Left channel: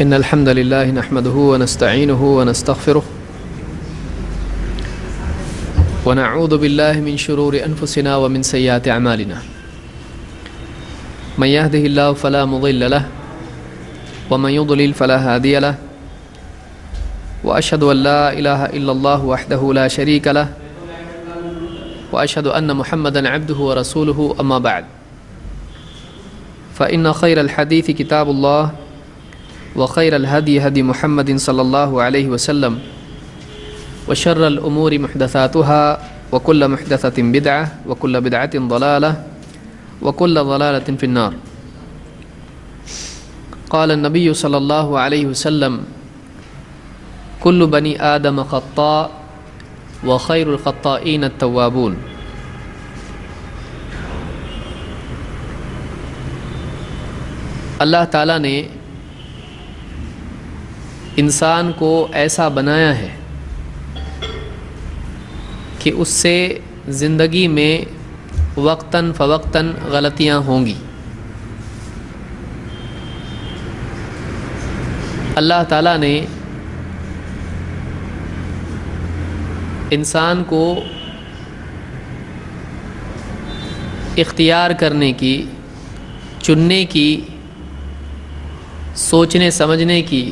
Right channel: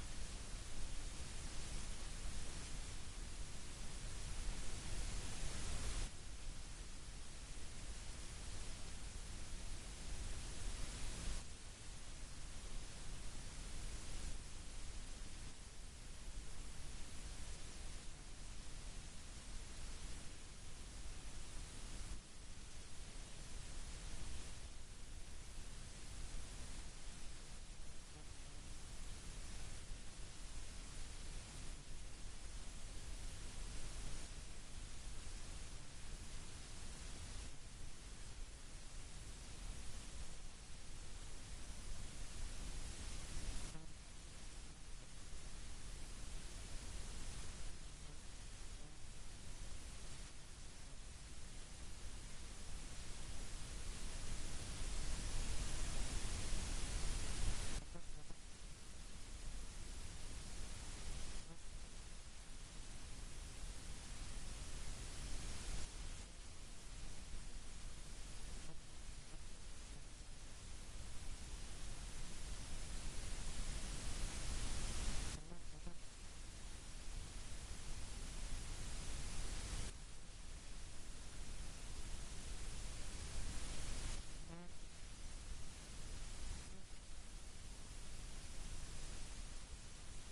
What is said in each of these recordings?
إن الحمد لله نحمده ونستعينه ونستغفره ونعوذ بالله من شرور أنفسنا ومن سيئات أعمالنا من يهده الله فلا مضل له ومن يضلل فلا هادي له وأشهد أن لا إله إلا الله وحده لا شريك له وأشهد أن محمدا عبده ورسوله أما بعد فإن خير الحديث كتاب الله وخير الهدي هدي محمد صلى الله عليه وسلم وشر الأمور محدثاتها وكل محدثة بدعة وكل بدعة ضلالة وكل ضلالة في النار. قال النبي صلى الله عليه وسلم كل بني آدم خطاء وخير الخطائين التوابون. اللہ تعالیٰ نے انسان کو ایسا بنایا ہے کہ اس سے زندگی میں وقتاً فوقتاً غلطیاں ہوں گی. اللہ تعالیٰ نے انسان کو اختیار کرنے کی، چننے کی، سوچنے سمجھنے کی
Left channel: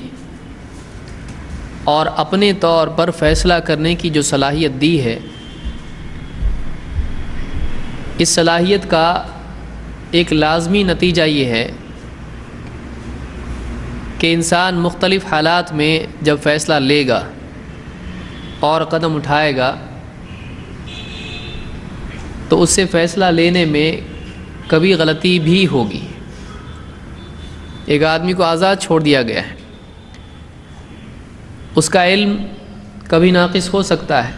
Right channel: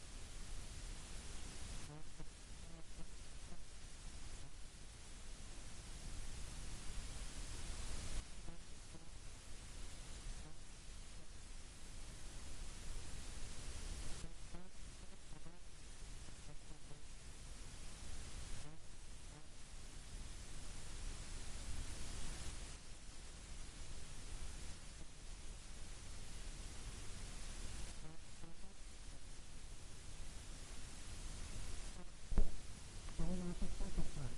اور اپنے طور پر فیصلہ کرنے کی جو صلاحیت دی ہے، اس صلاحیت کا ایک لازمی نتیجہ یہ ہے کہ انسان مختلف حالات میں جب فیصلہ لے گا اور قدم اٹھائے گا تو اس سے فیصلہ لینے میں کبھی غلطی بھی ہوگی. ایک آدمی کو آزاد چھوڑ دیا گیا ہے، اس کا علم کبھی ناقص ہو سکتا ہے،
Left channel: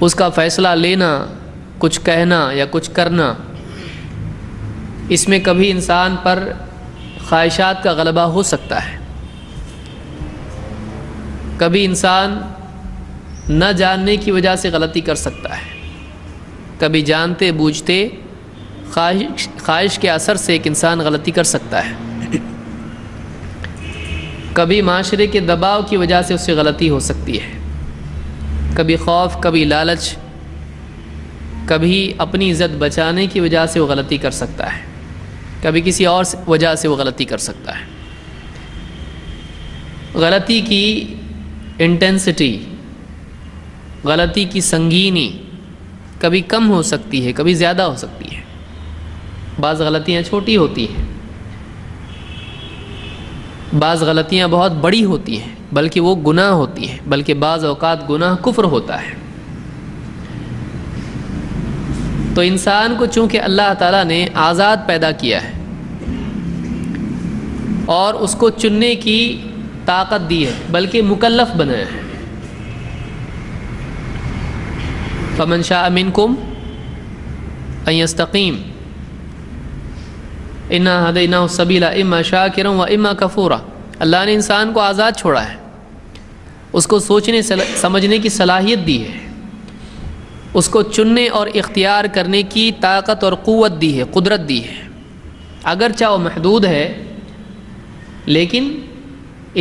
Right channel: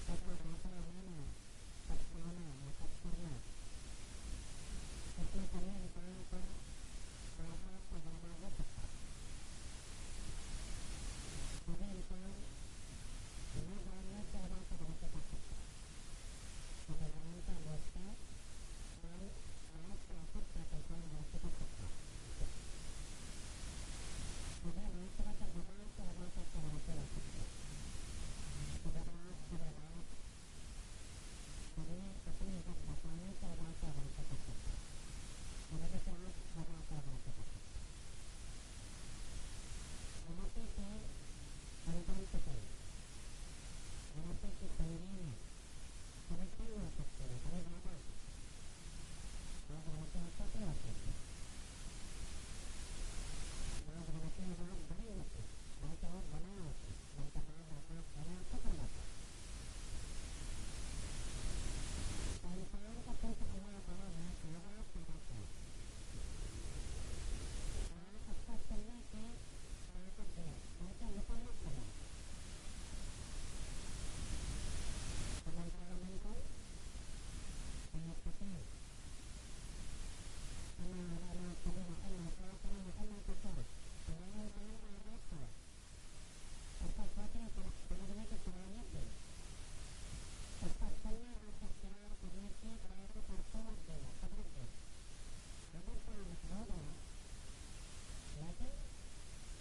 اس کا فیصلہ لینا، کچھ کہنا یا کچھ کرنا، اس میں کبھی انسان پر خواہشات کا غلبہ ہو سکتا ہے. کبھی انسان نہ جاننے کی وجہ سے غلطی کر سکتا ہے، کبھی جانتے بوجھتے خواہش کے اثر سے ایک انسان غلطی کر سکتا ہے. کبھی معاشرے کے دباؤ کی وجہ سے اس سے غلطی ہو سکتی ہے، کبھی خوف، کبھی لالچ، کبھی اپنی عزت بچانے کی وجہ سے وہ غلطی کر سکتا ہے، کبھی کسی اور وجہ سے وہ غلطی کر سکتا ہے. غلطی کی انٹینسٹی، غلطی کی سنگینی کبھی کم ہو سکتی ہے، کبھی زیادہ ہو سکتی ہے. بعض غلطیاں چھوٹی ہوتی ہیں، بعض غلطیاں بہت بڑی ہوتی ہیں، بلکہ وہ گناہ ہوتی ہیں، بلکہ بعض اوقات گناہ کفر ہوتا ہے. تو انسان کو چونکہ اللہ تعالیٰ نے آزاد پیدا کیا ہے اور اس کو چننے کی طاقت دی ہے، بلکہ مکلف بنایا ہے. فمن شاء منکم ان یستقیم انا ہدیناہ السبیل اما شاکرا و اما کفورا. اللہ نے انسان کو آزاد چھوڑا ہے، اس کو سوچنے سمجھنے کی صلاحیت دی ہے، اس کو چننے اور اختیار کرنے کی طاقت اور قوت دی ہے، قدرت دی ہے. اگرچہ وہ محدود ہے لیکن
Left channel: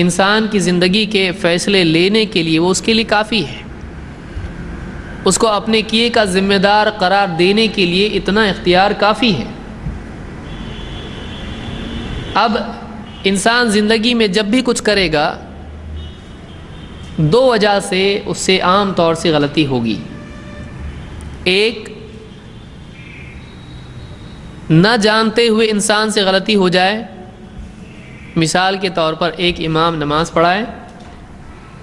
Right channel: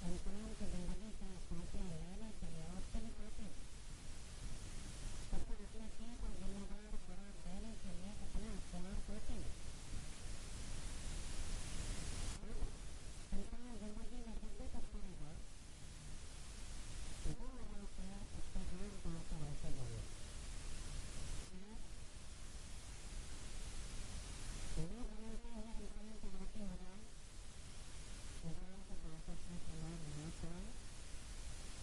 انسان کی زندگی کے فیصلے لینے کے لیے وہ اس کے لیے کافی ہے. اس کو اپنے کیے کا ذمہ دار قرار دینے کے لیے اتنا اختیار کافی ہے. اب انسان زندگی میں جب بھی کچھ کرے گا، دو وجہ سے اس سے عام طور سے غلطی ہوگی. ایک، نہ جانتے ہوئے انسان سے غلطی ہو جائے. مثال کے طور پر ایک امام نماز پڑھائے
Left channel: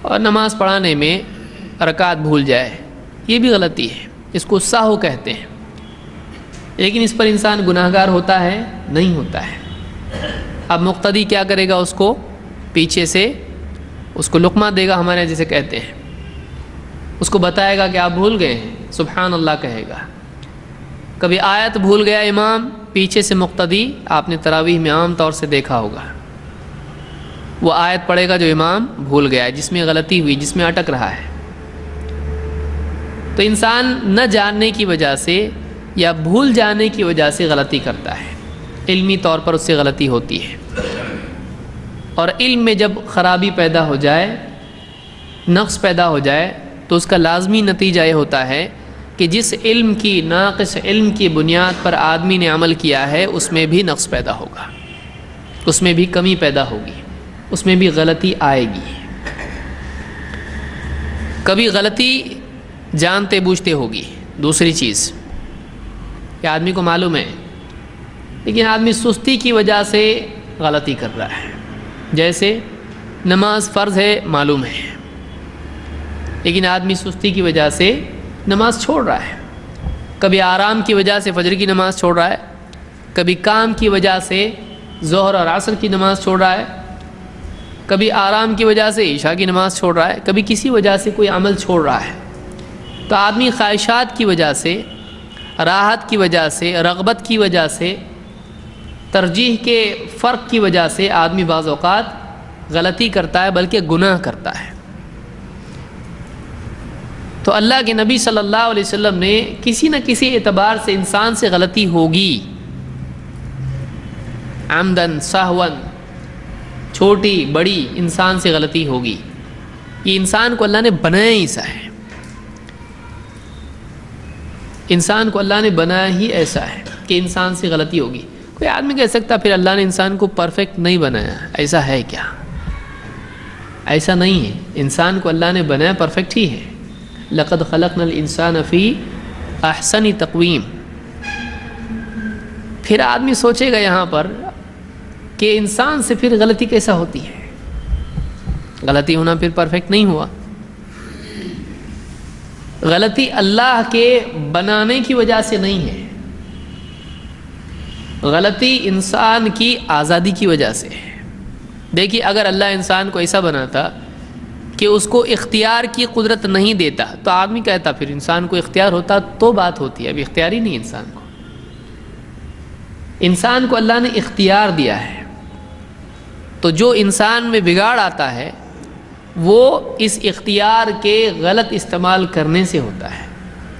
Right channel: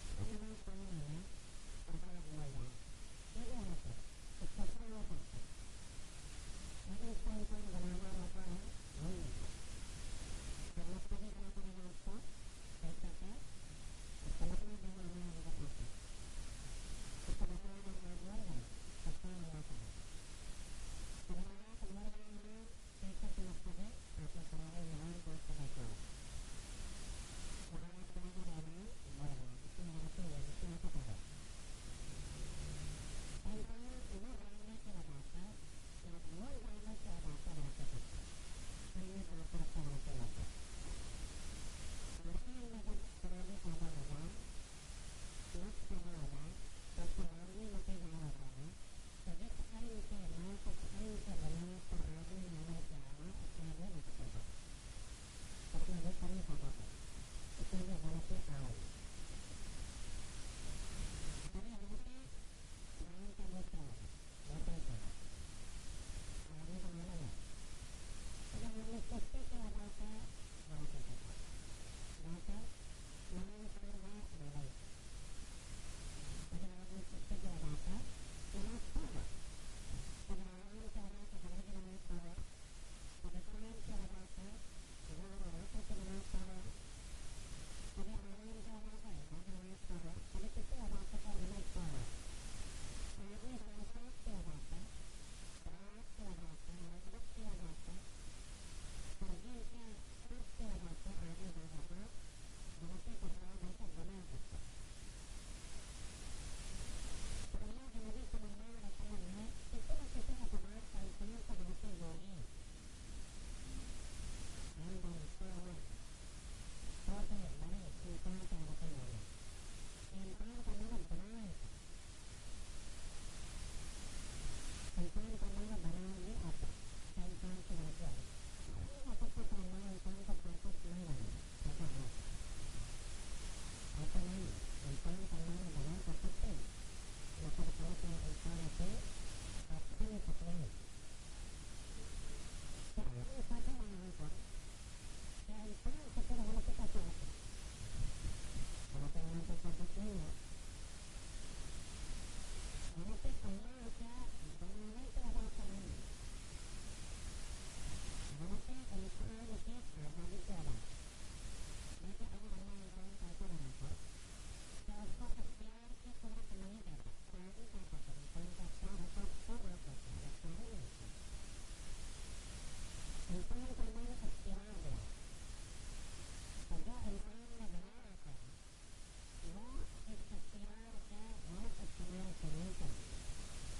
اور نماز پڑھانے میں رکعت بھول جائے، یہ بھی غلطی ہے، اس کو سہو کہتے ہیں. لیکن اس پر انسان گناہگار ہوتا ہے؟ نہیں ہوتا ہے. اب مقتدی کیا کرے گا؟ اس کو پیچھے سے اس کو لقمہ دے گا، ہمارے جسے کہتے ہیں، اس کو بتائے گا کہ آپ بھول گئے ہیں، سبحان اللہ کہے گا. کبھی آیت بھول گیا امام، پیچھے سے مقتدی، آپ نے تراویح میں عام طور سے دیکھا ہوگا، وہ آیت پڑھے گا جو امام بھول گیا ہے، جس میں غلطی ہوئی، جس میں اٹک رہا ہے. تو انسان نہ جاننے کی وجہ سے یا بھول جانے کی وجہ سے غلطی کرتا ہے، علمی طور پر اس سے غلطی ہوتی ہے. اور علم میں جب خرابی پیدا ہو جائے، نقص پیدا ہو جائے، تو اس کا لازمی نتیجہ یہ ہوتا ہے کہ جس علم کی، ناقص علم کی بنیاد پر آدمی نے عمل کیا ہے اس میں بھی نقص پیدا ہوگا، اس میں بھی کمی پیدا ہوگی، اس میں بھی غلطی آئے گی۔ کبھی غلطی جانتے بوجھتے ہوگی۔ دوسری چیز کہ آدمی کو معلوم ہے لیکن آدمی سستی کی وجہ سے غلطی کر رہا ہے۔ جیسے نماز فرض ہے، معلوم ہے، لیکن آدمی سستی کی وجہ سے نماز چھوڑ رہا ہے۔ کبھی آرام کی وجہ سے فجر کی نماز چھوڑ رہا ہے، کبھی کام کی وجہ سے ظہر اور عصر کی نماز چھوڑ رہا ہے، کبھی آرام کی وجہ سے عشاء کی نماز چھوڑ رہا ہے، کبھی کسی وجہ سے کوئی عمل چھوڑ رہا ہے۔ تو آدمی خواہشات کی وجہ سے، راحت کی وجہ سے، رغبت کی وجہ سے، ترجیح کے فرق کی وجہ سے آدمی بعض اوقات غلطی کرتا ہے، بلکہ گناہ کرتا ہے۔ تو اللہ کے نبی صلی اللہ علیہ وسلم نے کسی نہ کسی اعتبار سے انسان سے غلطی ہوگی، عمدن سہون، چھوٹی بڑی انسان سے غلطی ہوگی۔ یہ انسان کو اللہ نے بنایا ہی ایسا ہے، انسان کو اللہ نے بنایا ہی ایسا ہے کہ انسان سے غلطی ہوگی۔ کوئی آدمی کہہ سکتا پھر اللہ نے انسان کو پرفیکٹ نہیں بنایا، ایسا ہے کیا؟ ایسا نہیں ہے، انسان کو اللہ نے بنایا پرفیکٹ ہی ہے۔ لقد خلقنا الانسان فی احسن تقویم۔ پھر آدمی سوچے گا یہاں پر کہ انسان سے پھر غلطی کیسا ہوتی ہے؟ غلطی ہونا پھر پرفیکٹ نہیں ہوا۔ غلطی اللہ کے بنانے کی وجہ سے نہیں ہے، غلطی انسان کی آزادی کی وجہ سے ہے۔ دیکھیے اگر اللہ انسان کو ایسا بناتا کہ اس کو اختیار کی قدرت نہیں دیتا تو آدمی کہتا پھر انسان کو اختیار ہوتا تو بات ہوتی ہے، اب اختیار ہی نہیں انسان کو۔ انسان کو اللہ نے اختیار دیا ہے، تو جو انسان میں بگاڑ آتا ہے وہ اس اختیار کے غلط استعمال کرنے سے ہوتا ہے۔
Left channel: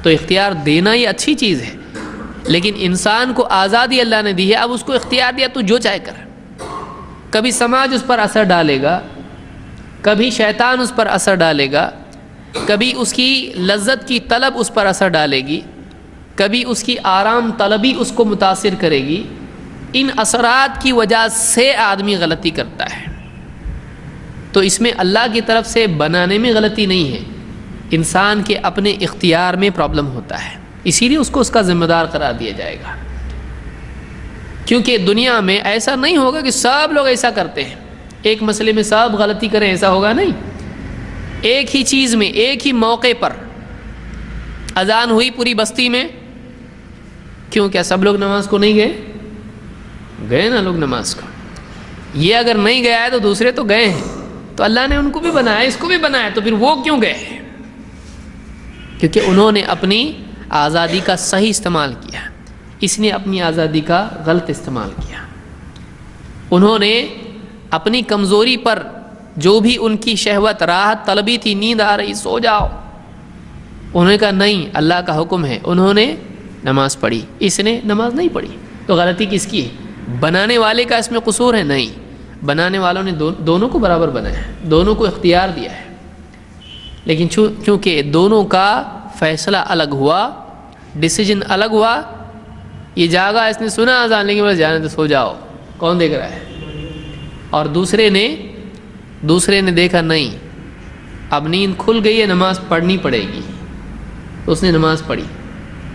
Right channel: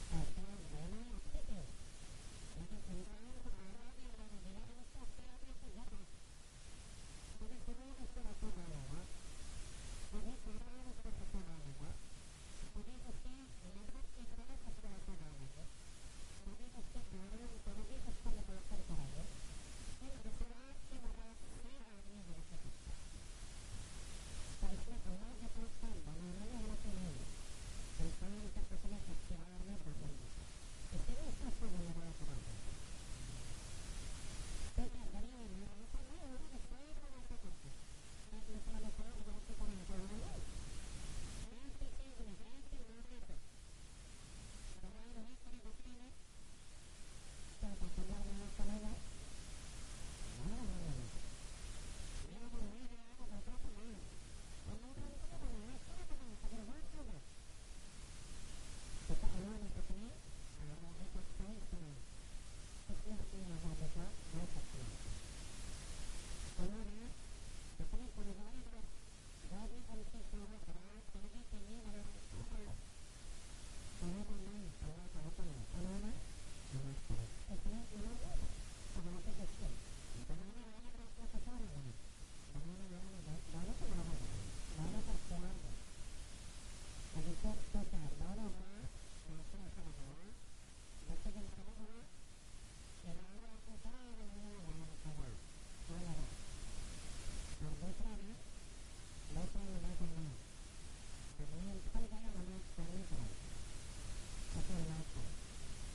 تو اختیار دینا یہ اچھی چیز ہے، لیکن انسان کو آزادی اللہ نے دی ہے، اب اس کو اختیار دیا تو جو چاہے کر۔ کبھی سماج اس پر اثر ڈالے گا، کبھی شیطان اس پر اثر ڈالے گا، کبھی اس کی لذت کی طلب اس پر اثر ڈالے گی، کبھی اس کی آرام طلبی اس کو متاثر کرے گی۔ ان اثرات کی وجہ سے آدمی غلطی کرتا ہے۔ تو اس میں اللہ کی طرف سے بنانے میں غلطی نہیں ہے، انسان کے اپنے اختیار میں پرابلم ہوتا ہے، اسی لیے اس کو اس کا ذمہ دار قرار دیا جائے گا۔ کیونکہ دنیا میں ایسا نہیں ہوگا کہ سب لوگ ایسا کرتے ہیں، ایک مسئلے میں سب غلطی کریں، ایسا ہوگا نہیں۔ ایک ہی چیز میں، ایک ہی موقع پر اذان ہوئی پوری بستی میں، کیوں کیا سب لوگ نماز کو نہیں گئے؟ گئے نا لوگ نماز کو۔ یہ اگر نہیں گیا ہے تو دوسرے تو گئے ہیں، تو اللہ نے ان کو بھی بنایا، اس کو بھی بنایا، تو پھر وہ کیوں گئے؟ کیونکہ انہوں نے اپنی آزادی کا صحیح استعمال کیا، اس نے اپنی آزادی کا غلط استعمال کیا۔ انہوں نے اپنی کمزوری پر جو بھی ان کی شہوت، راحت طلبی تھی، نیند آ رہی سو جاؤ، انہوں نے کہا نہیں اللہ کا حکم ہے، انہوں نے نماز پڑھی، اس نے نماز نہیں پڑھی۔ تو غلطی کس کی ہے؟ بنانے والے کا اس میں قصور ہے؟ نہیں، بنانے والوں نے دونوں کو برابر بنایا ہے، دونوں کو اختیار دیا ہے، لیکن چونکہ دونوں کا فیصلہ الگ ہوا، ڈیسیجن الگ ہوا، یہ جاگا، اس نے سنا اذان لیکن بس جانے تو سو جاؤ، کون دیکھ رہا ہے؟ اور دوسرے نے دیکھا نہیں اب نیند کھل گئی ہے، نماز پڑھنی پڑے گی، تو اس نے نماز پڑھی۔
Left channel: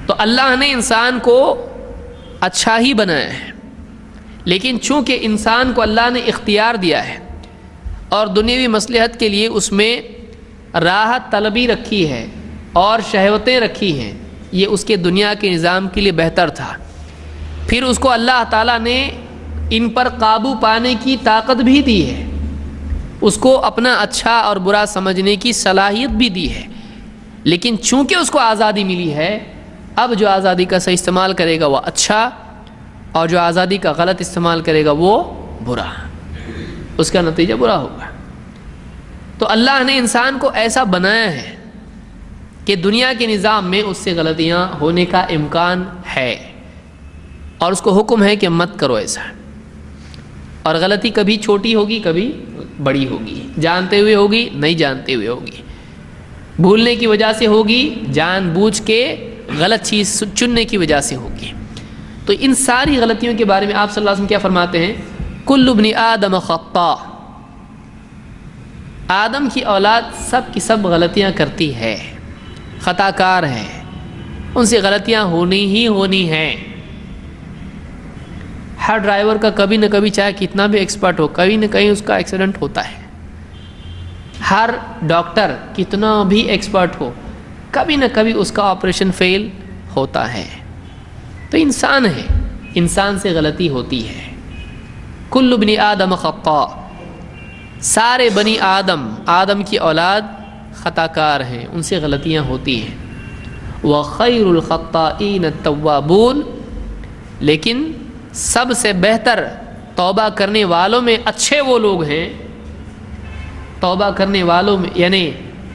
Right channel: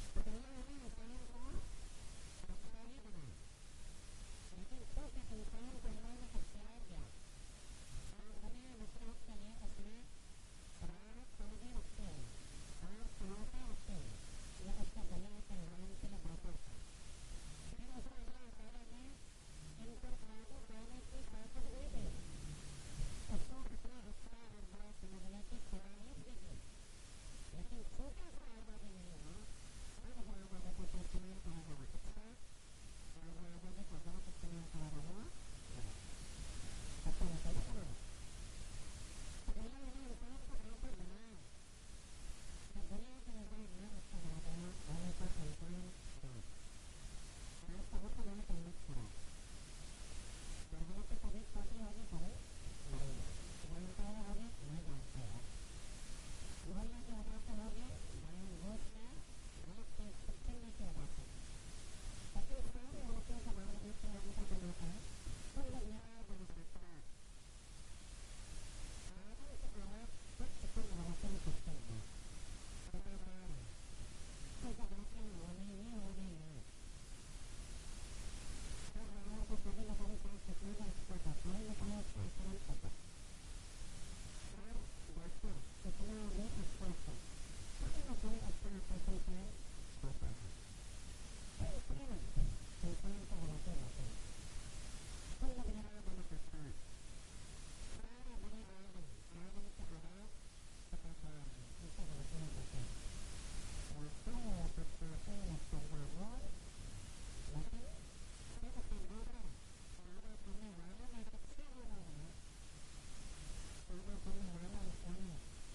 تو اللہ نے انسان کو اچھا ہی بنایا ہے، لیکن چونکہ انسان کو اللہ نے اختیار دیا ہے اور دنیاوی مصلحت کے لیے اس میں راحت طلبی رکھی ہے اور شہوتیں رکھی ہیں، یہ اس کے دنیا کے نظام کے لیے بہتر تھا۔ پھر اس کو اللہ تعالیٰ نے ان پر قابو پانے کی طاقت بھی دی ہے، اس کو اپنا اچھا اور برا سمجھنے کی صلاحیت بھی دی ہے، لیکن چونکہ اس کو آزادی ملی ہے، اب جو آزادی کا صحیح استعمال کرے گا وہ اچھا، اور جو آزادی کا غلط استعمال کرے گا وہ برا، اس کا نتیجہ برا ہوگا۔ تو اللہ نے انسان کو ایسا بنایا ہے کہ دنیا کے نظام میں اس سے غلطیاں ہونے کا امکان ہے، اور اس کو حکم ہے کہ مت کرو ایسا۔ اور غلطی کبھی چھوٹی ہوگی کبھی بڑی ہوگی، جانتے ہوئے ہوگی نہیں جانتے ہوئے ہوگی، بھولنے کی وجہ سے ہوگی، جان بوجھ کے غلط چیز چننے کی وجہ سے ہوگی۔ تو ان ساری غلطیوں کے بارے میں آپ صلی اللہ علیہ وسلم کیا فرماتے ہیں؟ کل ابن آدم خطاء، آدم کی اولاد سب کی سب غلطیاں کرتی ہے، خطا کار ہے، ان سے غلطیاں ہونی ہی ہونی ہیں۔ ہر ڈرائیور کا کبھی نہ کبھی چاہے کتنا بھی ایکسپرٹ ہو کہیں نہ کہیں اس کا ایکسیڈنٹ ہوتا ہے، ہر ڈاکٹر کتنا بھی ایکسپرٹ ہو کبھی نہ کبھی اس کا آپریشن فیل ہوتا ہے۔ تو انسان ہے، انسان سے غلطی ہوتی ہے۔ کل ابن آدم خطاء، سارے بنی آدم، آدم کی اولاد خطا کار ہیں، ان سے غلطیاں ہوتی ہیں۔ وَخَيْرُ الْخَطَّائِينَ التَّوَّابُونَ، لیکن سب سے بہتر توبہ کرنے والوں میں اچھے وہ لوگ ہیں، توبہ کرنے والوں میں یعنی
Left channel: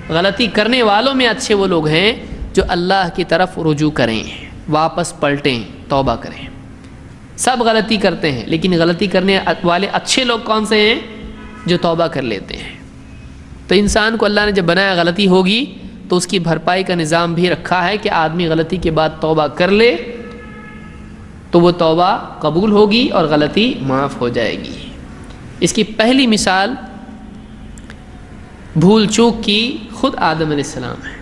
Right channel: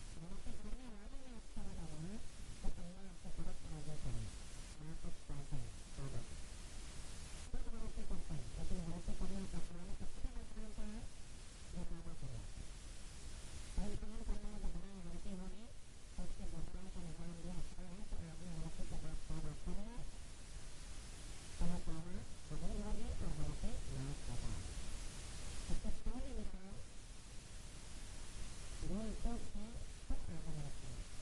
غلطی کرنے والوں میں اچھے وہ لوگ ہیں جو اللہ کی طرف رجوع کریں، واپس پلٹیں، توبہ کریں۔ سب غلطی کرتے ہیں لیکن غلطی کرنے والے اچھے لوگ کون سے ہیں؟ جو توبہ کر لیتے ہیں۔ تو انسان کو اللہ نے جب بنایا غلطی ہوگی تو اس کی بھرپائی کا نظام بھی رکھا ہے کہ آدمی غلطی کے بعد توبہ کر لے تو وہ توبہ قبول ہوگی اور غلطی معاف ہو جائے گی۔ اس کی پہلی مثال بھول چوک کی خود آدم علیہ السلام ہے۔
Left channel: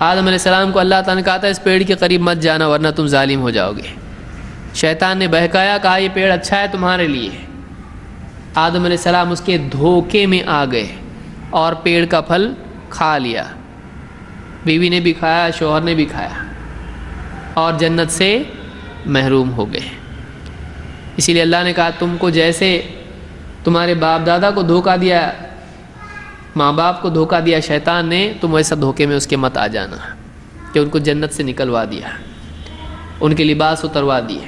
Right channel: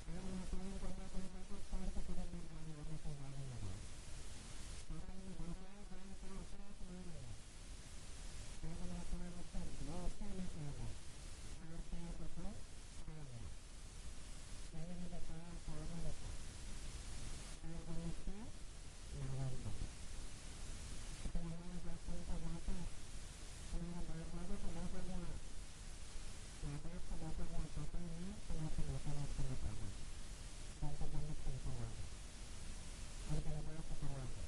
آدم علیہ السلام کو اللہ تعالیٰ نے کہا تھا اس پیڑ کے قریب مت جانا ورنہ تم ظالم ہو جاؤ گے۔ شیطان نے بہکایا، کہا یہ پیڑ اچھا ہے تمہارے لیے۔ آدم علیہ السلام اس کے دھوکے میں آ گئے اور پیڑ کا پھل کھا لیا، بیوی نے بھی کھایا، شوہر نے بھی کھایا اور جنت سے محروم ہو گئے۔ اسی لیے اللہ نے کہا تم کو جیسے تمہارے باپ دادا کو دھوکہ دیا، ماں باپ کو دھوکہ دیا شیطان نے، تم ویسا دھوکے میں اس کے مت آ جانا، کہ ان کو جنت سے نکلوا دیا، ان کے لباس اتروا دیے۔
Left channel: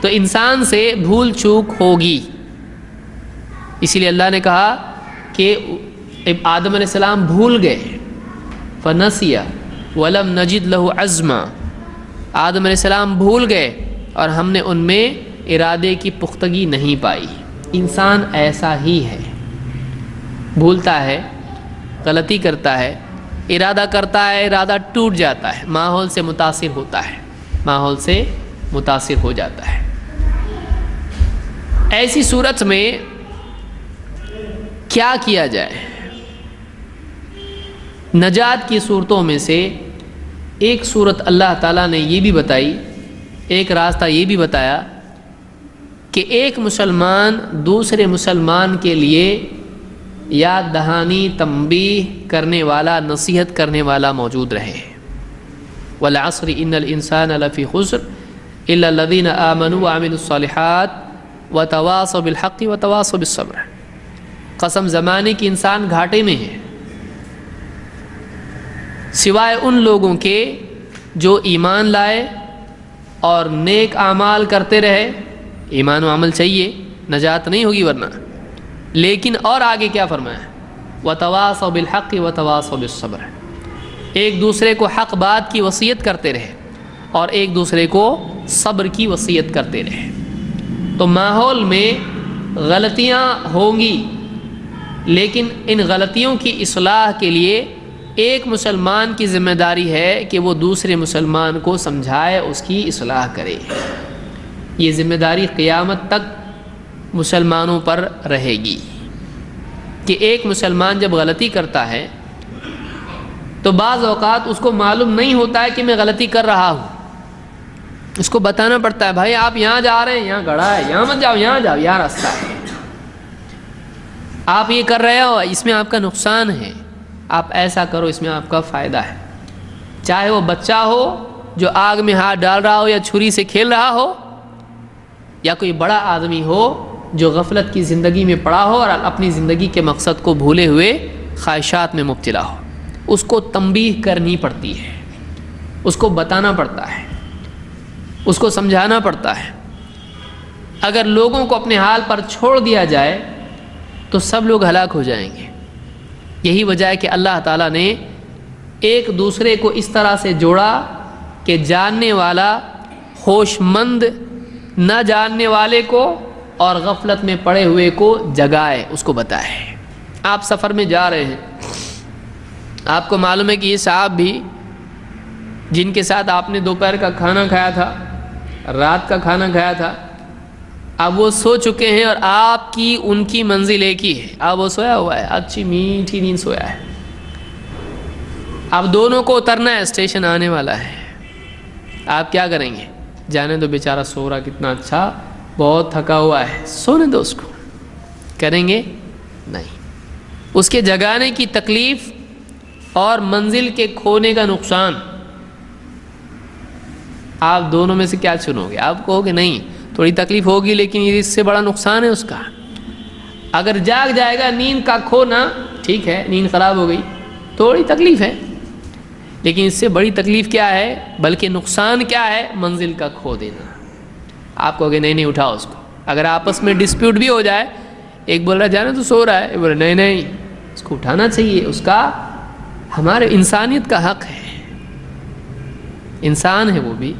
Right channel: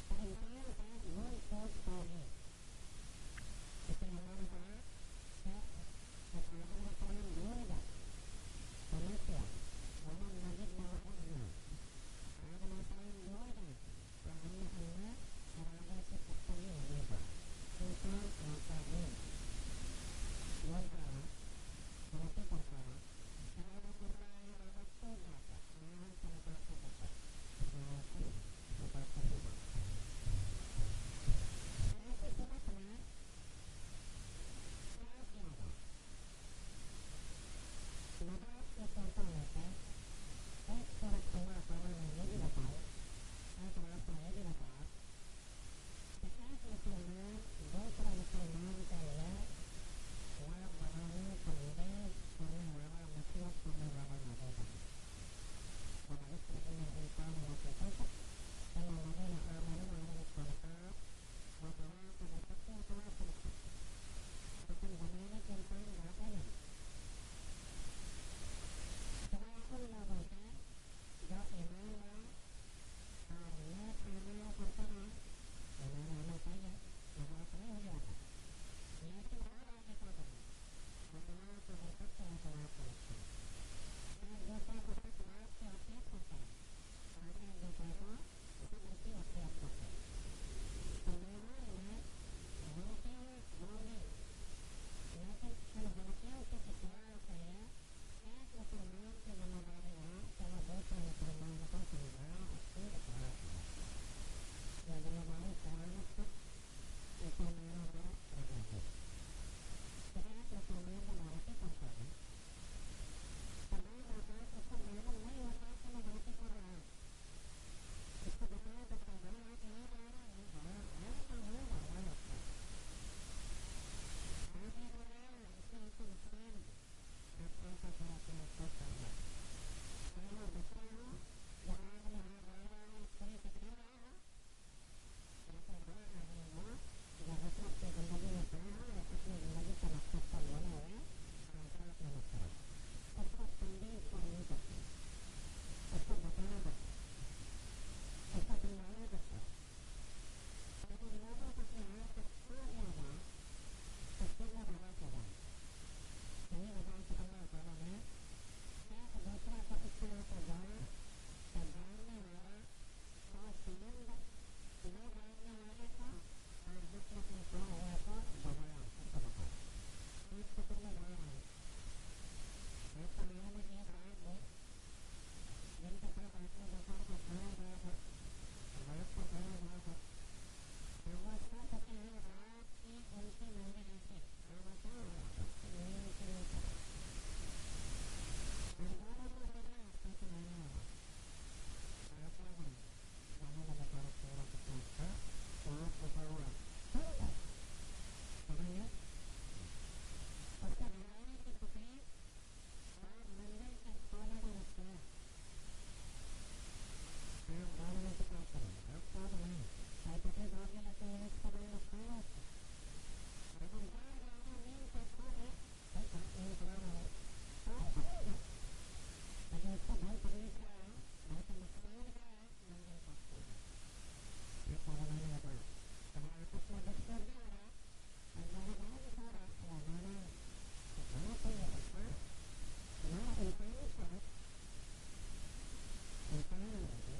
تو انسان سے بھول چوک ہوگی، اسی لیے اللہ نے کہا کہ آدم علیہ السلام بھول گئے، فنسیا ولم نجد لہ عزما، آدم علیہ السلام بھول گئے اور ہم نے ان میں ارادے کی پختگی نہیں پائی۔ انسان ایسا ہی ہے، بھولتا ہے، غلطی کرتا ہے، ارادہ کرتا ہے، ارادہ ٹوٹ جاتا ہے، ماحول سے متاثر ہوتا ہے، ماحول سے متاثر ہو جاتا ہے۔ ایسی صورت میں کیا کیا جائے؟ نجات کی صورتوں میں سے ایک صورت اللہ تعالیٰ نے یہ بھی بتائی، ایک راستہ یہ بھی بتایا کہ ایک مسلمان دوسرے مسلمان کے لیے یاد دہانی، تنبیہ کرنے والا، نصیحت کرنے والا موجود رہے۔ والعصر ان الانسان لفی خسر الا الذین آمنوا وعملوا الصالحات وتواصوا بالحق وتواصوا بالصبر، قسم زمانے کی انسان گھاٹے میں ہے سوائے ان لوگوں کے جو ایمان لائے اور نیک اعمال کرتے رہے۔ ایمان و عمل چاہیے، نجات نہیں ہوگی ورنہ۔ لیکن اور آگے کیا فرمایا؟ وتواصوا بالحق وتواصوا بالصبر، ایک دوسرے کو حق بات کی وصیت کرتے رہے اور ایک دوسرے کو صبر کی وصیت کرتے رہے۔ تو ماحول میں غلطیاں ہوں گی لیکن ان غلطیوں کی اصلاح کے لیے ایک مسلمان کی ذمہ داری ہے کہ وہ دوسرے مسلمان کو سمجھائے، اس کی اصلاح کرے۔ یہ ذمہ داری قیامت تک مسلمانوں پر رہے گی کہ ایک مسلمان جب غلطی کرتا ہے تو بعض اوقات اس کو معلوم نہیں ہوتا ہے کہ میں غلطی کر رہا ہوں، اس کو بتانا پڑتا ہے بھائی آپ یہاں جا رہے ہیں، یہاں گڑھا ہے، یہاں مت جاؤ، یہاں جاؤ، یہاں راستہ ہے، آپ یہ کر رہے ہو، اس میں آپ کا نقصان ہے، آپ ایسا کرو، اس میں آپ کا فائدہ ہے۔ چاہے وہ بچہ ہو جو آگ میں ہاتھ ڈال رہا ہو یا چھری سے کھیل رہا ہو، یا کوئی بڑا آدمی ہو جو غفلت کی زندگی میں پڑا ہو اور اپنی زندگی کے مقصد کو بھولے ہوئے خواہشات میں مبتلا ہو، اس کو تنبیہ کرنی پڑتی ہے، اس کو بتانا پڑتا ہے، اس کو سمجھانا پڑتا ہے۔ اگر لوگوں کو اپنے حال پر چھوڑ دیا جائے تو سب لوگ ہلاک ہو جائیں گے۔ یہی وجہ ہے کہ اللہ تعالیٰ نے ایک دوسرے کو اس طرح سے جوڑا کہ جاننے والا، ہوش مند نہ جاننے والے کو اور غفلت میں پڑے ہوئے کو جگائے، اس کو بتائے۔ آپ سفر میں جا رہے ہیں، آپ کو معلوم ہے کہ یہ صاحب بھی جن کے ساتھ آپ نے دوپہر کا کھانا کھایا تھا، رات کا کھانا کھایا تھا، اب وہ سو چکے ہیں اور آپ کی ان کی منزل ایک ہی ہے۔ اب وہ سویا ہوا ہے، اچھی میٹھی نیند سویا ہے۔ اب دونوں کو اترنا ہے، اسٹیشن آنے والا ہے۔ آپ کیا کریں گے؟ جانے دو بیچارہ سو رہا، کتنا اچھا، بہت تھکا ہوا ہے، سونے دو اس کو۔ کریں گے؟ نہیں۔ اس کے جگانے کی تکلیف اور منزل کے کھونے کا نقصان، آپ دونوں میں سے کیا چنو گے؟ آپ کہو گے نہیں، تھوڑی تکلیف ہوگی لیکن یہ اس سے بڑا نقصان ہے اس کا۔ اگر جاگ جائے گا، نیند کا کھونا ٹھیک ہے، نیند خراب ہو گئی، تھوڑی تکلیف ہے، لیکن اس سے بڑی تکلیف کیا ہے، بلکہ نقصان کیا ہے؟ منزل کا کھو دینا۔ آپ کہو گے نہیں اٹھاؤ اس کو۔ اگر آپس میں ڈسپیوٹ بھی ہو جائے، ایک بول رہا ہے جانے تو سو رہا ہے، ایک بول رہا ہے نہیں اس کو اٹھانا چاہیے، اس کا ہمارے انسانیت کا حق ہے، انسان ہے وہ بھی،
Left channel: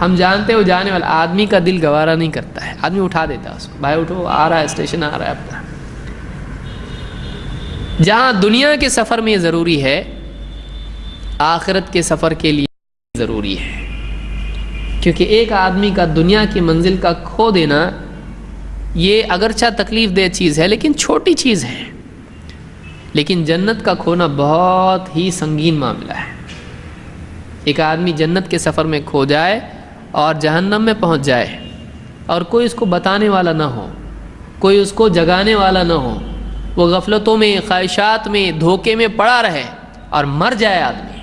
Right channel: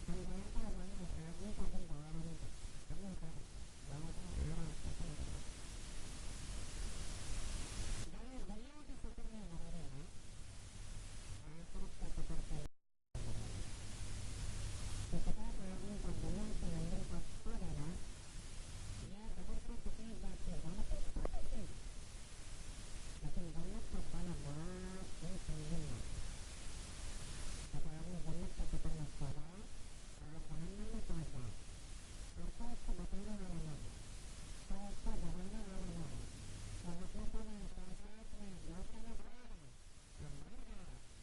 ہم جانتے ہو جانے والا آدمی کا دل گوارا نہیں کرتا ہے، آدمی اٹھا دیتا ہے اس کو، بھائی اٹھو، آ رہا ہے، اسٹیشن آ رہا ہے اپنا۔ جہاں دنیا کے سفر میں یہ ضروری ہے، آخرت کے سفر کے لیے ضروری ہے، کیونکہ ایک آدمی کا دنیا کی منزل کا کھو دینا یہ اگرچہ تکلیف دہ چیز ہے لیکن چھوٹی چیز ہے، لیکن جنت کا کھونا بہت ہی سنگین معاملہ ہے۔ ایک آدمی جنت کے سفر میں کھو جائے اور جہنم میں پہنچ جائے اور کوئی اس کو بتانے والا نہ ہو، کوئی اس کو جگانے والا نہ ہو، وہ غفلتوں میں، خواہشات میں، دھوکے میں پڑا رہے اور مر جائے آدمی،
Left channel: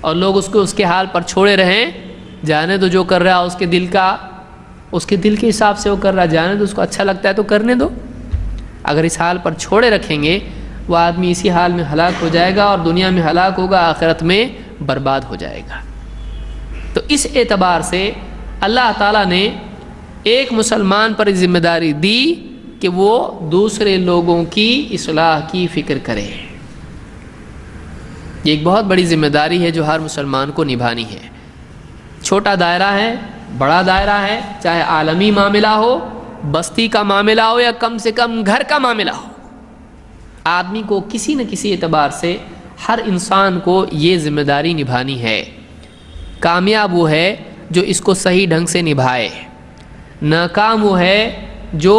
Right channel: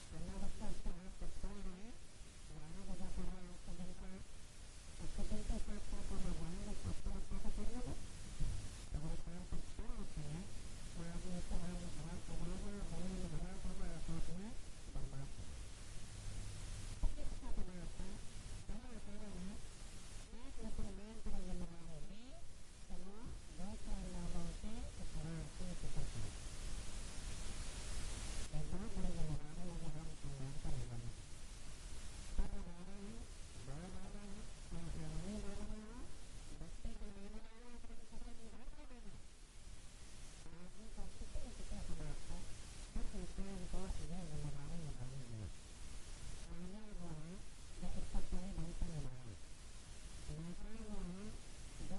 اور لوگ اس کو اس کے حال پر چھوڑے رہیں، جانے تو جو کر رہا ہے اس کے دل کے حساب سے وہ کر رہا ہے، جانے تو اس کو اچھا لگتا ہے تو کرنے دو۔ اگر اس حال پر چھوڑے رکھیں گے، وہ آدمی اسی حال میں ہلاک ہو جائے گا، اور دنیا میں ہلاک ہوگا، آخرت میں برباد ہو جائے گا۔ تو اس اعتبار سے اللہ تعالیٰ نے ایک مسلمان پر ذمہ داری دی کہ وہ دوسرے لوگوں کی اصلاح کی فکر کرے۔ یہ ایک بہت بڑی ذمہ داری ہے جو ہر مسلمان کو نبھانی ہے۔ چھوٹا دائرہ ہے، بڑا دائرہ ہے، چاہے عالمی معاملہ ہو، بستی کا معاملہ ہو، یا کم سے کم گھر کا معاملہ ہو، آدمی کو کسی نہ کسی اعتبار سے، ہر انسان کو یہ ذمہ داری نبھانی ہے۔ کامیاب وہ ہے جو اس کو صحیح ڈھنگ سے نبھائے، ناکام وہ ہے جو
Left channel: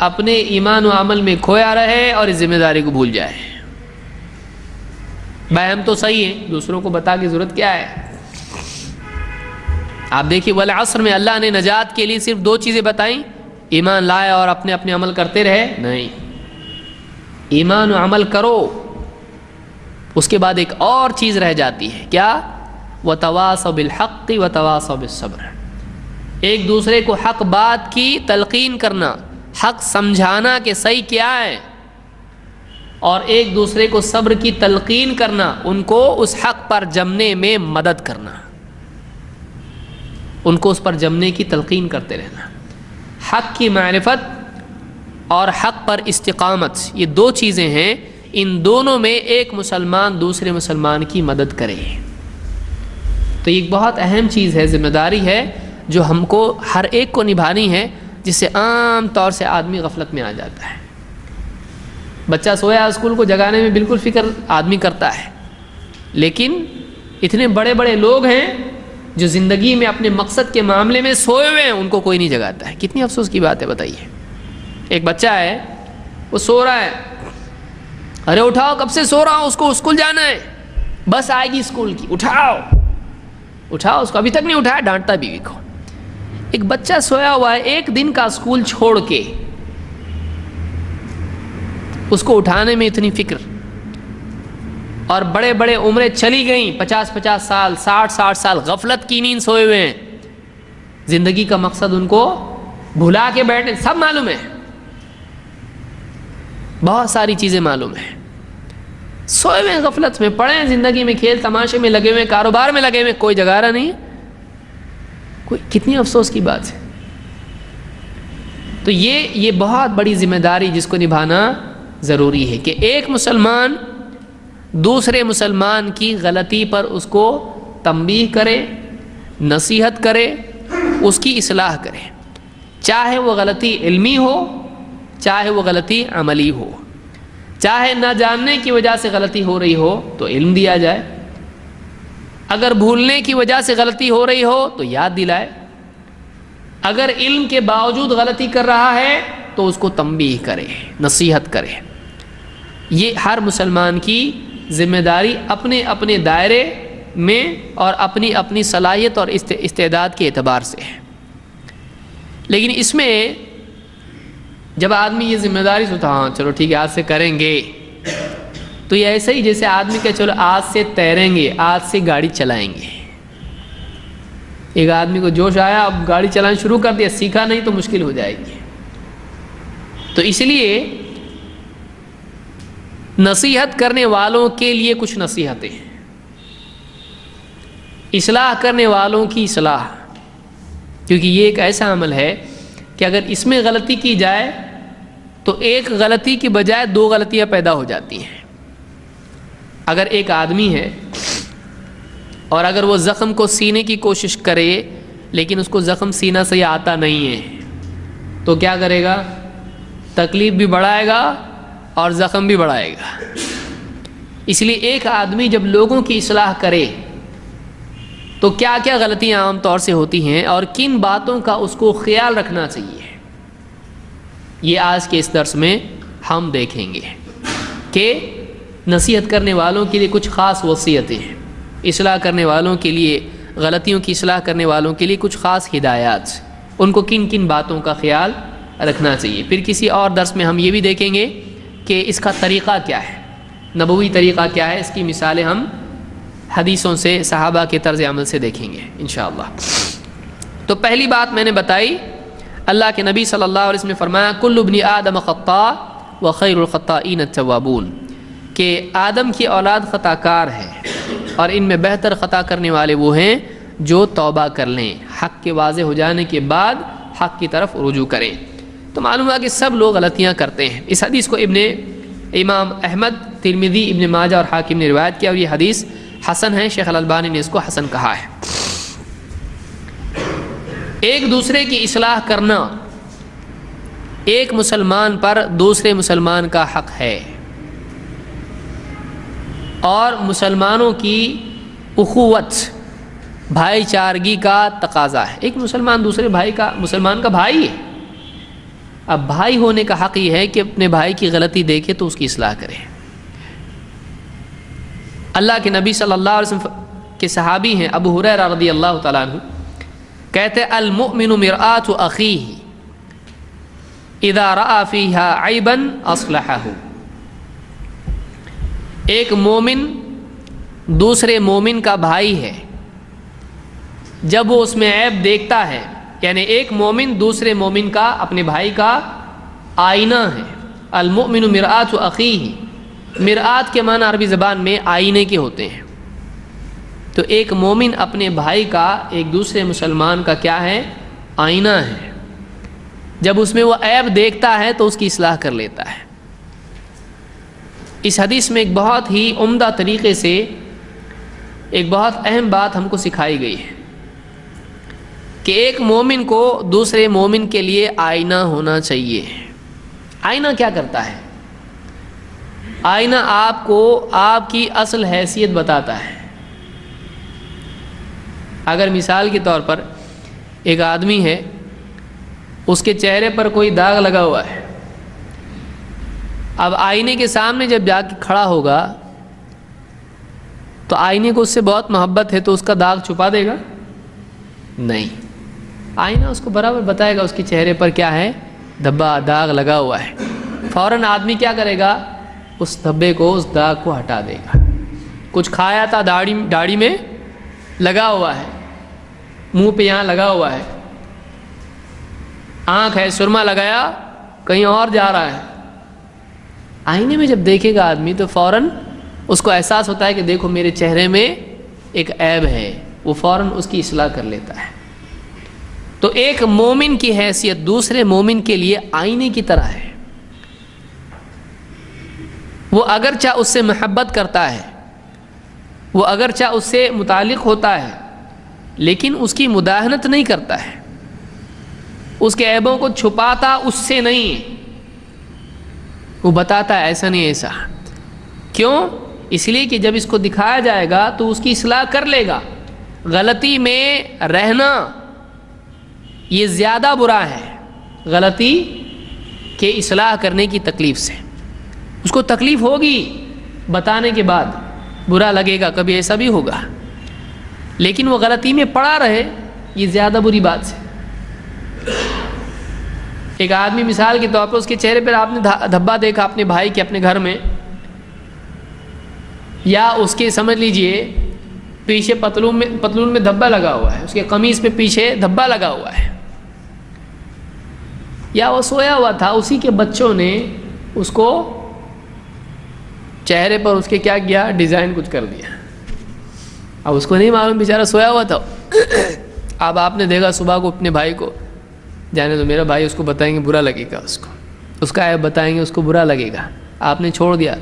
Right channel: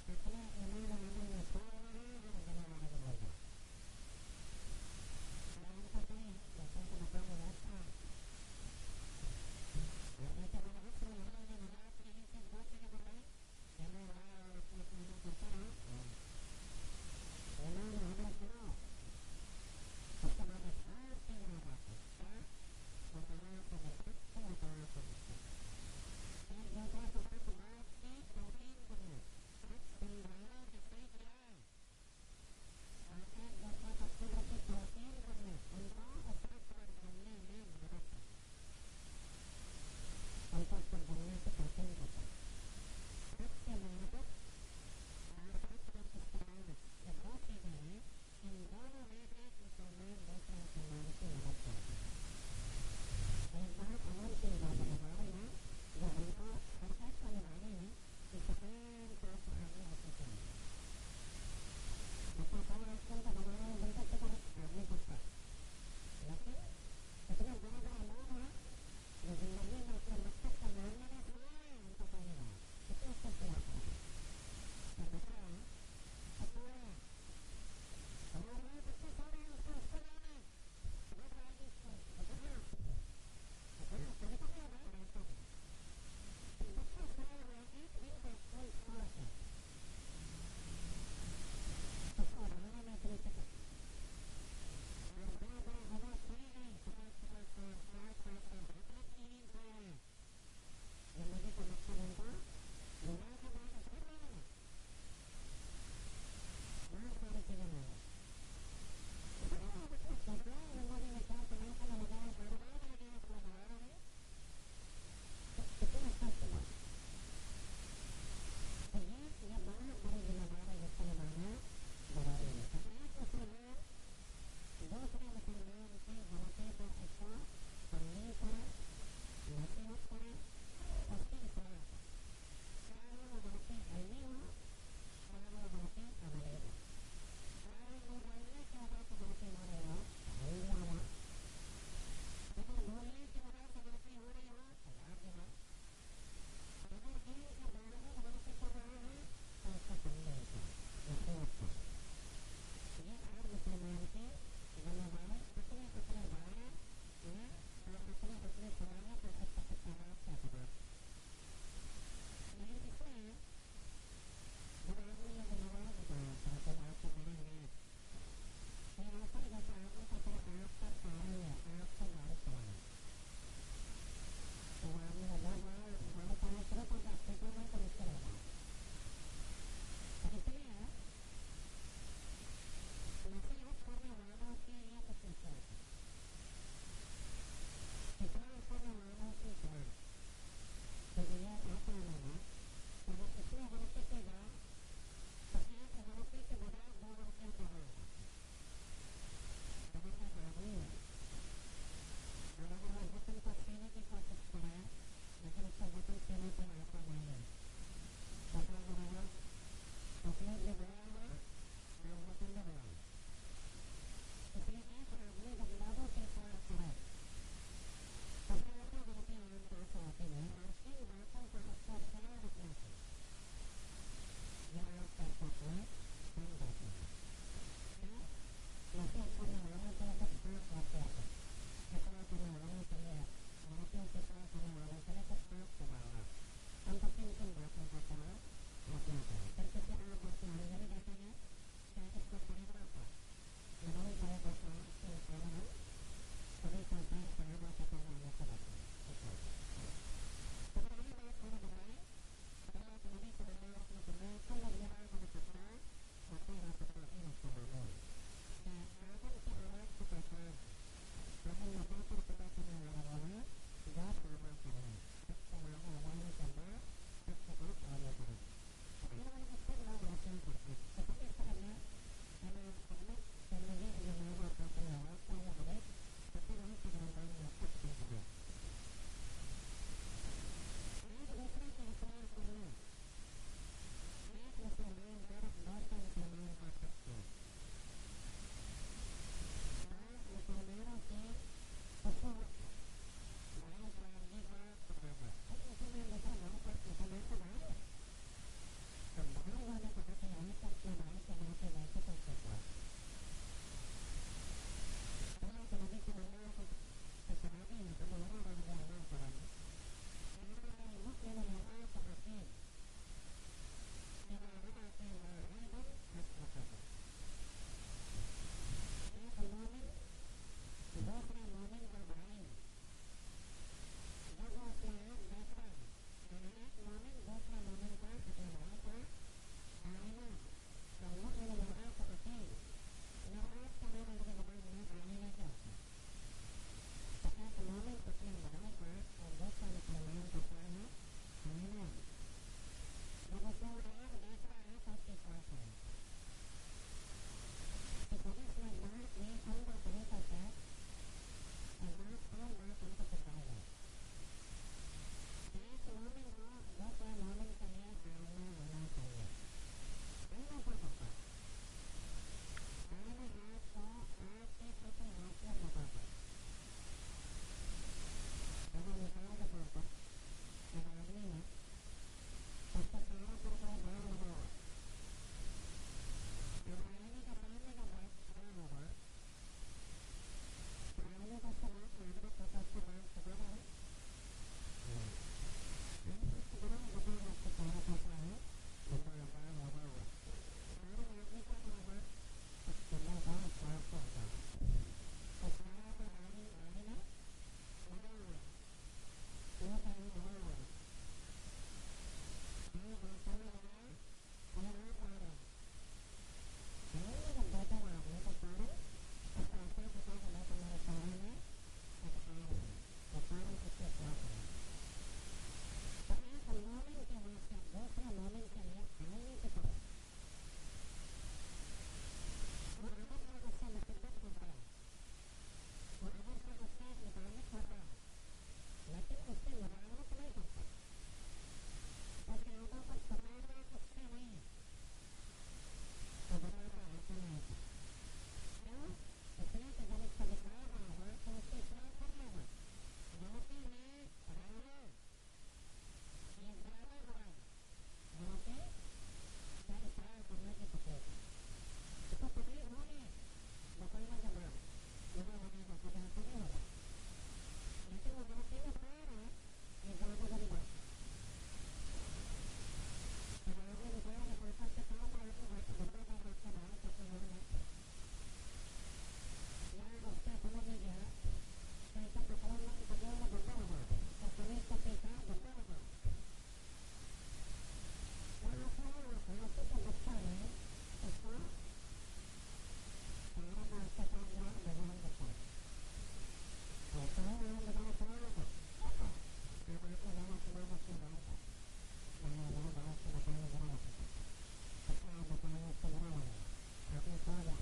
اپنے ایمان و عمل میں کھویا رہے اور اس ذمہ داری کو بھول جائے۔ بھائی ہم تو صحیح ہیں، دوسروں کو بتا کے ضرورت کیا ہے؟ آپ دیکھیے والعصر میں اللہ نے نجات کے لیے صرف 2 چیزیں بتائیں، ایمان لائے اور اپنے اپنے عمل کرتے رہے؟ نہیں، ایمان و عمل کرو، اس کے بعد ایک اور چیز رہ جاتی ہے، کیا؟ وَتَوَاصَوْا بِالْحَقِّ وَتَوَاصَوْا بِالصَّبْرِ، ایک دوسرے کو حق بات کی تلقین کرنا، حق سمجھانا کہ صحیح کیا ہے، اور ایک دوسرے کو صبر کی تلقین کرنا، ان کو اس حق پر جمنے میں مدد کرنا، ان کو اس پر جمنے کی تلقین کرتے رہنا۔ حق کی معرفت اور حق پر استقامت، یہ 2 چیزیں ہیں، ان دونوں میں ایک مسلمان دوسرے مسلمان کی مدد کرے۔ تو یہ ایک بہت اہم چیز ہے، ذمہ داری ہے جو ہم کو ہر ایک کو نبھانی ہے، جس سے عام طور سے آدمی غفلت میں آ جاتا ہے۔ بچہ سویا اسکول کو جگانے میں بالکل فکر آدمی کرتا ہے، لیکن اتنے بڑے بڑے لوگ ہیں جو زندگی میں اپنے مقصد کے معاملے میں سوئے ہوئے ہیں، ان کو کوئی نہیں جگاتا ہے۔ کتنی افسوس کی بات ہے بتائیے۔ ایک بچہ ہے، وہ سو رہا ہے، ارے اٹھاؤ، کب سے سو رہا ہوں، اس کو اسکول جانا ہے، بس آئے گی اسکول کی، اٹھاؤ اٹھاؤ، اس کو ابھی تک نہیں اٹھایا، ڈانٹتا بیوی کو۔ ایک بچہ سویا ہوا ہے، 1 دن کا اسکول چھوڑ کے، اس کو اٹھانے میں اتنی فکر، اور بڑے بڑے عمریں چلی گئیں، 50 سال، 60 سال غفلت کی نیند سوئے ہوئے ہیں، زندگی کا مقصد ان کو بھلا کے بیٹھے، سب معلوم ہے، بہت ساری چیزیں معلوم ہیں، سوئے ہوئے غفلت میں پڑے ہیں، زندگی میں کھیل تماشے میں لگے ہوئے، کاروبار میں لگے ہوئے، کوئی جگا رہا نہیں ہے، کوئی، کتنی افسوس کی بات ہے۔ تو یہ بہت بڑی ذمہ داری جس کو نبھانا ضروری ہے کہ ایک مسلمان دوسرے مسلمان کی غلطی پر اس کو تنبیہ کرے، نصیحت کرے، اس کی اصلاح کرے، چاہے وہ غلطی علمی ہو چاہے وہ غلطی عملی ہو، چاہے نہ جاننے کی وجہ سے غلطی ہو رہی ہو تو علم دیا جائے، اگر بھولنے کی وجہ سے غلطی ہو رہی ہو تو یاد دلائے، اگر علم کے باوجود غلطی کر رہا ہے تو اس کو تنبیہ کرے، نصیحت کرے۔ یہ ہر مسلمان کی ذمہ داری اپنے اپنے دائرے میں اور اپنی اپنی صلاحیت اور استعداد کے اعتبار سے ہے۔ لیکن اس میں جب آدمی یہ ذمہ داری سوچتا ہاں چلو ٹھیک ہے آج سے کریں گے، تو یہ ایسا ہی جیسے آدمی کہ چلو آج سے تیریں گے، آج سے گاڑی چلائیں گے۔ ایک آدمی کو جوش آیا، اب گاڑی چلانا شروع کر دیا، سیکھا نہیں تو مشکل ہو جائے گی۔ تو اس لیے نصیحت کرنے والوں کے لیے کچھ نصیحتیں، اصلاح کرنے والوں کی اصلاح، کیونکہ یہ ایک ایسا عمل ہے کہ اگر اس میں غلطی کی جائے تو ایک غلطی کی بجائے دو غلطیاں پیدا ہو جاتی ہیں۔ اگر ایک آدمی ہے اور اگر وہ زخم کو سینے کی کوشش کرے لیکن اس کو زخم سینا سے آتا نہیں ہے تو کیا کرے گا؟ تکلیف بھی بڑھائے گا اور زخم بھی بڑھائے گا۔ اس لیے ایک آدمی جب لوگوں کی اصلاح کرے تو کیا کیا غلطیاں عام طور سے ہوتی ہیں اور کن باتوں کا اس کو خیال رکھنا چاہیے، یہ آج کے اس درس میں ہم دیکھیں گے کہ نصیحت کرنے والوں کے لیے کچھ خاص وصیتیں ہیں، اصلاح کرنے والوں کے لیے، غلطیوں کی اصلاح کرنے والوں کے لیے کچھ خاص ہدایات، ان کو کن کن باتوں کا خیال رکھنا چاہیے۔ پھر کسی اور درس میں ہم یہ بھی دیکھیں گے کہ اس کا طریقہ کیا ہے، نبوی طریقہ کیا ہے، اس کی مثالیں ہم حدیثوں سے، صحابہ کے طرز عمل سے دیکھیں گے انشاءاللہ۔ تو پہلی بات میں نے بتائی، اللہ کے نبی صلی اللہ علیہ وسلم نے فرمایا کل ابن آدم خطاء وخیر الخطائین التوابون، کہ آدم کی اولاد خطا کار ہے اور ان میں بہتر خطا کرنے والے وہ ہیں جو توبہ کر لیں، حق کے واضح ہو جانے کے بعد حق کی طرف رجوع کریں۔ تو معلوم ہوا کہ سب لوگ غلطیاں کرتے ہیں۔ اس حدیث کو امام احمد، ترمذی، ابن ماجہ اور حاکم نے روایت کیا اور یہ حدیث حسن ہے، شیخ الالبانی نے اس کو حسن کہا ہے۔ ایک دوسرے کی اصلاح کرنا ایک مسلمان پر دوسرے مسلمان کا حق ہے اور مسلمانوں کی اخوت، بھائی چارگی کا تقاضا ہے۔ ایک مسلمان دوسرے مسلمان کا بھائی ہے، اب بھائی ہونے کا حق یہ ہے کہ اپنے بھائی کی غلطی دیکھے تو اس کی اصلاح کرے۔ اللہ کے نبی صلی اللہ علیہ وسلم کے صحابی ہیں ابو ہریرہ رضی اللہ تعالیٰ عنہ، کہتے المؤمن مرآۃ اخیہ اذا رأى فیہا عیبا اصلحہ، ایک مومن دوسرے مومن کا بھائی ہے جب وہ اس میں عیب دیکھتا ہے، یعنی ایک مومن دوسرے مومن کا، اپنے بھائی کا آئینہ ہے۔ المؤمن مرآۃ اخیہ، مرآت کے معنی عربی زبان میں آئینے کے ہوتے ہیں، تو ایک مومن اپنے بھائی کا ایک دوسرے مسلمان کا کیا ہے؟ آئینہ ہے۔ جب اس میں وہ عیب دیکھتا ہے تو اس کی اصلاح کر لیتا ہے۔ اس حدیث میں ایک بہت ہی عمدہ طریقے سے ایک بہت اہم بات ہم کو سکھائی گئی ہے کہ ایک مومن کو دوسرے مومن کے لیے آئینہ ہونا چاہیے۔ آئینہ کیا کرتا ہے؟ آئینہ آپ کو آپ کی اصل حیثیت بتاتا ہے۔ اگر مثال کے طور پر ایک آدمی ہے، اس کے چہرے پر کوئی داغ لگا ہوا ہے، اب آئینے کے سامنے جب جا کے کھڑا ہوگا تو آئینے کو اس سے بہت محبت ہے تو اس کا داغ چھپا دے گا؟ نہیں، آئینہ اس کو برابر بتائے گا اس کے چہرے پر کیا ہے، دھبا، داغ لگا ہوا ہے۔ فوراً آدمی کیا کرے گا؟ اس دھبے کو، اس داغ کو ہٹا دے گا۔ کچھ کھایا تھا، داڑھی میں لگا ہوا ہے، منہ پہ یہاں لگا ہوا ہے، آنکھ ہے، سرما لگایا، کہیں اور جا رہا ہے۔ آئینے میں جب دیکھے گا آدمی تو فوراً اس کو احساس ہوتا ہے کہ دیکھو میرے چہرے میں ایک عیب ہے، وہ فوراً اس کی اصلاح کر لیتا ہے۔ تو ایک مومن کی حیثیت دوسرے مومن کے لیے آئینے کی طرح ہے۔ وہ اگرچہ اس سے محبت کرتا ہے، وہ اگرچہ اس سے متعلق ہوتا ہے، لیکن اس کی مداہنت نہیں کرتا ہے، اس کے عیبوں کو چھپاتا اس سے نہیں، وہ بتاتا ہے ایسا نہیں ایسا۔ کیوں؟ اس لیے کہ جب اس کو دکھایا جائے گا تو اس کی اصلاح کر لے گا۔ غلطی میں رہنا یہ زیادہ برا ہے غلطی کے اصلاح کرنے کی تکلیف سے۔ اس کو تکلیف ہوگی بتانے کے بعد، برا لگے گا، کبھی ایسا بھی ہوگا، لیکن وہ غلطی میں پڑا رہے، یہ زیادہ بری بات ہے۔ ایک آدمی مثال کے طور پر اس کے چہرے پر آپ نے دھبا دیکھا اپنے بھائی کے اپنے گھر میں، یا اس کے سمجھ لیجئے پیچھے پتلون میں دھبا لگا ہوا ہے، اس کے قمیص پہ پیچھے دھبا لگا ہوا ہے، یا وہ سویا ہوا تھا، اسی کے بچوں نے اس کو چہرے پر اس کے کیا کیا، ڈیزائن کچھ کر دیا۔ اب اس کو نہیں معلوم، بیچارہ سویا ہوا تھا۔ اب آپ نے دیکھا صبح کو اپنے بھائی کو، جانے تو میرا بھائی، اس کو بتائیں گے برا لگے گا، اس کا عیب بتائیں گے، اس کو برا لگے گا، آپ نے چھوڑ دیا۔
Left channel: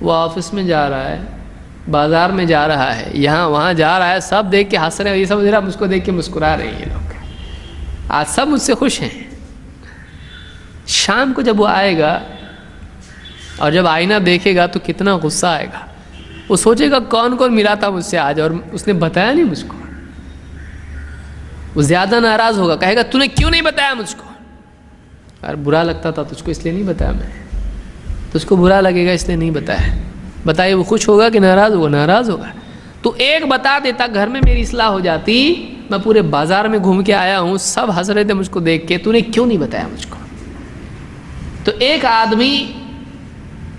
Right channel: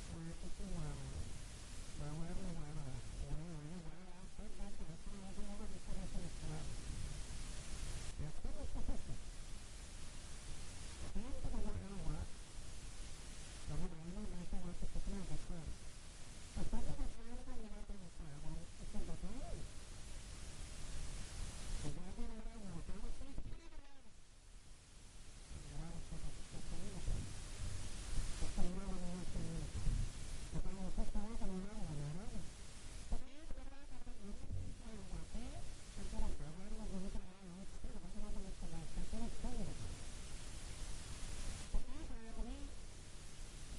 وہ آفس میں جا رہا ہے، بازار میں جا رہا ہے، یہاں وہاں جا رہا ہے، سب دیکھ کے ہنس رہے ہیں، یہ سب ذرا مجھ کو دیکھ کے مسکرا رہے ہیں، یہ لوگ آج سب مجھ سے خوش ہیں۔ شام کو جب وہ آئے گا اور جب آئینہ دیکھے گا تو کتنا غصہ آئے گا، وہ سوچے گا کون کون ملا تھا مجھ سے آج اور اس نے بتایا نہیں مجھ کو۔ وہ زیادہ ناراض ہوگا، کہے گا تو نے کیوں نہیں بتایا مجھ کو، اور برا لگتا تھا تجھ کو اس لیے نہیں بتایا میں، تجھ کو برا لگے گا اس لیے نہیں بتایا۔ بتائیے وہ خوش ہوگا کہ ناراض ہوگا؟ ناراض ہوگا۔ تو ایک بتا دیتا، گھر میں میری اصلاح ہو جاتی، میں پورے بازار میں گھوم کے آیا ہوں، سب ہنس رہے تھے مجھ کو دیکھ کے، تو نے کیوں نہیں بتایا مجھ کو۔ تو ایک آدمی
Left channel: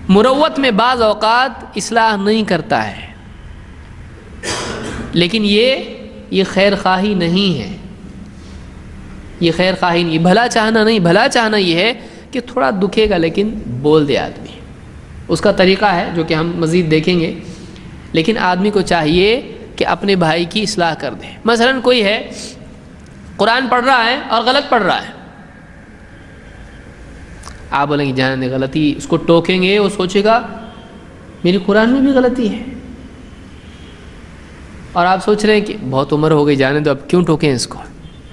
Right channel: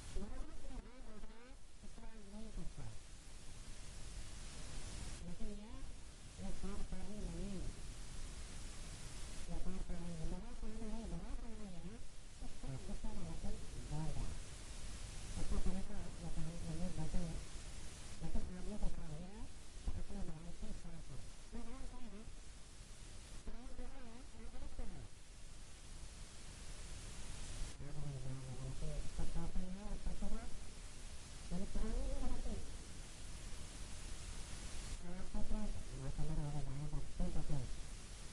مروت میں بعض اوقات اصلاح نہیں کرتا ہے، لیکن یہ خیر خواہی نہیں ہے، یہ خیر خواہی نہیں، بھلا چاہنا نہیں، بھلا چاہنا یہ ہے کہ تھوڑا دکھے گا لیکن بول دے آدمی، اس کا طریقہ ہے جو کہ ہم مزید دیکھیں گے۔ لیکن آدمی کو چاہیے کہ اپنے بھائی کی اصلاح کر دے۔ مثلا کوئی ہے قرآن پڑھ رہا ہے اور غلط پڑھ رہا ہے، آپ بولیں گے جانے دے غلطی، اس کو ٹوکیں گے، وہ سوچے گا میری قرآن میں بھی غلطی ہے، اور آپ سوچ رہے ہیں کہ بہت عمر ہو گئی، جانے دو اب کیوں ٹوکیں اس کو،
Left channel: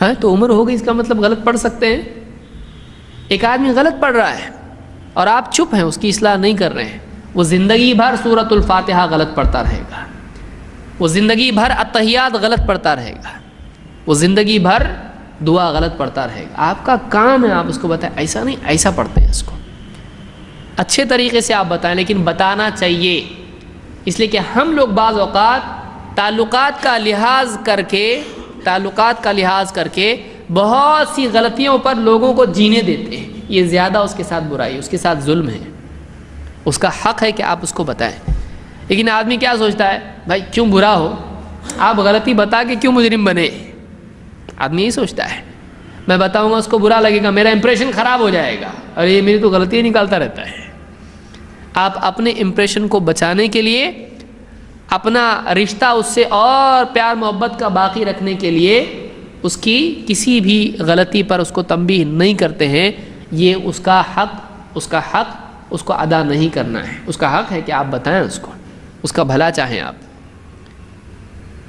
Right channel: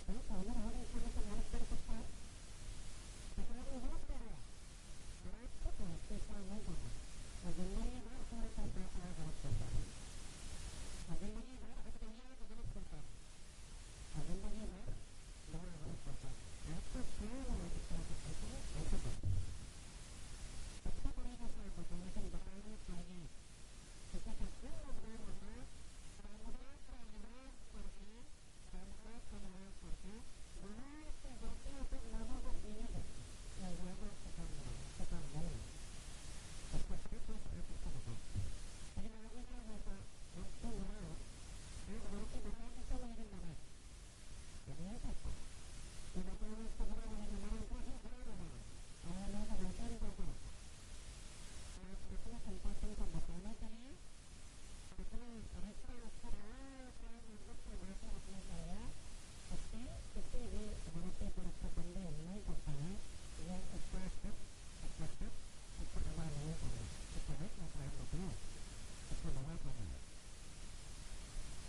ہاں تو عمر ہو گئی اس کا مطلب غلط پڑھ سکتے ہیں؟ ایک آدمی غلط پڑھ رہا ہے اور آپ چپ ہیں، اس کی اصلاح نہیں کر رہے ہیں، وہ زندگی بھر سورۃ الفاتحہ غلط پڑھتا رہے گا، وہ زندگی بھر التحیات غلط پڑھتا رہے گا، وہ زندگی بھر دعا غلط پڑھتا رہے گا۔ آپ کا کام ہے آپ اس کو بتائیں ایسا نہیں، ایسا پڑھتے ہیں اس کو، اچھے طریقے سے آپ بتائیں، لیکن بتانا چاہیے، اس لیے کہ ہم لوگ بعض اوقات تعلقات کا لحاظ کر کے بہت سی غلطیوں پر لوگوں کو جینے دیتے ہیں، یہ زیادہ اس کے ساتھ برائی، اس کے ساتھ ظلم ہے، اس کا حق ہے کہ آپ اس کو بتائیں۔ لیکن آدمی کیا سوچتا ہے، بھائی کیوں برا ہو، آپ غلطی بتا کے کیوں مجرم بنے، آدمی یہی سوچتا ہے، میں بتاؤں گا اس کو برا لگے گا، میرا امپریشن خراب ہو جائے گا، اور یہ میری تو غلطی نکالتا رہتا ہے۔ آپ اپنے امپریشن کو بچانے کے لیے، اپنا رشتہ اس سے اور پیار محبت کا باقی رکھنے کے لیے اس کی کسی بھی غلطی پر اس کو تنبیہ نہیں کرتے ہیں، یہ اس کا حق اس کو ادا نہیں کرنا ہے، اس کا حق ہے کہ آپ بتائیں اس کو، اس کا بھلا چاہیں آپ۔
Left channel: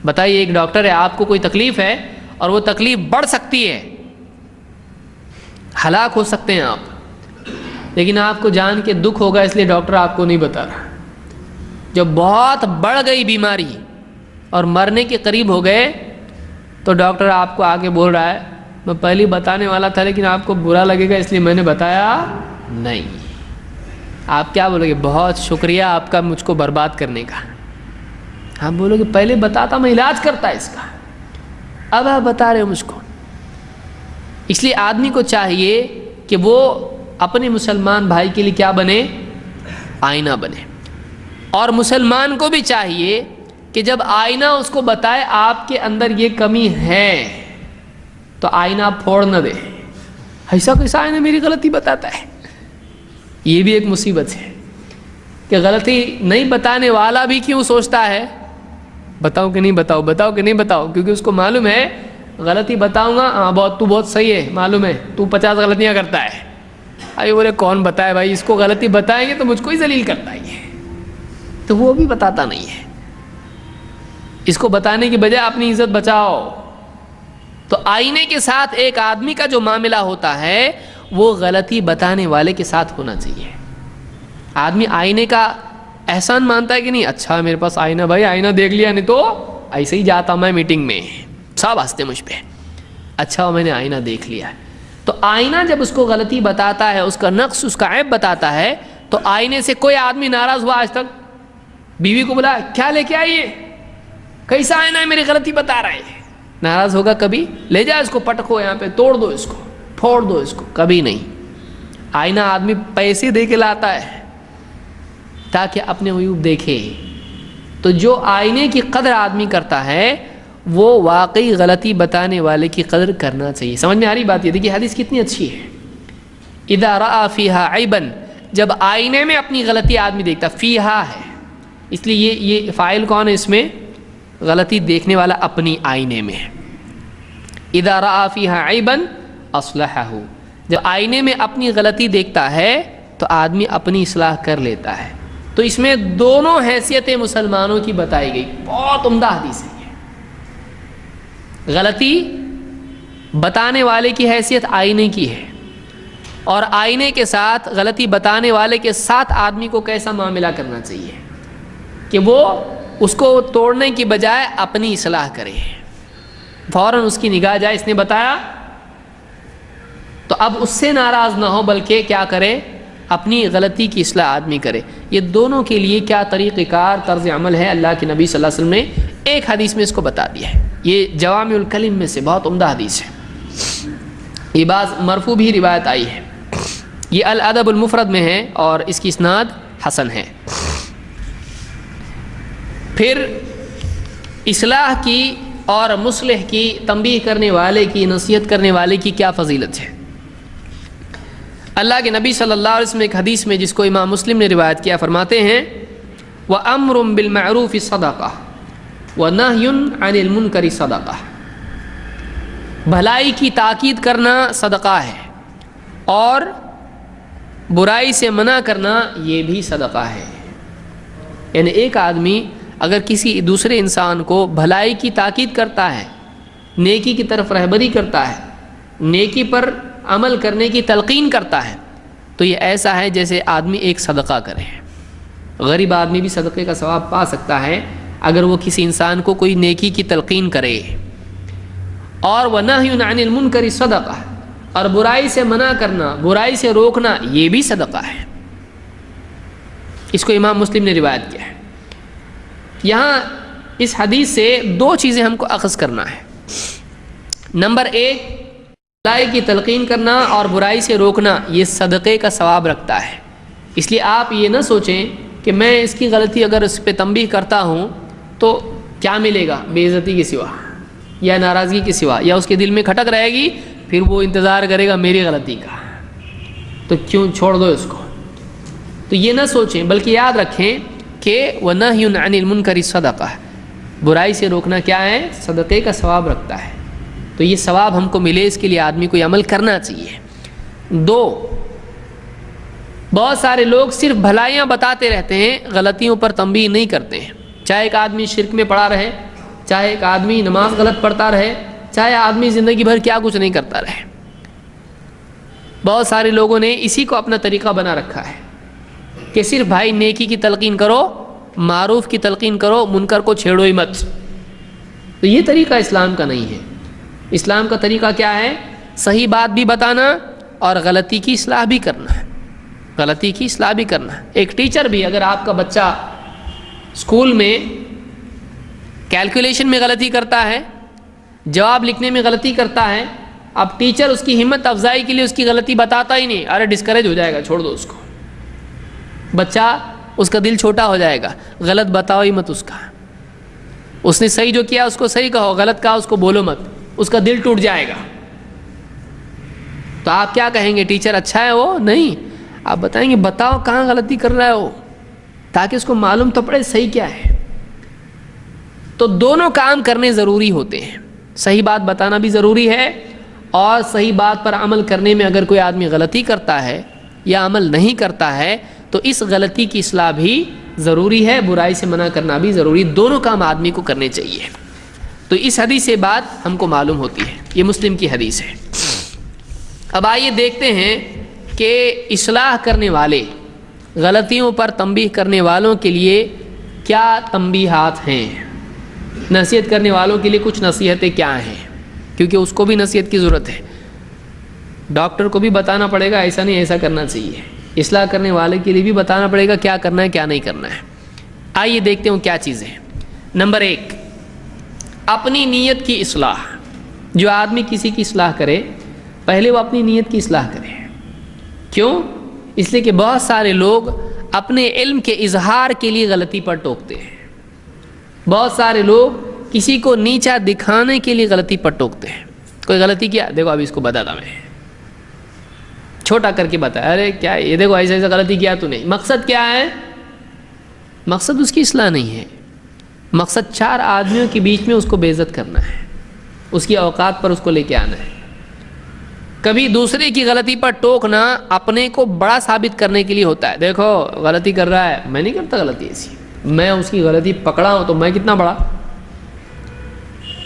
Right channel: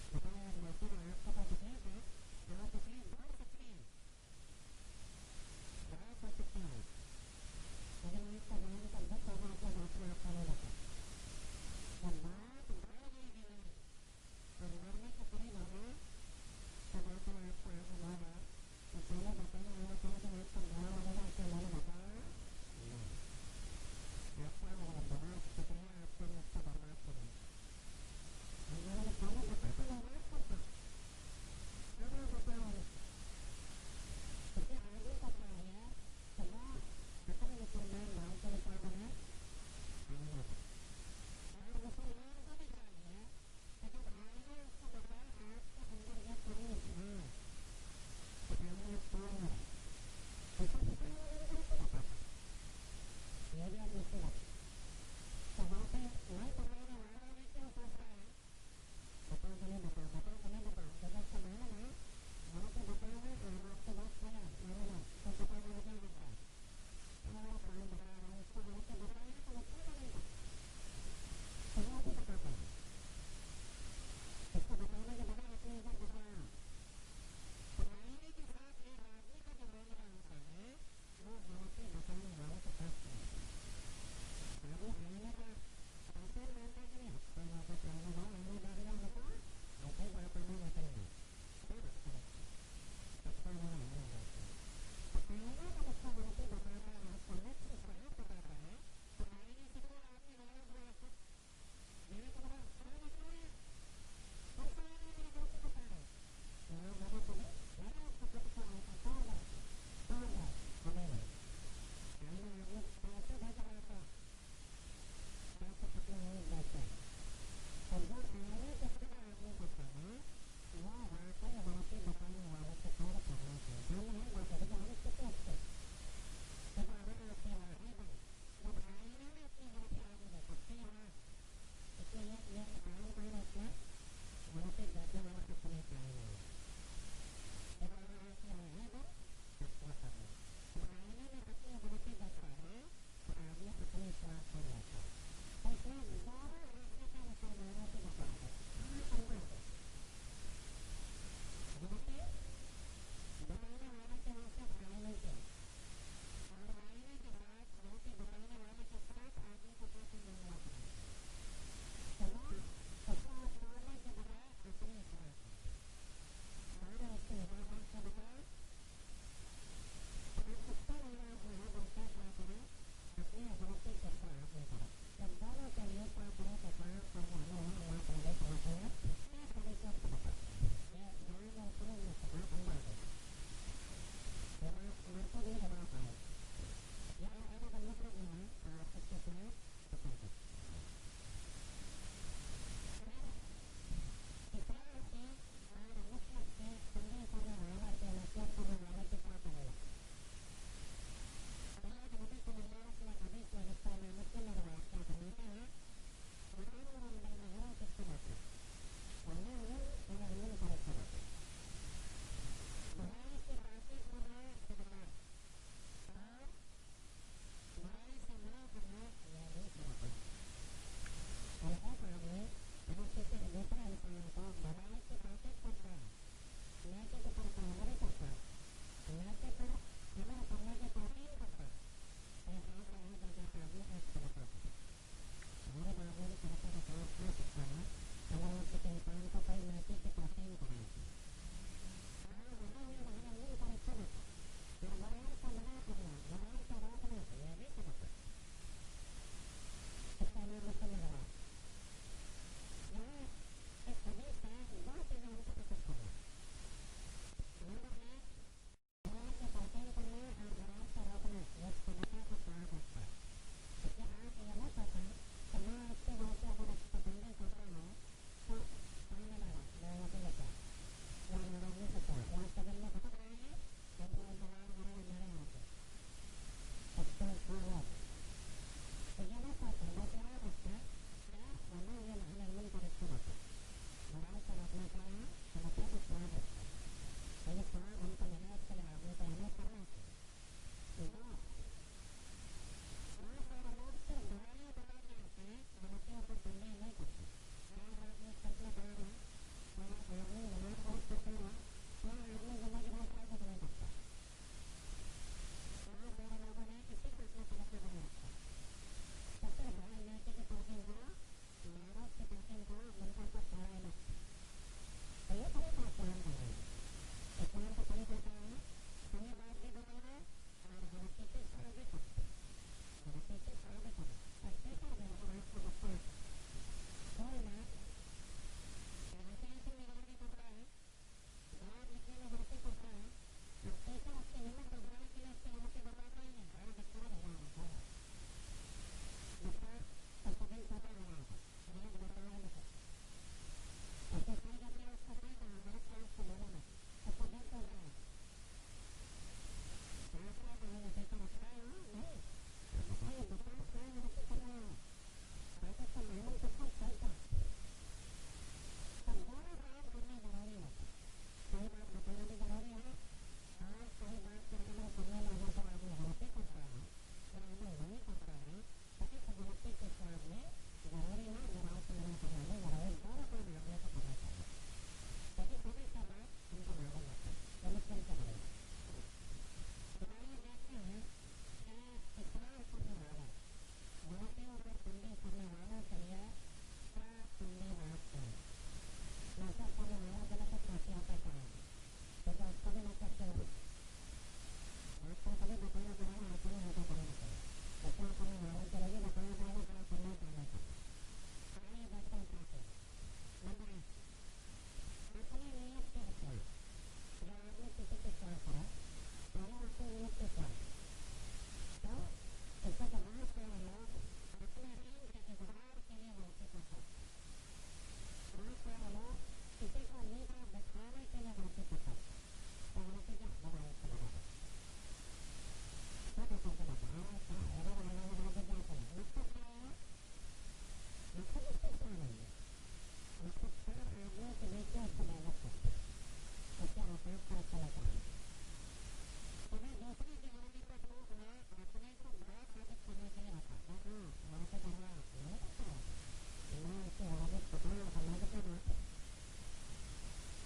بتائیے ایک ڈاکٹر ہے، آپ کو کوئی تکلیف ہے اور وہ تکلیف بڑھ سکتی ہے، ہلاک ہو سکتے ہیں آپ، لیکن آپ کو جان کے دکھ ہوگا اس لیے ڈاکٹر آپ کو نہیں بتا رہا۔ جب بہت بڑھ گئی بیماری اور مرنے کے قریب ہو گئے تو ڈاکٹر آپ کو آگے بول رہا ہے میں پہلے بتانے والا تھا لیکن آپ کو برا لگے گا اس لیے میں نے بتایا نہیں۔ آپ کیا بولو گے؟ بہت شکریہ آپ کا مجھ کو برباد کرنے کا۔ آپ بولو گے پہلے بتاتا میں علاج کرتا اس کا، اب آپ بتا رہے ہو مجھ کو۔ اس لیے آدمی کو چاہیے کہ وہ اپنے مسلمان بھائی کے لیے کیا بنے؟ آئینہ بنے، اور مسلمان کو بھی چاہیے کہ جب آئینہ اس کو بتائے آپ کے اندر یہ کمی ہے تو آئینہ پھوڑ نہ دے، ایسا کیسا آئینہ میری غلطی بتاتا ہے؟ یہ بھی ایک مصیبت ہے کہ غلطی نہیں بتانے والا بھی کیوں سوچتا ہے بتاؤ کہ نہیں بتاؤ، بتاؤ کہ نہیں بتاؤ، کیونکہ اس کو معلوم ہے غلطی بتاؤں گا، ہاں تو بہت صحیح ہے، معلوم ہے تو 50 غلطیاں کرتا ہے، ارے بولے کون بتائے بھائی، اس کو غلطی بتائیں گے تو مجھ کو ہی ذلیل کرتا ہے یہ، تو وہ بھی بتاتا نہیں ہے۔ اس کو بتانے کی بجائے اپنی عزت بچاؤ، تو آئینے کے ساتھ ایک آدمی کا جو معاملہ ہوتا ہے وہ غلطی بتانے والے کے ساتھ ہونا چاہیے۔ آدمی آئینے کا احسان مانتا ہے کہ نہیں، اچھا میرے پاس آئینہ، بھائی آئینہ دیکھ لیا، نہیں تو ایسے ہی جاتا میں میٹنگ میں، سب ہنستے مجھ پہ، اچھا میں نے آئینہ دیکھ لیا۔ تو آئینہ جب اس کو غلطی بتاتا ہے، اس کا نقص، اس کا عیب بتاتا ہے، تو آئینے سے کوئی آدمی ناراض ہوا آج تک؟ بیوی کو بولا کیا لے کے آئیے، کیسا آئینہ ہے، میری غلطی بتا رہا ہے، ناراض ہوگا کبھی؟ لے جا اس کو، پٹکو یہاں پہ، توڑ دو اس کو، پھوڑ دو اس کو، کبھی نہیں۔ آئینہ آدمی پیسے دے کے لاتا ہے تاکہ اپنے عیوب دیکھے۔ تو جو آئینے کی قدر آدمی کرتا ہے وہ واقعی غلطی بتانے والے کی قدر کرنا چاہیے۔ سمجھ میں آ رہی بات؟ یہ دیکھیے حدیث کتنی اچھی ہے۔ اذا رأى فيها عیبا، جب آئینے میں اپنی غلطی آدمی دیکھتا، فیہا ہے اس لیے یہ فاعل کون ہے اس میں؟ غلطی دیکھنے والا اپنی آئینے میں۔ اذا رأى فيها عیبا اصلحہ، جب آئینے میں اپنی غلطی دیکھتا ہے تو آدمی اپنی اصلاح کر لیتا ہے۔ تو اس میں دونوں حیثیتیں مسلمانوں کی بتائی گئی، بہت عمدہ حدیث ہے۔ غلطی بتانے والے کی حیثیت آئینے کی ہے، اور آئینے کے ساتھ غلطی بتانے والے کے ساتھ آدمی کو کیسا معاملہ کرنا چاہیے کہ وہ اس کو توڑنے کی بجائے اپنی اصلاح کرے، فوراً اس کی نگاہ جائے، اس نے بتایا تو اب اس سے ناراض نہ ہو، بلکہ کیا کرے؟ اپنی غلطی کی اصلاح آدمی کرے۔ یہ دونوں کے لیے کیا طریقہ کار، طرز عمل ہے، اللہ کے نبی صلی اللہ علیہ وسلم نے ایک حدیث میں اس کو بتا دیا ہے۔ یہ جوامع الکلم میں سے بہت عمدہ حدیث ہے، یہ بعض مرفوع بھی روایت آئی ہے، یہ الادب المفرد میں ہے اور اس کی اسناد حسن ہے۔ پھر اصلاح کی اور مصلح کی، تنبیہ کرنے والے کی، نصیحت کرنے والے کی کیا فضیلت ہے؟ اللہ کے نبی صلی اللہ علیہ وسلم ایک حدیث میں جس کو امام مسلم نے روایت کیا فرماتے ہیں وَأَمْرٌ بِالْمَعْرُوفِ صَدَقَةٌ وَنَهْيٌ عَنِ الْمُنْكَرِ صَدَقَةٌ، بھلائی کی تاکید کرنا صدقہ ہے اور برائی سے منع کرنا یہ بھی صدقہ ہے۔ یعنی ایک آدمی اگر کسی دوسرے انسان کو بھلائی کی تاکید کرتا ہے، نیکی کی طرف رہبری کرتا ہے، نیکی پر عمل کرنے کی تلقین کرتا ہے، تو یہ ایسا ہے جیسے آدمی ایک صدقہ کرے۔ غریب آدمی بھی صدقے کا ثواب پا سکتا ہے اگر وہ کسی انسان کو کوئی نیکی کی تلقین کرے۔ اور وَنَهْيٌ عَنِ الْمُنْكَرِ صَدَقَةٌ، اور برائی سے منع کرنا، برائی سے روکنا، یہ بھی صدقہ ہے۔ اس کو امام مسلم نے روایت کیا ہے۔ یہاں اس حدیث سے دو چیزیں ہم کو اخذ کرنا ہے۔ نمبر ایک، بھلائی کی تلقین کرنا اور برائی سے روکنا یہ صدقے کا ثواب رکھتا ہے۔ اس لیے آپ یہ نہ سوچیں کہ میں اس کی غلطی اگر اس پہ تنبیہ کرتا ہوں تو کیا ملے گا، بے عزتی کے سوا یا ناراضگی کے سوا، یا اس کے دل میں کھٹک رہے گی، پھر وہ انتظار کرے گا میری غلطی کا، تو کیوں چھوڑ دو اس کو۔ تو یہ نہ سوچیں، بلکہ یاد رکھیں کہ وَنَهْيٌ عَنِ الْمُنْكَرِ صَدَقَةٌ، برائی سے روکنا کیا ہے؟ صدقے کا ثواب رکھتا ہے۔ تو یہ ثواب ہم کو ملے، اس کے لیے آدمی کو یہ عمل کرنا چاہیے۔ دو، بہت سارے لوگ صرف بھلائیاں بتاتے رہتے ہیں، غلطیوں پر تنبیہ نہیں کرتے ہیں۔ چاہے ایک آدمی شرک میں پڑا رہے، چاہے ایک آدمی نماز غلط پڑھتا رہے، چاہے آدمی زندگی بھر کیا کچھ نہیں کرتا رہے، بہت سارے لوگوں نے اسی کو اپنا طریقہ بنا رکھا ہے کہ صرف بھائی نیکی کی تلقین کرو، معروف کی تلقین کرو، منکر کو چھیڑو ہی مت۔ تو یہ طریقہ اسلام کا نہیں ہے۔ اسلام کا طریقہ کیا ہے؟ صحیح بات بھی بتانا اور غلطی کی اصلاح بھی کرنا ہے، غلطی کی اصلاح بھی کرنا ہے۔ ایک ٹیچر بھی اگر آپ کا بچہ اسکول میں کیلکولیشن میں غلطی کرتا ہے، جواب لکھنے میں غلطی کرتا ہے، اب ٹیچر اس کی ہمت افزائی کے لیے اس کی غلطی بتاتا ہی نہیں، ارے ڈسکریج ہو جائے گا، چھوڑ دو اس کو، بچہ اس کا دل چھوٹا ہو جائے گا، غلط بتاؤ ہی مت اس کا، اس نے صحیح جو کیا اس کو صحیح کہو، غلط کہا اس کو بولو مت، اس کا دل ٹوٹ جائے گا۔ تو آپ کیا کہیں گے؟ ٹیچر اچھا ہے وہ؟ نہیں، آپ بتائیں گے بتاؤ کہاں غلطی کر رہا ہے وہ، تاکہ اس کو معلوم تو پڑے صحیح کیا ہے۔ تو دونوں کام کرنے ضروری ہوتے ہیں، صحیح بات بتانا بھی ضروری ہے، اور صحیح بات پر عمل کرنے میں اگر کوئی آدمی غلطی کرتا ہے یا عمل نہیں کرتا ہے تو اس غلطی کی اصلاح بھی ضروری ہے، برائی سے منع کرنا بھی ضروری، دونوں کام آدمی کو کرنے چاہیے۔ تو اس حدیث سے بات ہم کو معلوم ہوتی ہے، یہ مسلم کی حدیث ہے۔ اب آئیے دیکھتے ہیں کہ اصلاح کرنے والے، غلطیوں پر تنبیہ کرنے والوں کے لیے کیا تنبیہات ہیں، نصیحت کرنے والوں کے لیے کچھ نصیحتیں کیا ہیں، کیونکہ اس کو بھی نصیحت کی ضرورت ہے۔ ڈاکٹر کو بھی بتانا پڑے گا ایسا نہیں ایسا کرنا چاہیے، اصلاح کرنے والے کے لیے بھی بتانا پڑے گا کیا کرنا ہے کیا نہیں کرنا ہے۔ آئیے دیکھتے ہیں کیا چیزیں۔ نمبر 1، اپنی نیت کی اصلاح۔ جو آدمی کسی کی اصلاح کرے پہلے وہ اپنی نیت کی اصلاح کرے۔ کیوں؟ اس لیے کہ بہت سارے لوگ اپنے علم کے اظہار کے لیے غلطی پر ٹوکتے ہیں۔ بہت سارے لوگ کسی کو نیچا دکھانے کے لیے غلطی پر ٹوکتے ہیں۔ کوئی غلطی کیا، دیکھو ابھی اس کو بتاتا میں، چھوٹا کر کے بتا، ارے کیا یہ دیکھو ایسا ایسا غلطی کیا تو نہیں۔ مقصد کیا ہے؟ مقصد اس کی اصلاح نہیں ہے، مقصد 4 آدمیوں کے بیچ میں اس کو بے عزت کرنا ہے، اس کی اوقات پر اس کو لے کے آنا ہے۔ کبھی دوسرے کی غلطی پر ٹوکنا اپنے کو بڑا ثابت کرنے کے لیے ہوتا ہے، دیکھو غلطی کر رہا ہے، میں نہیں کرتا غلطی ایسی، میں اس کی غلطی پکڑا ہوں تو میں کتنا بڑا،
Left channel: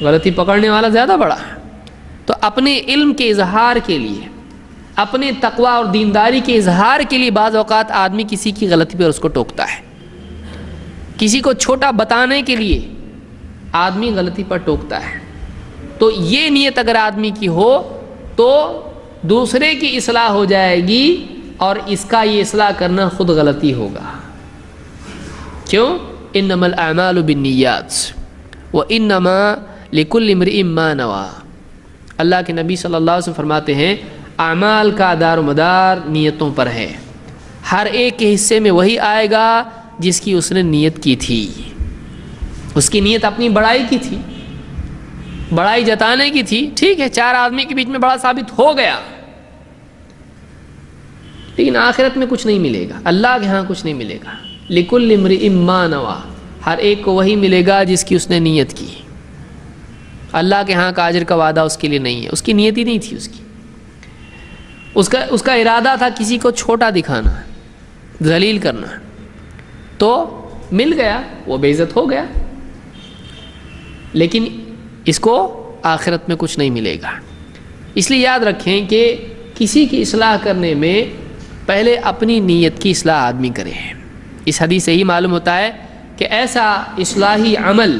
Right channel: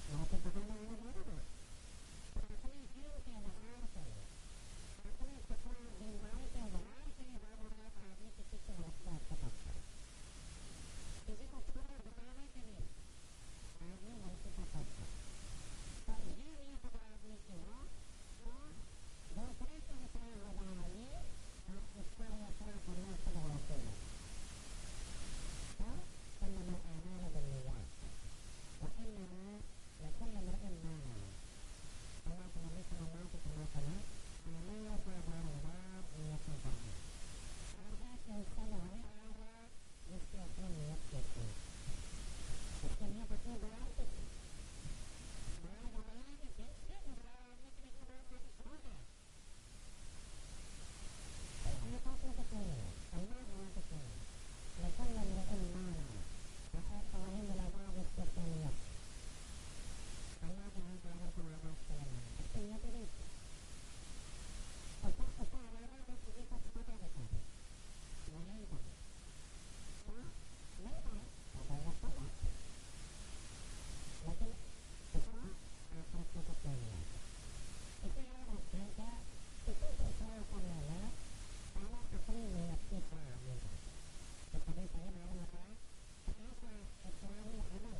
غلطی پکڑنے والا زیادہ بڑا ہے۔ تو اپنے علم کے اظہار کے لیے، اپنے تقوی اور دینداری کے اظہار کے لیے بعض اوقات آدمی کسی کی غلطی پر اس کو ٹوکتا ہے، کسی کو چھوٹا بتانے کے لیے آدمی غلطی پر ٹوکتا ہے۔ تو یہ نیت اگر آدمی کی ہو تو دوسرے کی اصلاح ہو جائے گی اور اس کا یہ اصلاح کرنا خود غلطی ہوگا۔ کیوں؟ انما الاعمال بالنیات وانما لکل امرئ ما نوى۔ اللہ کے نبی صلی اللہ علیہ وسلم فرماتے ہیں اعمال کا دار و مدار نیتوں پر ہے، ہر ایک کے حصے میں وہی آئے گا جس کی اس نے نیت کی تھی۔ اس کی نیت اپنی بڑائی کی تھی، بڑائی جتانے کی تھی، ٹھیک ہے 4 آدمی کے بیچ میں بڑا ثابت ہو گیا، لیکن آخرت میں کچھ نہیں ملے گا، اللہ کے ہاں کچھ نہیں ملے گا۔ لکل امرئ ما نوى، ہر ایک کو وہی ملے گا جس کی اس نے نیت کی۔ اللہ کے ہاں کا اجر کا وعدہ اس کے لیے نہیں ہے، اس کی نیت ہی نہیں تھی، اس کا ارادہ تھا کسی کو چھوٹا دکھانا، ذلیل کرنا، تو مل گیا، وہ بے عزت ہو گیا، لیکن اس کو آخرت میں کچھ نہیں ملے گا۔ اس لیے یاد رکھیں کہ کسی کی اصلاح کرنے میں پہلے اپنی نیت کی اصلاح آدمی کرے۔ اس حدیث سے ہی معلوم ہوتا ہے کہ ایسا اصلاحی عمل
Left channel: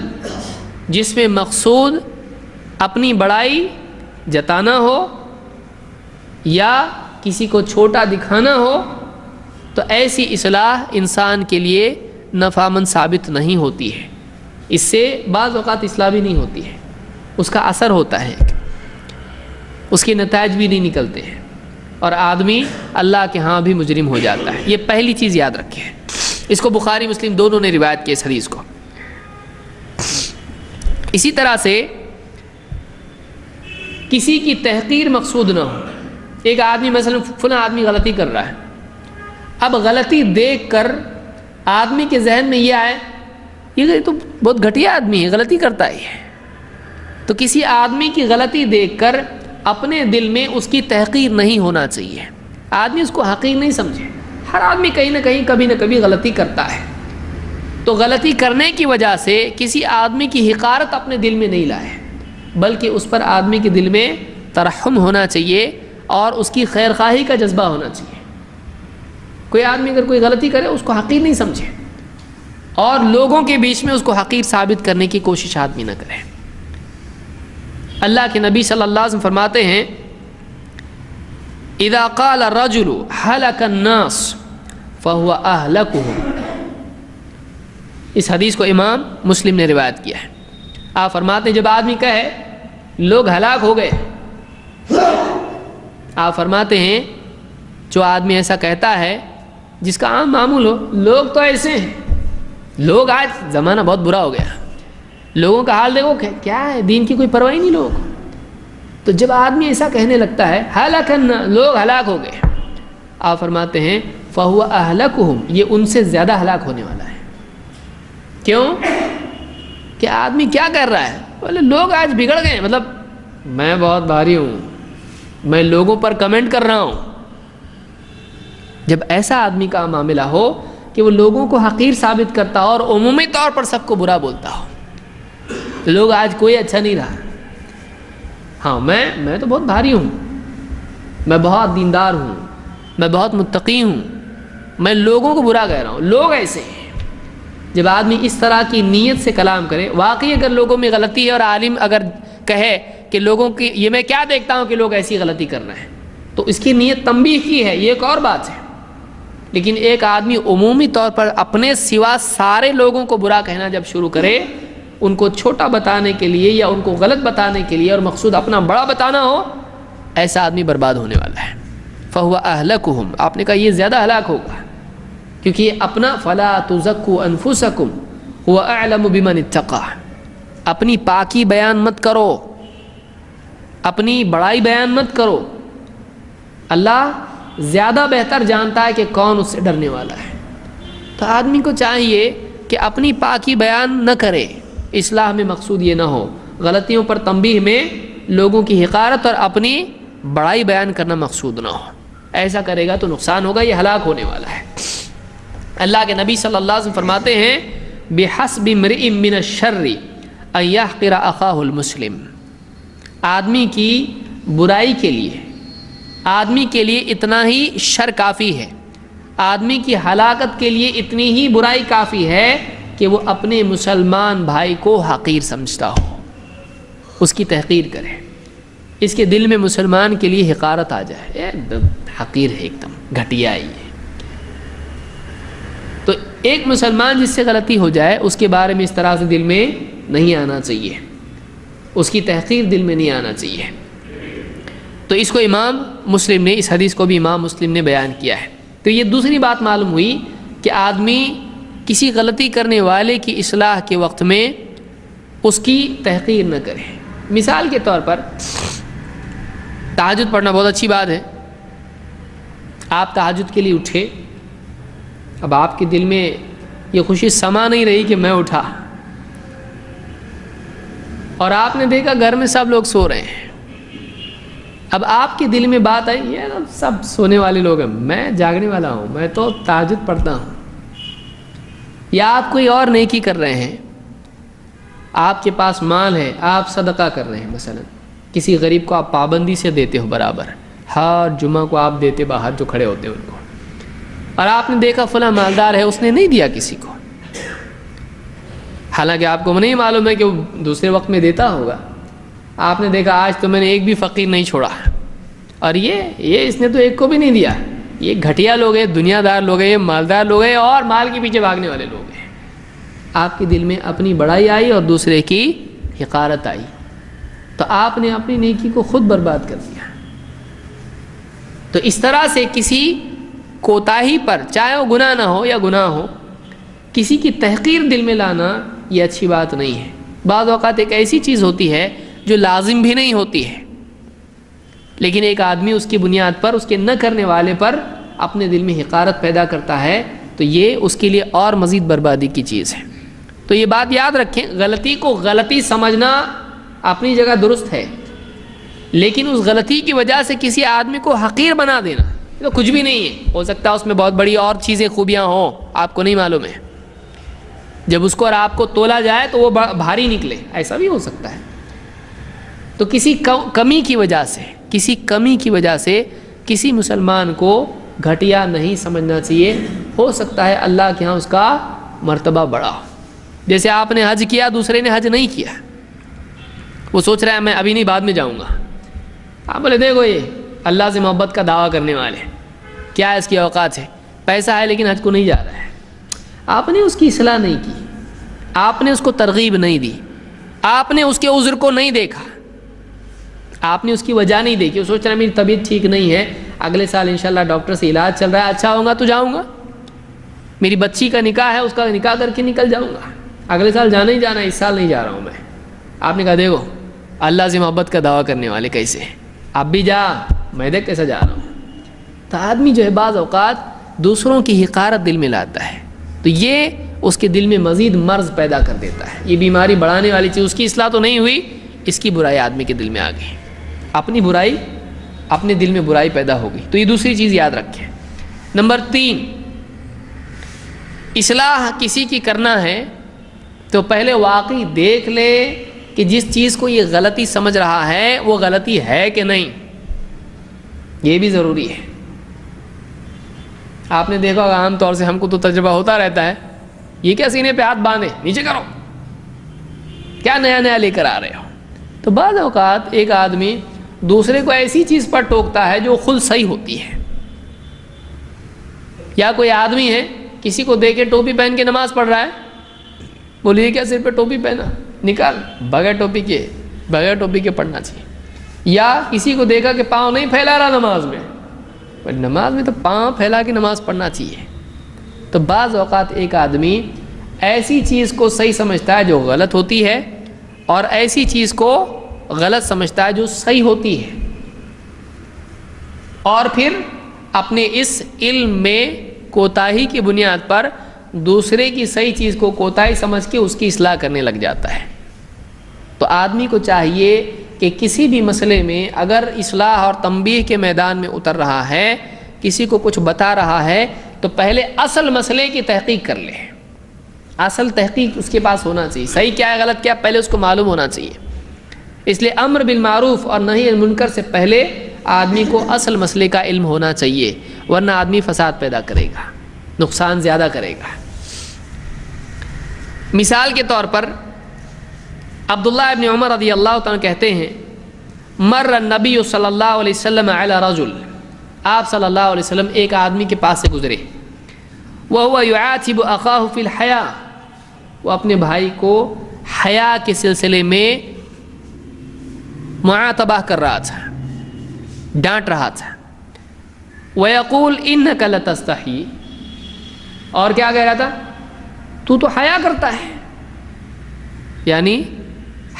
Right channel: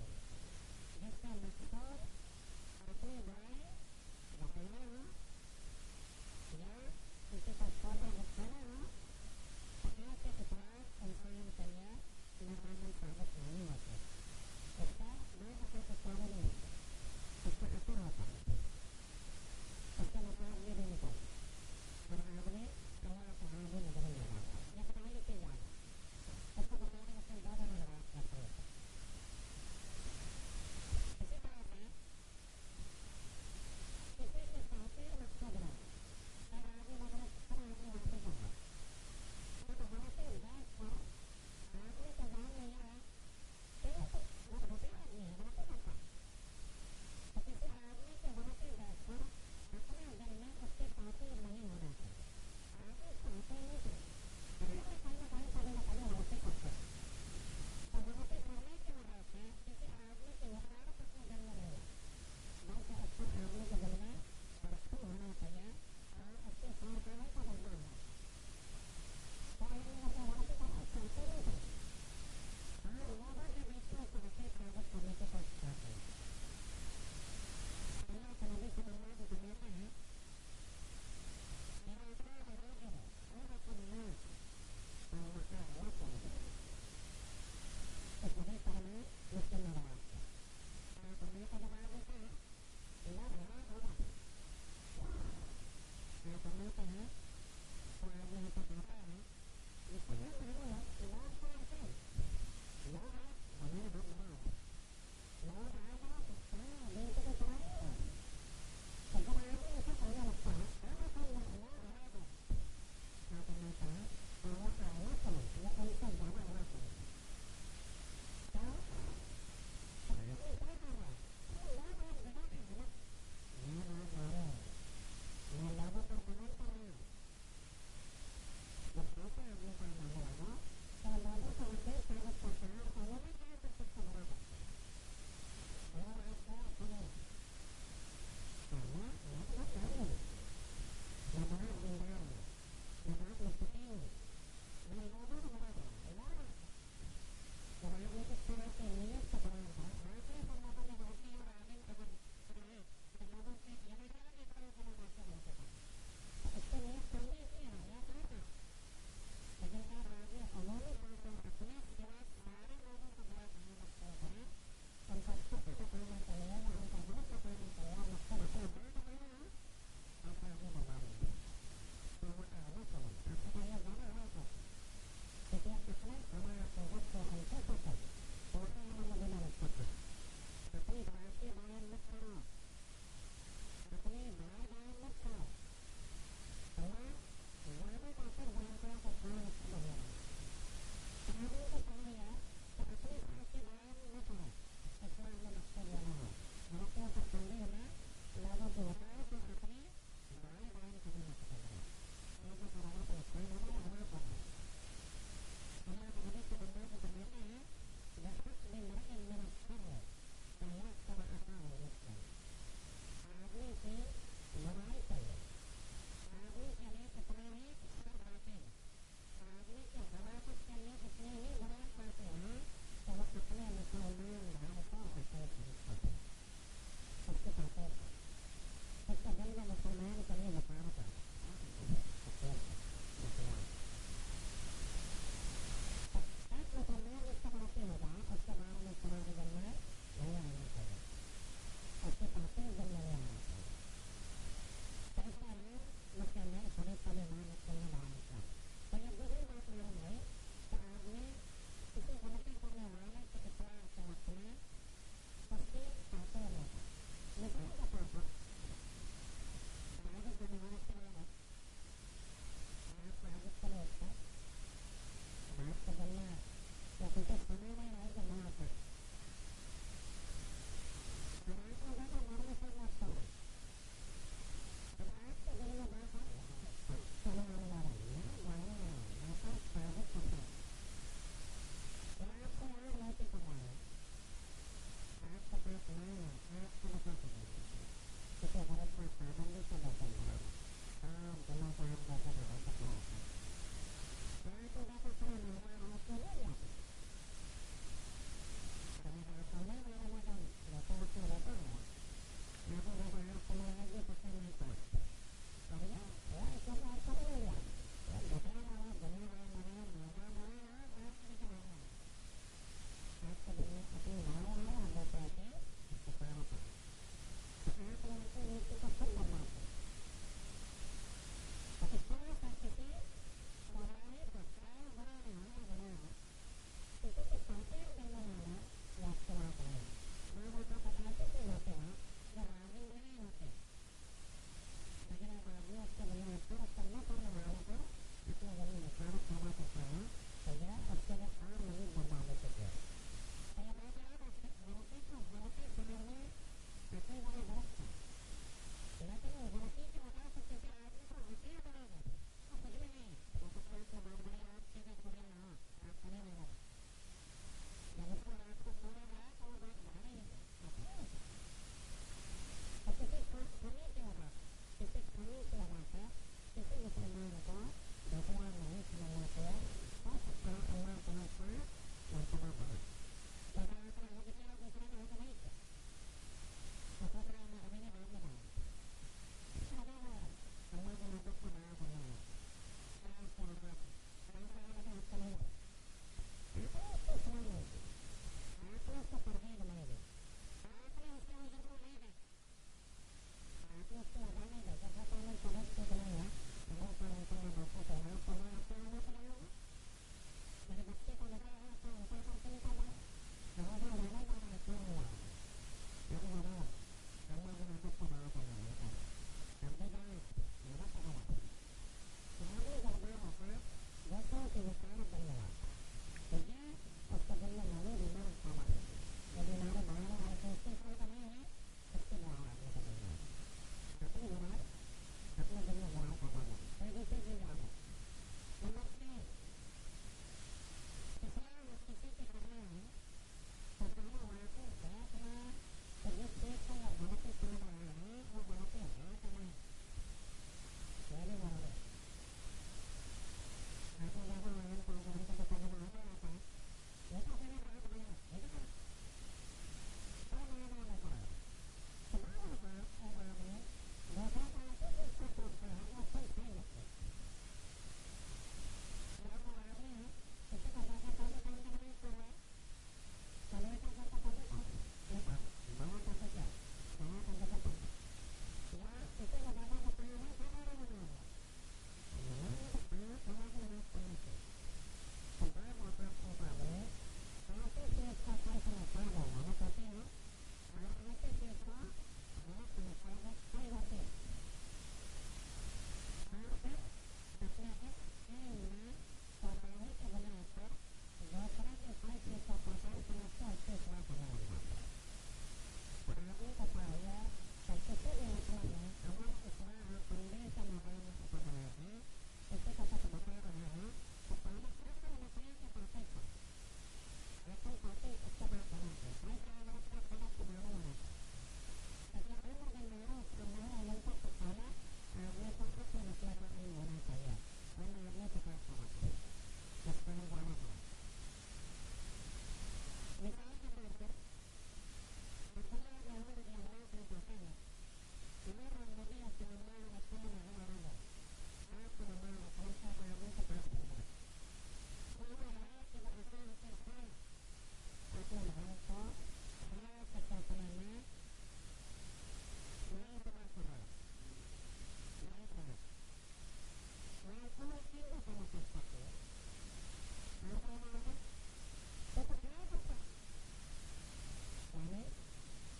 جس میں مقصود اپنی بڑائی جتانا ہو یا کسی کو چھوٹا دکھانا ہو، تو ایسی اصلاح انسان کے لیے نفعمند ثابت نہیں ہوتی ہے۔ اس سے بعض اوقات اصلاح بھی نہیں ہوتی ہے، اس کا اثر ہوتا ہے، اس کے نتائج بھی نہیں نکلتے ہیں، اور آدمی اللہ کے ہاں بھی مجرم ہو جاتا ہے۔ یہ پہلی چیز یاد رکھیں، اس کو بخاری مسلم دونوں نے روایت کی اس حدیث کو۔ اسی طرح سے کسی کی تحقیر مقصود نہ ہو۔ ایک آدمی مثلا فلاں آدمی غلطی کر رہا ہے، اب غلطی دیکھ کر آدمی کے ذہن میں یہ آئے یہ تو بہت گھٹیا آدمی ہے، غلطی کرتا ہے، تو کسی آدمی کی غلطی دیکھ کر اپنے دل میں اس کی تحقیر نہیں ہونا چاہیے، آدمی اس کو حقیر نہیں سمجھے۔ ہر آدمی کہیں نہ کہیں کبھی نہ کبھی غلطی کرتا ہے، تو غلطی کرنے کی وجہ سے کسی آدمی کی حقارت اپنے دل میں نہیں لائے، بلکہ اس پر آدمی کے دل میں ترحم ہونا چاہیے اور اس کی خیر خواہی کا جذبہ ہونا چاہیے۔ کوئی آدمی اگر کوئی غلطی کرے اس کو حقیر نہیں سمجھے، اور لوگوں کے بیچ میں اس کو حقیر ثابت کرنے کی کوشش آدمی نہ کرے۔ اللہ کے نبی صلی اللہ علیہ وسلم فرماتے ہیں اذا قال الرجل هلك الناس فهو اهلكهم۔ اس حدیث کو امام مسلم نے روایت کیا ہے۔ آپ فرماتے ہیں جب آدمی کہے لوگ ہلاک ہو گئے، آپ فرماتے ہیں جو آدمی ایسا کہتا ہے جس کا عام معمول ہو، لوگ تو ایسے ہیں، لوگ آج زمانہ بہت برا ہو گیا، لوگوں کا حال دیکھو کیا ہے، دین کی کوئی پرواہ نہیں لوگوں کو۔ تو جب آدمی ایسا کہنے لگتا ہے ہلاکن لوگ ہلاک ہو گئے، آپ فرماتے ہیں فہو اہلکہم، یہ ان سے زیادہ ہلاک ہونے والا ہے۔ کیوں کہ آدمی کیا کر رہا ہے، بولے لوگ آج بگڑ گئے، مطلب میں بہت بھاری ہوں، میں لوگوں پر کمنٹ کر رہا ہوں۔ جب ایسا آدمی کا معاملہ ہو کہ وہ لوگوں کو حقیر ثابت کرتا ہو اور عمومی طور پر سب کو برا بولتا ہو، لوگ آج کوئی اچھا نہیں رہا. ہاں میں تو بہت بھاری ہوں, میں بہت دیندار ہوں, میں بہت متقی ہوں, میں لوگوں کو برا کہہ رہا ہوں. لوگ ایسے ہیں. جب آدمی اس طرح کی نیت سے کلام کرے, واقعی اگر لوگوں میں غلطی ہے اور عالم اگر کہے کہ لوگوں کی یہ میں کیا دیکھتا ہوں کہ لوگ ایسی غلطی کر رہے ہیں, تو اس کی نیت تنبیہ کی ہے, یہ ایک اور بات ہے. لیکن ایک آدمی عمومی طور پر اپنے سوا سارے لوگوں کو برا کہنا جب شروع کرے, ان کو چھوٹا بتانے کے لیے یا ان کو غلط بتانے کے لیے اور مقصود اپنا بڑا بتانا ہو, ایسا آدمی برباد ہونے والا ہے. فَهُوَ أَهْلَكُهُمْ, آپ نے کہا یہ زیادہ ہلاک ہوگا, کیونکہ یہ اپنا فَلَا تُزَكُّوا أَنفُسَكُمْ هُوَ أَعْلَمُ بِمَنِ اتَّقَىٰ, اپنی پاکی بیان مت کرو, اپنی بڑائی بیان مت کرو. اللہ زیادہ بہتر جانتا ہے کہ کون اس سے ڈرنے والا ہے. تو آدمی کو چاہیے کہ اپنی پاکی بیان نہ کرے, اصلاح میں مقصود یہ نہ ہو, غلطیوں پر تنبیہ میں لوگوں کی حقارت اور اپنی بڑائی بیان کرنا مقصود نہ ہو. ایسا کرے گا تو نقصان ہوگا, یہ ہلاک ہونے والا ہے. اللہ کے نبی صلی اللہ علیہ وسلم فرماتے ہیں بِحَسْبِ امْرِئٍ مِّنَ الشَّرِّ أَن يَحْقِرَ أَخَاهُ الْمُسْلِمَ, آدمی کی برائی کے لیے, آدمی کے لیے اتنا ہی شر کافی ہے, آدمی کی ہلاکت کے لیے اتنی ہی برائی کافی ہے کہ وہ اپنے مسلمان بھائی کو حقیر سمجھتا ہو, اس کی تحقیر کرے, اس کے دل میں مسلمان کے لیے حقارت آ جائے, حقیر ہے, ایک دم گھٹیا ہی ہے. تو ایک مسلمان جس سے غلطی ہو جائے اس کے بارے میں اس طرح سے دل میں نہیں آنا چاہیے, اس کی تحقیر دل میں نہیں آنا چاہیے. تو اس کو امام مسلم نے, اس حدیث کو بھی امام مسلم نے بیان کیا ہے. تو یہ دوسری بات معلوم ہوئی کہ آدمی کسی غلطی کرنے والے کی اصلاح کے وقت میں اس کی تحقیر نہ کرے. مثال کے طور پر تہجد پڑھنا بہت اچھی بات ہے. آپ تہجد کے لیے اٹھے, اب آپ کے دل میں یہ خوشی سما نہیں رہی کہ میں اٹھا, اور آپ نے دیکھا گھر میں سب لوگ سو رہے ہیں. اب آپ کے دل میں بات آئی یہ سب سونے والے لوگ ہیں, میں جاگنے والا ہوں, میں تو تہجد پڑھتا ہوں. یا آپ کوئی اور نیکی کر رہے ہیں, آپ کے پاس مال ہے, آپ صدقہ کر رہے ہیں, مثلا کسی غریب کو آپ پابندی سے دیتے ہو برابر, ہر جمعہ کو آپ دیتے باہر جو کھڑے ہوتے ہیں ان کو, اور آپ نے دیکھا فلاں مالدار ہے اس نے نہیں دیا کسی کو, حالانکہ آپ کو نہیں معلوم ہے کہ وہ دوسرے وقت میں دیتا ہوگا. آپ نے دیکھا آج تو میں نے ایک بھی فقیر نہیں چھوڑا, اور یہ اس نے تو ایک کو بھی نہیں دیا. یہ گھٹیا لوگ ہیں, دنیا دار لوگ ہیں, یہ مالدار لوگ ہیں اور مال کے پیچھے بھاگنے والے لوگ ہیں. آپ کے دل میں اپنی بڑائی آئی اور دوسرے کی حقارت آئی, تو آپ نے اپنی نیکی کو خود برباد کر دیا. تو اس طرح سے کسی کوتاہی پر, چاہے وہ گناہ نہ ہو یا گناہ ہو, کسی کی تحقیر دل میں لانا یہ اچھی بات نہیں ہے. بعض اوقات ایک ایسی چیز ہوتی ہے جو لازم بھی نہیں ہوتی ہے, لیکن ایک آدمی اس کی بنیاد پر, اس کے نہ کرنے والے پر اپنے دل میں حقارت پیدا کرتا ہے, تو یہ اس کے لیے اور مزید بربادی کی چیز ہے. تو یہ بات یاد رکھیں, غلطی کو غلطی سمجھنا اپنی جگہ درست ہے, لیکن اس غلطی کی وجہ سے کسی آدمی کو حقیر بنا دینا تو کچھ بھی نہیں ہے. ہو سکتا ہے اس میں بہت بڑی اور چیزیں خوبیاں ہوں, آپ کو نہیں معلوم ہے. جب اس کو اور آپ کو تولا جائے تو وہ بھاری نکلے, ایسا بھی ہو سکتا ہے. تو کسی کمی کی وجہ سے کسی مسلمان کو گھٹیا نہیں سمجھنا چاہیے. ہو سکتا ہے اللہ کے ہاں اس کا مرتبہ بڑا ہو. جیسے آپ نے حج کیا, دوسرے نے حج نہیں کیا, وہ سوچ رہا ہے میں ابھی نہیں بعد میں جاؤں گا. آپ بولے دیکھو یہ اللہ سے محبت کا دعویٰ کرنے والے, کیا ہے اس کی اوقات ہے, پیسہ ہے لیکن حج کو نہیں جا رہا ہے. آپ نے اس کی اصلاح نہیں کی, آپ نے اس کو ترغیب نہیں دی, آپ نے اس کے عذر کو نہیں دیکھا, آپ نے اس کی وجہ نہیں دیکھی. وہ سوچ رہا ہے میری طبیعت ٹھیک نہیں ہے, اگلے سال انشاءاللہ ڈاکٹر سے علاج چل رہا ہے, اچھا ہوگا تو جاؤں گا. میری بچی کا نکاح ہے, اس کا نکاح کر کے نکل جاؤں گا, اگلے سال جانا ہی جانا ہے, اس سال نہیں جا رہا ہوں میں. آپ نے کہا دیکھو اللہ سے محبت کا دعویٰ کرنے والے کیسے ہیں, آپ بھی جا, میں دیکھ کیسا جا رہا ہوں. تو آدمی جو ہے بعض اوقات دوسروں کی حقارت دل میں لاتا ہے, تو یہ اس کے دل میں مزید مرض پیدا کر دیتا ہے. یہ بیماری بڑھانے والی چیز, اس کی اصلاح تو نہیں ہوئی, اس کی برائی آدمی کے دل میں آ گئی, اپنی برائی, اپنے دل میں برائی پیدا ہوگی. تو یہ دوسری چیز یاد رکھیں. نمبر 3, اصلاح کسی کی کرنا ہے تو پہلے واقعی دیکھ لے کہ جس چیز کو یہ غلطی سمجھ رہا ہے وہ غلطی ہے کہ نہیں، یہ بھی ضروری ہے۔ آپ نے دیکھا ہوگا عام طور سے ہم کو تو تجربہ ہوتا رہتا ہے، یہ کیا سینے پہ ہاتھ باندھے نیچے کرو، کیا نیا نیا لے کر آ رہے ہو۔ تو بعض اوقات ایک آدمی دوسرے کو ایسی چیز پر ٹوکتا ہے جو خود صحیح ہوتی ہے، یا کوئی آدمی ہے کسی کو دے کے ٹوپی پہن کے نماز پڑھ رہا ہے، بولیے کیا سر پہ ٹوپی پہنا، نکال، بغیر ٹوپی کے پڑھنا چاہیے۔ یا کسی کو دیکھا کہ پاؤں نہیں پھیلا رہا نماز میں تو پاؤں پھیلا کے نماز پڑھنا چاہیے۔ تو بعض اوقات ایک آدمی ایسی چیز کو صحیح سمجھتا ہے جو غلط ہوتی ہے، اور ایسی چیز کو غلط سمجھتا ہے جو صحیح ہوتی ہے، اور پھر اپنے اس علم میں کوتاہی کی بنیاد پر دوسرے کی صحیح چیز کو کوتاہی سمجھ کے اس کی اصلاح کرنے لگ جاتا ہے۔ تو آدمی کو چاہیے کہ کسی بھی مسئلے میں اگر اصلاح اور تنبیہ کے میدان میں اتر رہا ہے، کسی کو کچھ بتا رہا ہے، تو پہلے اصل مسئلے کی تحقیق کر لے۔ اصل تحقیق اس کے پاس ہونا چاہیے، صحیح کیا ہے غلط کیا پہلے اس کو معلوم ہونا چاہیے۔ اس لیے امر بالمعروف اور نہی عن المنکر سے پہلے آدمی کو اصل مسئلے کا علم ہونا چاہیے، ورنہ آدمی فساد پیدا کرے گا، نقصان زیادہ کرے گا۔ مثال کے طور پر عبداللہ ابن عمر رضی اللہ تعالیٰ کہتے ہیں، مر النبی صلی اللہ علیہ وسلم علی رجل، آپ صلی اللہ علیہ وسلم ایک آدمی کے پاس سے گزرے، وَهُوَ يُعَاتِبُ أَخَاهُ فِي الْحَيَاءِ، وہ اپنے بھائی کو حیا کے سلسلے میں معاتبہ کر رہا تھا، ڈانٹ رہا تھا۔ وَيَقُولُ إِنَّكَ لَتَسْتَحِي، اور کیا کہہ رہا تھا، تو حیا کرتا ہے، یعنی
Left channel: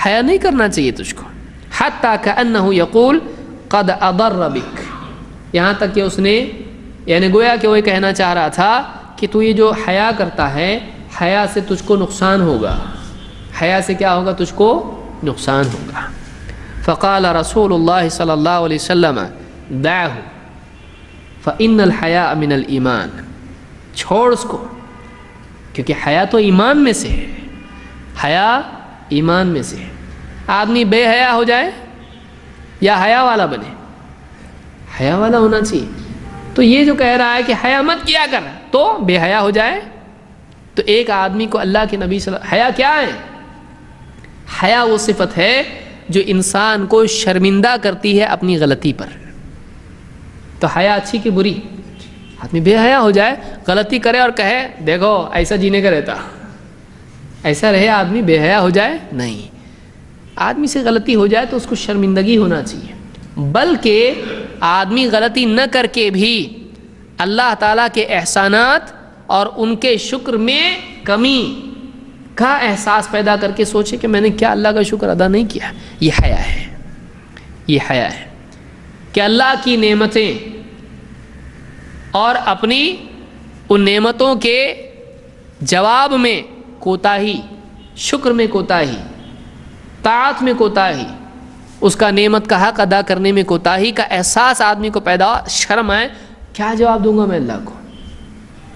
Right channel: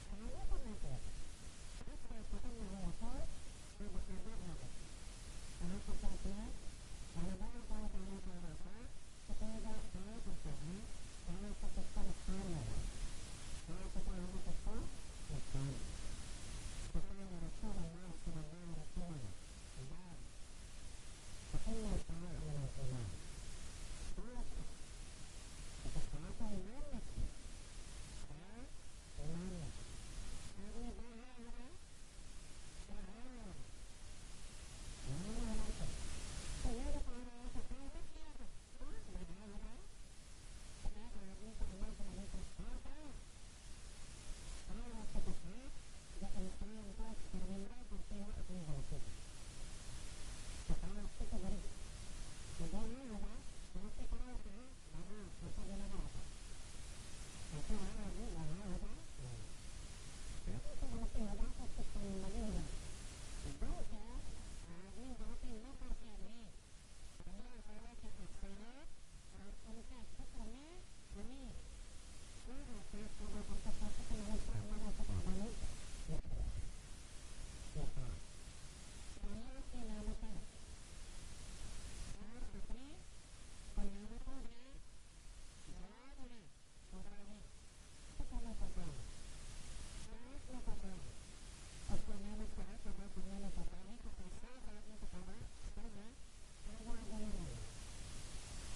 حیا نہیں کرنا چاہیے تجھ کو۔ حَتَّى كَأَنَّهُ يَقُولُ قَدْ أَضَرَّ بِكَ، یہاں تک کہ اس نے یعنی گویا کہ وہ کہنا چاہ رہا تھا کہ تو یہ جو حیا کرتا ہے، حیا سے تجھ کو نقصان ہوگا، حیا سے کیا ہوگا، تجھ کو نقصان ہوگا۔ فقال رسول اللہ صلی اللہ علیہ وسلم دعہ فإن الحیاء من الایمان، چھوڑ اس کو، کیونکہ حیا تو ایمان میں سے ہے، حیا ایمان میں سے ہے۔ آدمی بے حیا ہو جائے یا حیا والا بنے، حیا والا ہونا چاہیے۔ تو یہ جو کہہ رہا ہے کہ حیا مت کیا کر تو بے حیا ہو جائے، تو ایک آدمی کو اللہ کے نبی صلی اللہ علیہ وسلم، حیا کیا ہے؟ حیا وہ صفت ہے جو انسان کو شرمندہ کرتی ہے اپنی غلطی پر۔ تو حیا اچھی کہ بری؟ آدمی بے حیا ہو جائے، غلطی کرے اور کہے دیکھو ایسا جینے کا رہتا، ایسا رہے آدمی بے حیا ہو جائے؟ نہیں، آدمی سے غلطی ہو جائے تو اس کو شرمندگی ہونا چاہیے، بلکہ آدمی غلطی نہ کر کے بھی اللہ تعالیٰ کے احسانات اور ان کے شکر میں کمی کا احساس پیدا کر کے سوچے کہ میں نے کیا اللہ کا شکر ادا نہیں کیا، یہ حیا ہے۔ یہ حیا ہے کہ اللہ کی نعمتیں اور اپنی ان نعمتوں کے جواب میں کوتاہی، شکر میں کوتاہی، طاعت میں کوتاہی، اس کا نعمت کا حق ادا کرنے میں کوتاہی کا احساس آدمی کو پیدا ہو، شرم آئے کیا جواب دوں گا میں اللہ کو،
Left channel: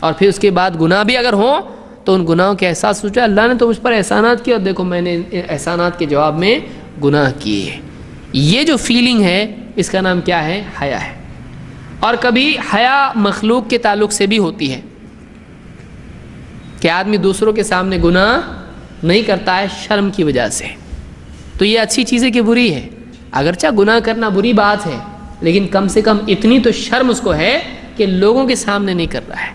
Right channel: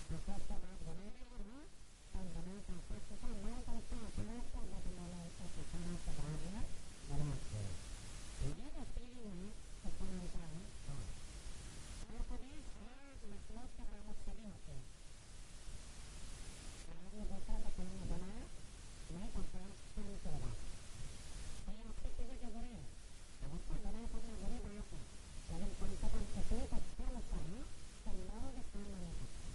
اور پھر اس کے بعد گناہ بھی اگر ہوں تو ان گناہوں کے احساس سوچا اللہ نے تو مجھ پر احسانات کیے اور دیکھو میں نے احسانات کے جواب میں گناہ کیے۔ یہ جو فیلنگ ہے اس کا نام کیا ہے؟ حیا ہے۔ اور کبھی حیا مخلوق کے تعلق سے بھی ہوتی ہے کہ آدمی دوسروں کے سامنے گناہ نہیں کرتا ہے شرم کی وجہ سے، تو یہ اچھی چیز ہے کہ بری ہے؟ اگرچہ گناہ کرنا بری بات ہے، لیکن کم سے کم اتنی تو شرم اس کو ہے کہ لوگوں کے سامنے نہیں کر رہا ہے،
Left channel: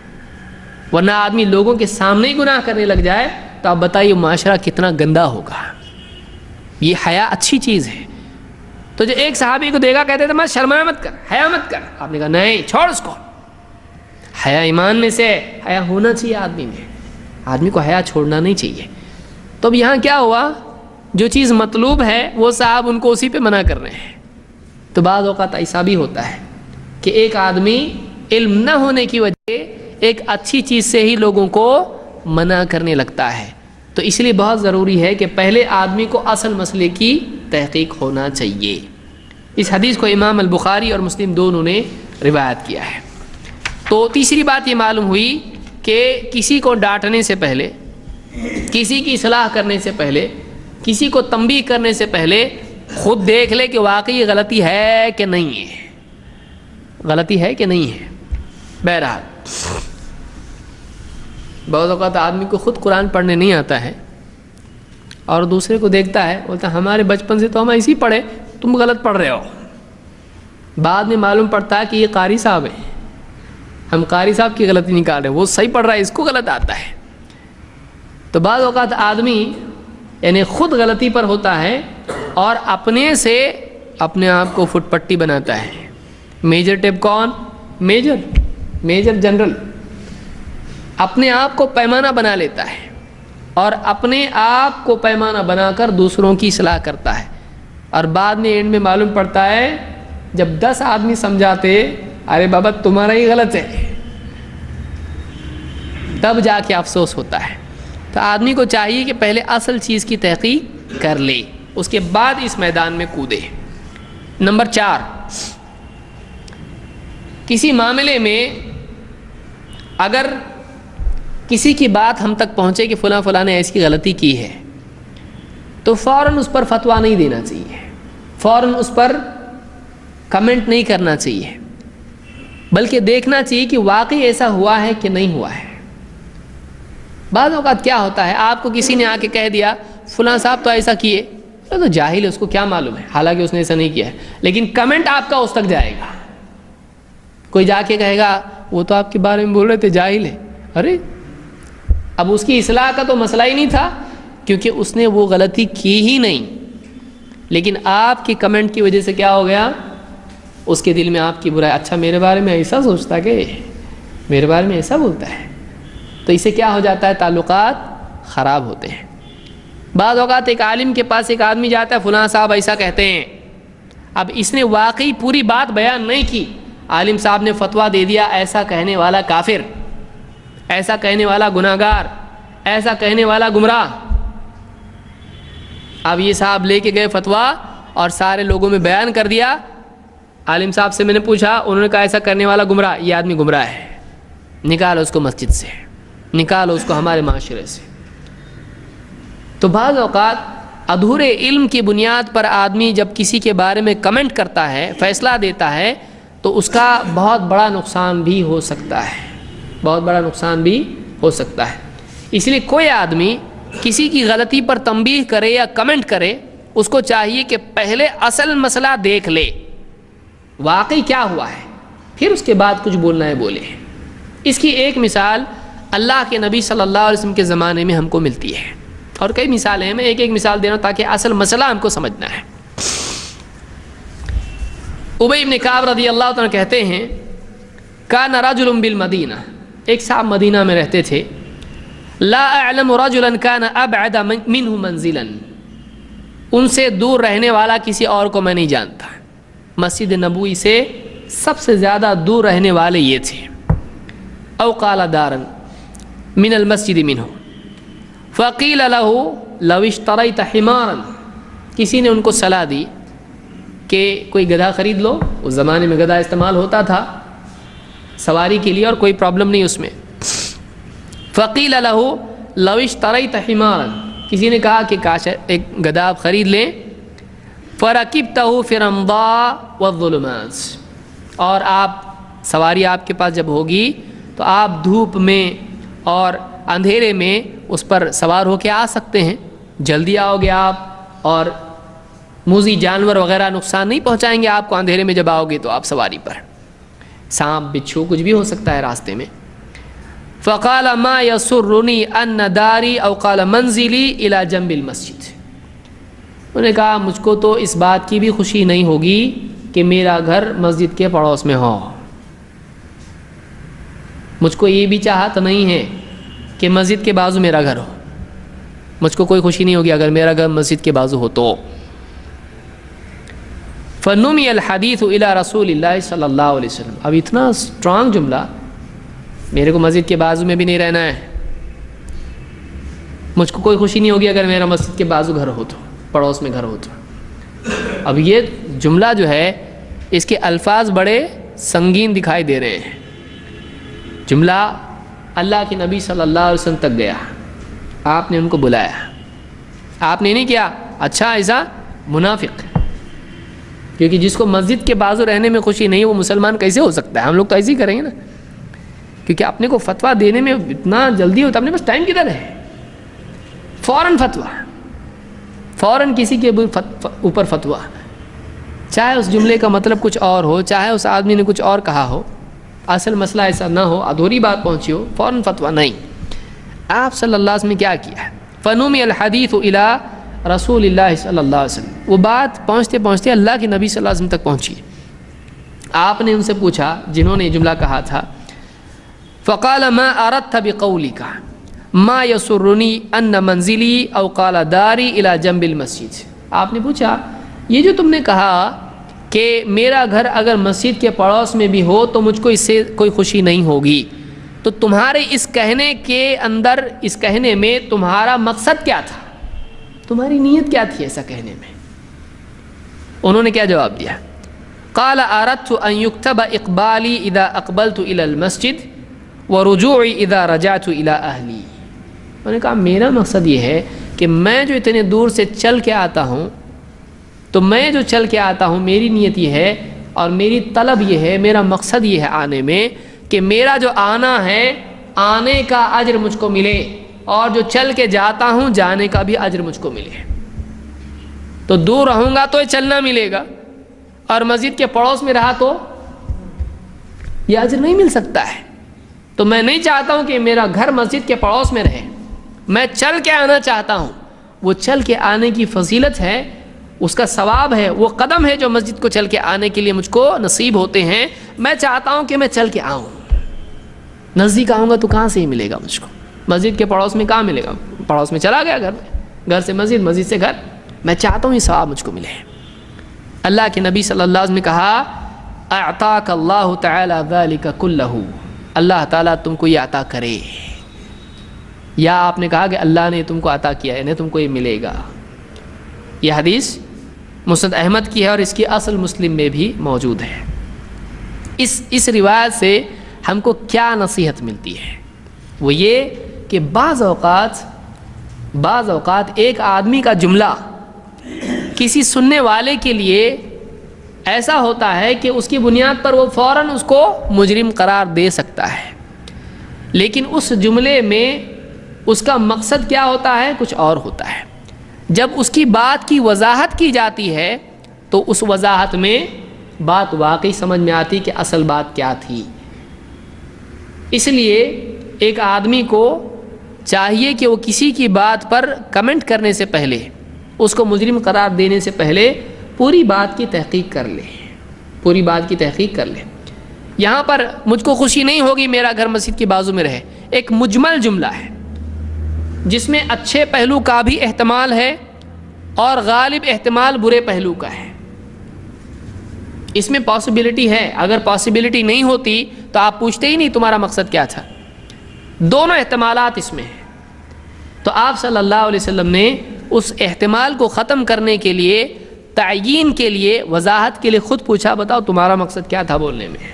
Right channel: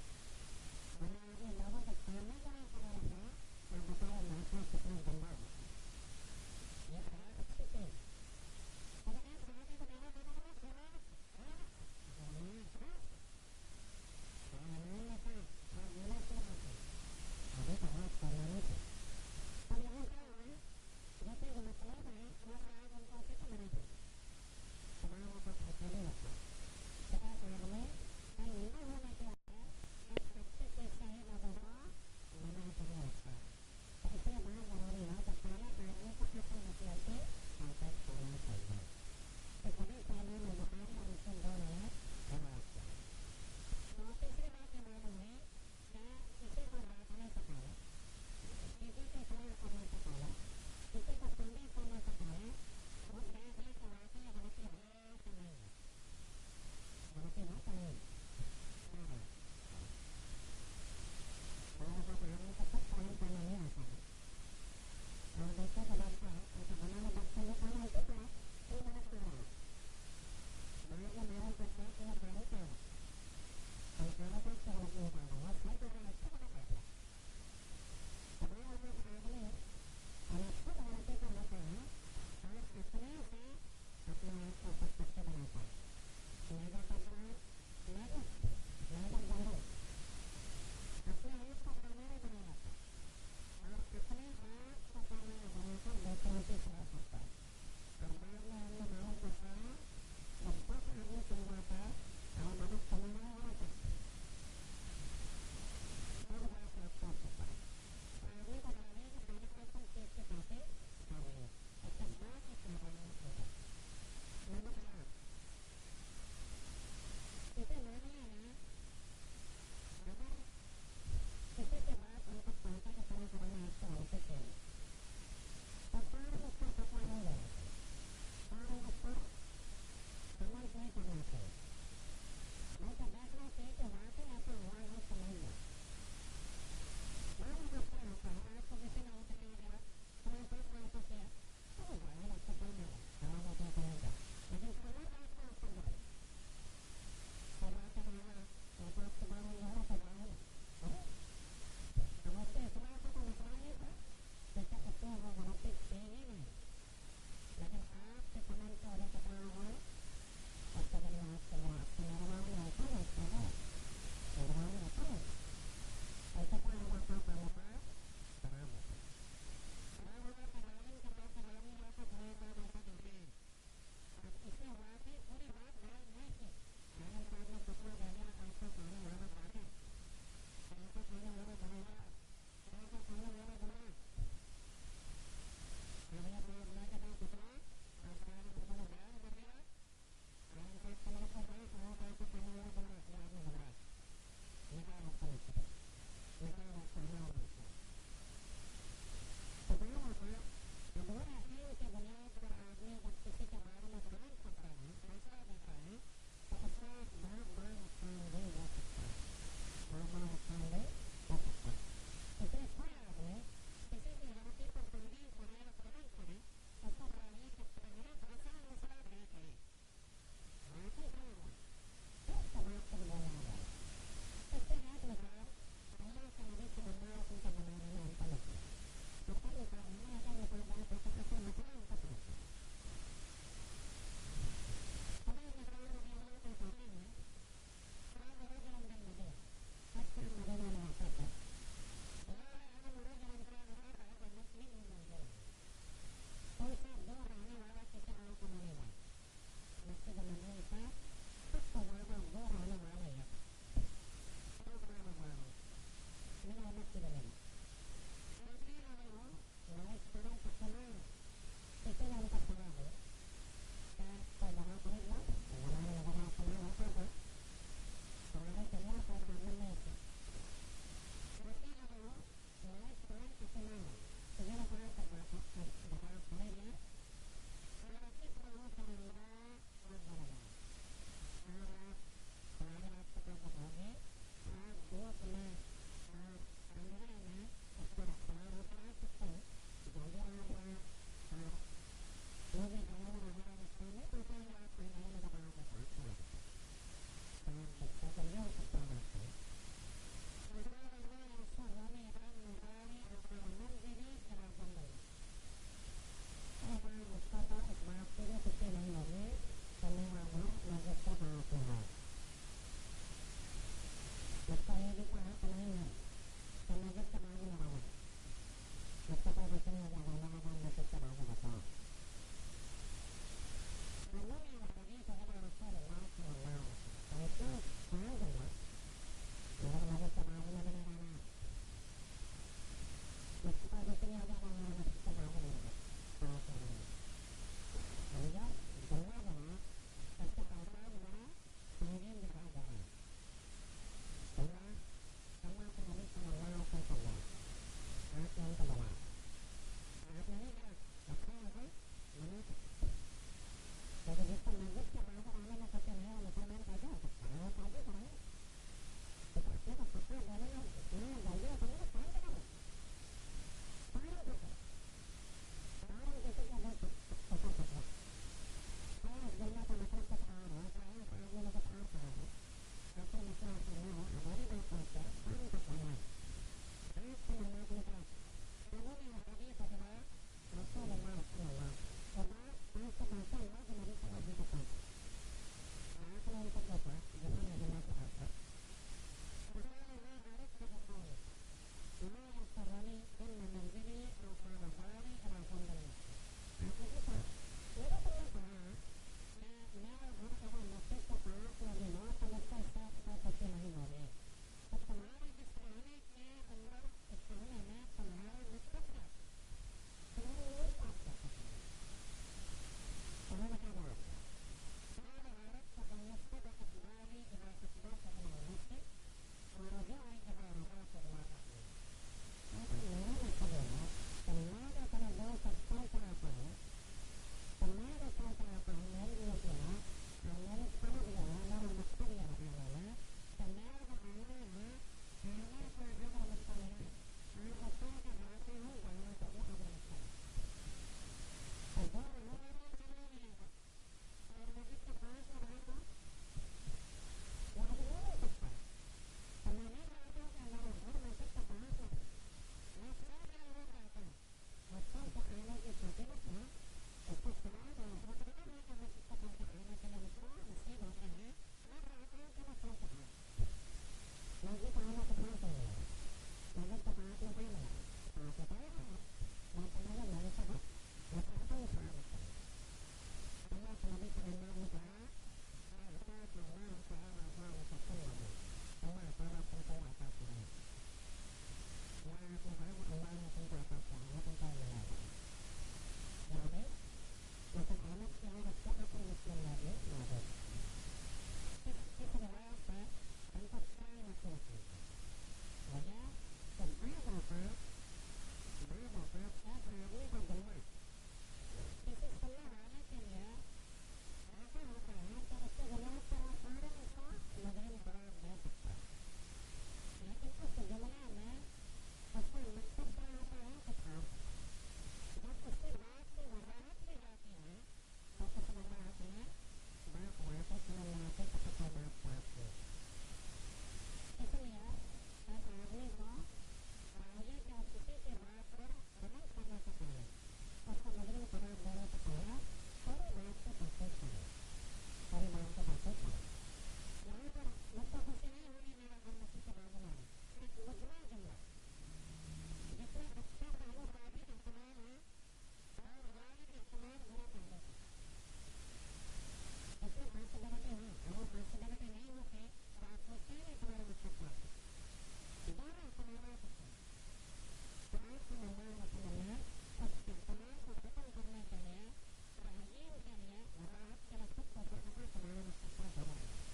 ورنہ آدمی لوگوں کے سامنے ہی گناہ کرنے لگ جائے تو آپ بتائیے معاشرہ کتنا گندا ہوگا۔ یہ حیا اچھی چیز ہے۔ تو جو ایک صحابی کو دیکھا کہتے تھے میں شرمایا مت کر، حیا مت کر، آپ نے کہا نہیں چھوڑ اس کو، حیا ایمان میں سے، حیا ہونا چاہیے آدمی میں، آدمی کو حیا چھوڑنا نہیں چاہیے۔ تو اب یہاں کیا ہوا، جو چیز مطلوب ہے وہ صاحب ان کو اسی پہ منع کر رہے ہیں۔ تو بعض اوقات ایسا بھی ہوتا ہے کہ ایک آدمی علم نہ ہونے کی وجہ ایک اچھی چیز سے ہی لوگوں کو منع کرنے لگتا ہے، تو اس لیے بہت ضروری ہے کہ پہلے آدمی کو اصل مسئلے کی تحقیق ہونا چاہیے۔ اس حدیث کو امام البخاری اور مسلم دونوں نے روایت کیا ہے۔ تو تیسری بات یہ معلوم ہوئی کہ کسی کو ڈانٹنے سے پہلے، کسی کی اصلاح کرنے سے پہلے کسی کو تنبیہ کرنے سے پہلے خود دیکھ لے کہ واقعی یہ غلطی ہے کہ نہیں ہے، غلطی ہے کہ نہیں ہے۔ بہرحال بعض اوقات آدمی کو خود قرآن پڑھنے نہیں آتا ہے اور دوسرے کو دیکھتا ہے، بولتا ہے ہمارے بچپن سے تو ہم ایسے ہی پڑھے، تم غلط پڑھ رہے ہو۔ بعد میں معلوم پڑتا ہے کہ یہ قاری صاحب ہے، ہم قاری صاحب کی غلطی نکال رہے ہیں، وہ صحیح پڑھ رہا ہے، اس کو غلط آتا ہے۔ تو بعض اوقات آدمی یعنی خود غلطی پر ہوتا ہے اور اپنے سے اپنے آپ کو فٹ پٹی بناتا ہے۔ میجر ٹیپ کون؟ میجر جنرل اپنے آپ کو پیمانہ بنا لیتا ہے اور اپنے آپ کو پیمانہ بنا کر دوسروں کی اصلاح کرتا ہے، اور بعد میں اینڈ میں معلوم پڑتا ہے جب 10 آدمی سمجھاتے ارے بابا تمہارا ہی غلط ہے، تب جا کے افسوس ہوتا ہے۔ تو آدمی کو چاہیے کہ پہلے اصل چیز کی تحقیق کر لے، اس کے بعد اس میدان میں کودے۔ نمبر 4، کسی معاملے میں اگر کسی کی بات ہم تک پہنچے کہ فلاں نے ایسی غلطی کی ہے تو فوراً اس پر فتویٰ نہیں دینا چاہیے، فوراً اس پر کمنٹ نہیں کرنا چاہیے، بلکہ دیکھنا چاہیے کہ واقعی ایسا ہوا ہے کہ نہیں ہوا ہے۔ بعض اوقات کیا ہوتا ہے، آپ کو کسی نے آ کے کہہ دیا فلاں صاحب تو ایسا کیے، تو جاہل ہے، اس کو کیا معلوم ہے، حالانکہ اس نے ایسا نہیں کیا ہے، لیکن کمنٹ آپ کا اس تک جائے گا۔ کوئی جا کے کہے گا وہ تو آپ کے بارے میں بول رہے تھے جاہل ہے، ارے اب اس کی اصلاح کا تو مسئلہ ہی نہیں تھا، کیونکہ اس نے وہ غلطی کی ہی نہیں، لیکن آپ کی کمنٹ کی وجہ سے کیا ہو گیا، اس کے دل میں آپ کی برائی، اچھا میرے بارے میں ایسا سوچتا کہ میرے بارے میں ایسا بولتا ہے، تو اس سے کیا ہو جاتا ہے، تعلقات خراب ہوتے ہیں۔ بعض اوقات ایک عالم کے پاس ایک آدمی جاتا ہے، فلاں صاحب ایسا کہتے ہیں، اب اس نے واقعی پوری بات بیان نہیں کی، عالم صاحب نے فتویٰ دے دیا ایسا کہنے والا کافر، ایسا کہنے والا گناہگار، ایسا کہنے والا گمراہ۔ اب یہ صاحب لے کے گئے فتویٰ اور سارے لوگوں میں بیان کر دیا، عالم صاحب سے میں نے پوچھا، انہوں نے کہا ایسا کرنے والا گمراہ، یہ آدمی گمراہ ہے، نکالو اس کو مسجد سے، نکالو اس کو ہمارے معاشرے سے۔ تو بعض اوقات ادھورے علم کی بنیاد پر آدمی جب کسی کے بارے میں کمنٹ کرتا ہے، فیصلہ دیتا ہے، تو اس کا بہت بڑا نقصان بھی ہو سکتا ہے، بہت بڑا نقصان بھی ہو سکتا ہے۔ اس لیے کوئی آدمی کسی کی غلطی پر تنبیہ کرے یا کمنٹ کرے، اس کو چاہیے کہ پہلے اصل مسئلہ دیکھ لے، واقعی کیا ہوا ہے، پھر اس کے بعد کچھ بولنا ہے بولے۔ اس کی ایک مثال اللہ کے نبی صلی اللہ علیہ وسلم کے زمانے میں ہم کو ملتی ہے، اور کئی مثالیں ہیں، میں ایک مثال دے رہا ہوں تاکہ اصل مسئلہ ہم کو سمجھنا ہے۔ ابی بن کعب رضی اللہ عنہ کہتے ہیں، کان رجل بالمدینہ، ایک صاحب مدینہ میں رہتے تھے، لا اعلم رجلا کان ابعد منہ منزلا، ان سے دور رہنے والا کسی اور کو میں نہیں جانتا، مسجد نبوی سے سب سے زیادہ دور رہنے والے یہ تھے۔ او قال دارا من المسجد منہ فقیل له لو اشتریت حمارا، کسی نے ان کو صلاح دی کہ کوئی گدھا خرید لو، اس زمانے میں گدھا استعمال ہوتا تھا سواری کے لیے اور کوئی پرابلم نہیں اس میں۔ فقیل له لو اشتریت حمارا، کسی نے کہا کہ کاش ایک گدھا آپ خرید لیں، فرکبتہ فی الرمضاء والظلمات، اور آپ سواری آپ کے پاس جب ہوگی تو آپ دھوپ میں اور اندھیرے میں اس پر سوار ہو کے آ سکتے ہیں، جلدی آؤ گے آپ، اور موذی جانور وغیرہ نقصان نہیں پہنچائیں گے آپ کو اندھیرے میں جب آؤ گے تو آپ سواری پر، سانپ بچھو کچھ بھی ہو سکتا ہے راستے میں۔ فقال ما يسرني ان داری او قال منزلی الى جنب المسجد، انہوں نے کہا مجھ کو تو اس بات کی بھی خوشی نہیں ہوگی کہ میرا گھر مسجد کے پڑوس میں ہو، مجھ کو یہ بھی چاہت نہیں ہے کہ مسجد کے بازو میرا گھر ہو، مجھ کو کوئی خوشی نہیں ہوگی اگر میرا گھر مسجد کے بازو ہو تو۔ فنمی الحدیث الی رسول اللہ صلی اللہ علیہ وسلم، اب اتنا اسٹرانگ جملہ، میرے کو مسجد کے بازو میں بھی نہیں رہنا ہے، مجھ کو کوئی خوشی نہیں ہوگی اگر میرا مسجد کے بازو گھر ہو تو، پڑوس میں گھر ہو تو۔ اب یہ جملہ جو ہے اس کے الفاظ بڑے سنگین دکھائی دے رہے ہیں، جملہ اللہ کے نبی صلی اللہ علیہ وسلم تک گیا، آپ نے ان کو بلایا، آپ نے نہیں کیا، اچھا ایسا منافق، کیونکہ جس کو مسجد کے بازو رہنے میں خوشی نہیں وہ مسلمان کیسے ہو سکتا ہے؟ ہم لوگ تو ایسے ہی کریں گے نا، کیونکہ اپنے کو فتویٰ دینے میں اتنا جلدی ہوتا ہے، اپنے پاس ٹائم کدھر ہے؟ فوراً فتویٰ، فوراً کسی کے اوپر فتویٰ، چاہے اس جملے کا مطلب کچھ اور ہو، چاہے اس آدمی نے کچھ اور کہا ہو، اصل مسئلہ ایسا نہ ہو، ادھوری بات پہنچی ہو، فوراً فتویٰ نہیں۔ آپ صلی اللہ علیہ وسلم نے کیا کیا ہے؟ فنمی الحدیث الی رسول اللہ صلی اللہ علیہ وسلم، وہ بات پہنچتے پہنچتے اللہ کے نبی صلی اللہ علیہ وسلم تک پہنچی۔ آپ نے ان سے پوچھا جنہوں نے یہ جملہ کہا تھا، فقال ما اردت بقولک ما یسرنی ان منزلی او قال داری الی جنب المسجد، آپ نے پوچھا یہ جو تم نے کہا کہ میرا گھر اگر مسجد کے پڑوس میں بھی ہو تو مجھ کو اس سے کوئی خوشی نہیں ہوگی، تو تمہارے اس کہنے کے اندر، اس کہنے میں تمہارا مقصد کیا تھا؟ تمہاری نیت کیا تھی ایسا کہنے میں؟ انہوں نے کیا جواب دیا؟ قال اردت ان یکتب اقبالی اذا اقبلت الى المسجد ورجوعی اذا رجعت الى اہلی، انہوں نے کہا میرا مقصد یہ ہے کہ میں جو اتنے دور سے چل کے آتا ہوں، تو میں جو چل کے آتا ہوں میری نیت یہ ہے اور میری طلب یہ ہے، میرا مقصد یہ ہے آنے میں کہ میرا جو آنا ہے آنے کا اجر مجھ کو ملے، اور جو چل کے جاتا ہوں جانے کا بھی اجر مجھ کو ملے۔ تو دور رہوں گا تو یہ چلنا ملے گا، اور مسجد کے پڑوس میں رہا تو یہ اجر نہیں مل سکتا ہے۔ تو میں نہیں چاہتا ہوں کہ میرا گھر مسجد کے پڑوس میں رہے، میں چل کے آنا چاہتا ہوں۔ وہ چل کے آنے کی فضیلت ہے، اس کا ثواب ہے، وہ قدم ہے جو مسجد کو چل کے آنے کے لیے مجھ کو نصیب ہوتے ہیں، میں چاہتا ہوں کہ میں چل کے آؤں۔ نزدیک آؤں گا تو کہاں سے ہی ملے گا مجھ کو؟ مسجد کے پڑوس میں کہاں ملے گا؟ پڑوس میں چلا گیا گھر میں، گھر سے مسجد، مسجد سے گھر، میں چاہتا ہوں یہ ثواب مجھ کو ملے۔ اللہ کے نبی صلی اللہ علیہ وسلم نے کہا اعطاک اللہ تعالی ذلک کلہ، اللہ تعالیٰ تم کو یہ عطا کرے، یا آپ نے کہا کہ اللہ نے تم کو عطا کیا ہے، انہیں تم کو یہ ملے گا۔ یہ حدیث مسند احمد کی ہے اور اس کی اصل مسلم میں بھی موجود ہے۔ اس روایت سے ہم کو کیا نصیحت ملتی ہے؟ وہ یہ کہ بعض اوقات ایک آدمی کا جملہ کسی سننے والے کے لیے ایسا ہوتا ہے کہ اس کی بنیاد پر وہ فوراً اس کو مجرم قرار دے سکتا ہے، لیکن اس جملے میں اس کا مقصد کیا ہوتا ہے؟ کچھ اور ہوتا ہے۔ جب اس کی بات کی وضاحت کی جاتی ہے تو اس وضاحت میں بات واقعی سمجھ میں آتی کہ اصل بات کیا تھی۔ اس لیے ایک آدمی کو چاہیے کہ وہ کسی کی بات پر کمنٹ کرنے سے پہلے، اس کو مجرم قرار دینے سے پہلے پوری بات کی تحقیق کر لے، پوری بات کی تحقیق کر لے۔ یہاں پر مجھ کو خوشی نہیں ہوگی میرا گھر مسجد کے بازو میں رہے، ایک مجمل جملہ ہے جس میں اچھے پہلو کا بھی احتمال ہے اور غالب احتمال برے پہلو کا ہے۔ اس میں پاسبلٹی ہے، اگر پاسبلٹی نہیں ہوتی تو آپ پوچھتے ہی نہیں تمہارا مقصد کیا تھا۔ دونوں احتمالات اس میں ہیں، تو آپ صلی اللہ علیہ وسلم نے اس احتمال کو ختم کرنے کے لیے، تعیین کے لیے، وضاحت کے لیے خود پوچھا بتاؤ تمہارا مقصد کیا تھا بولنے میں۔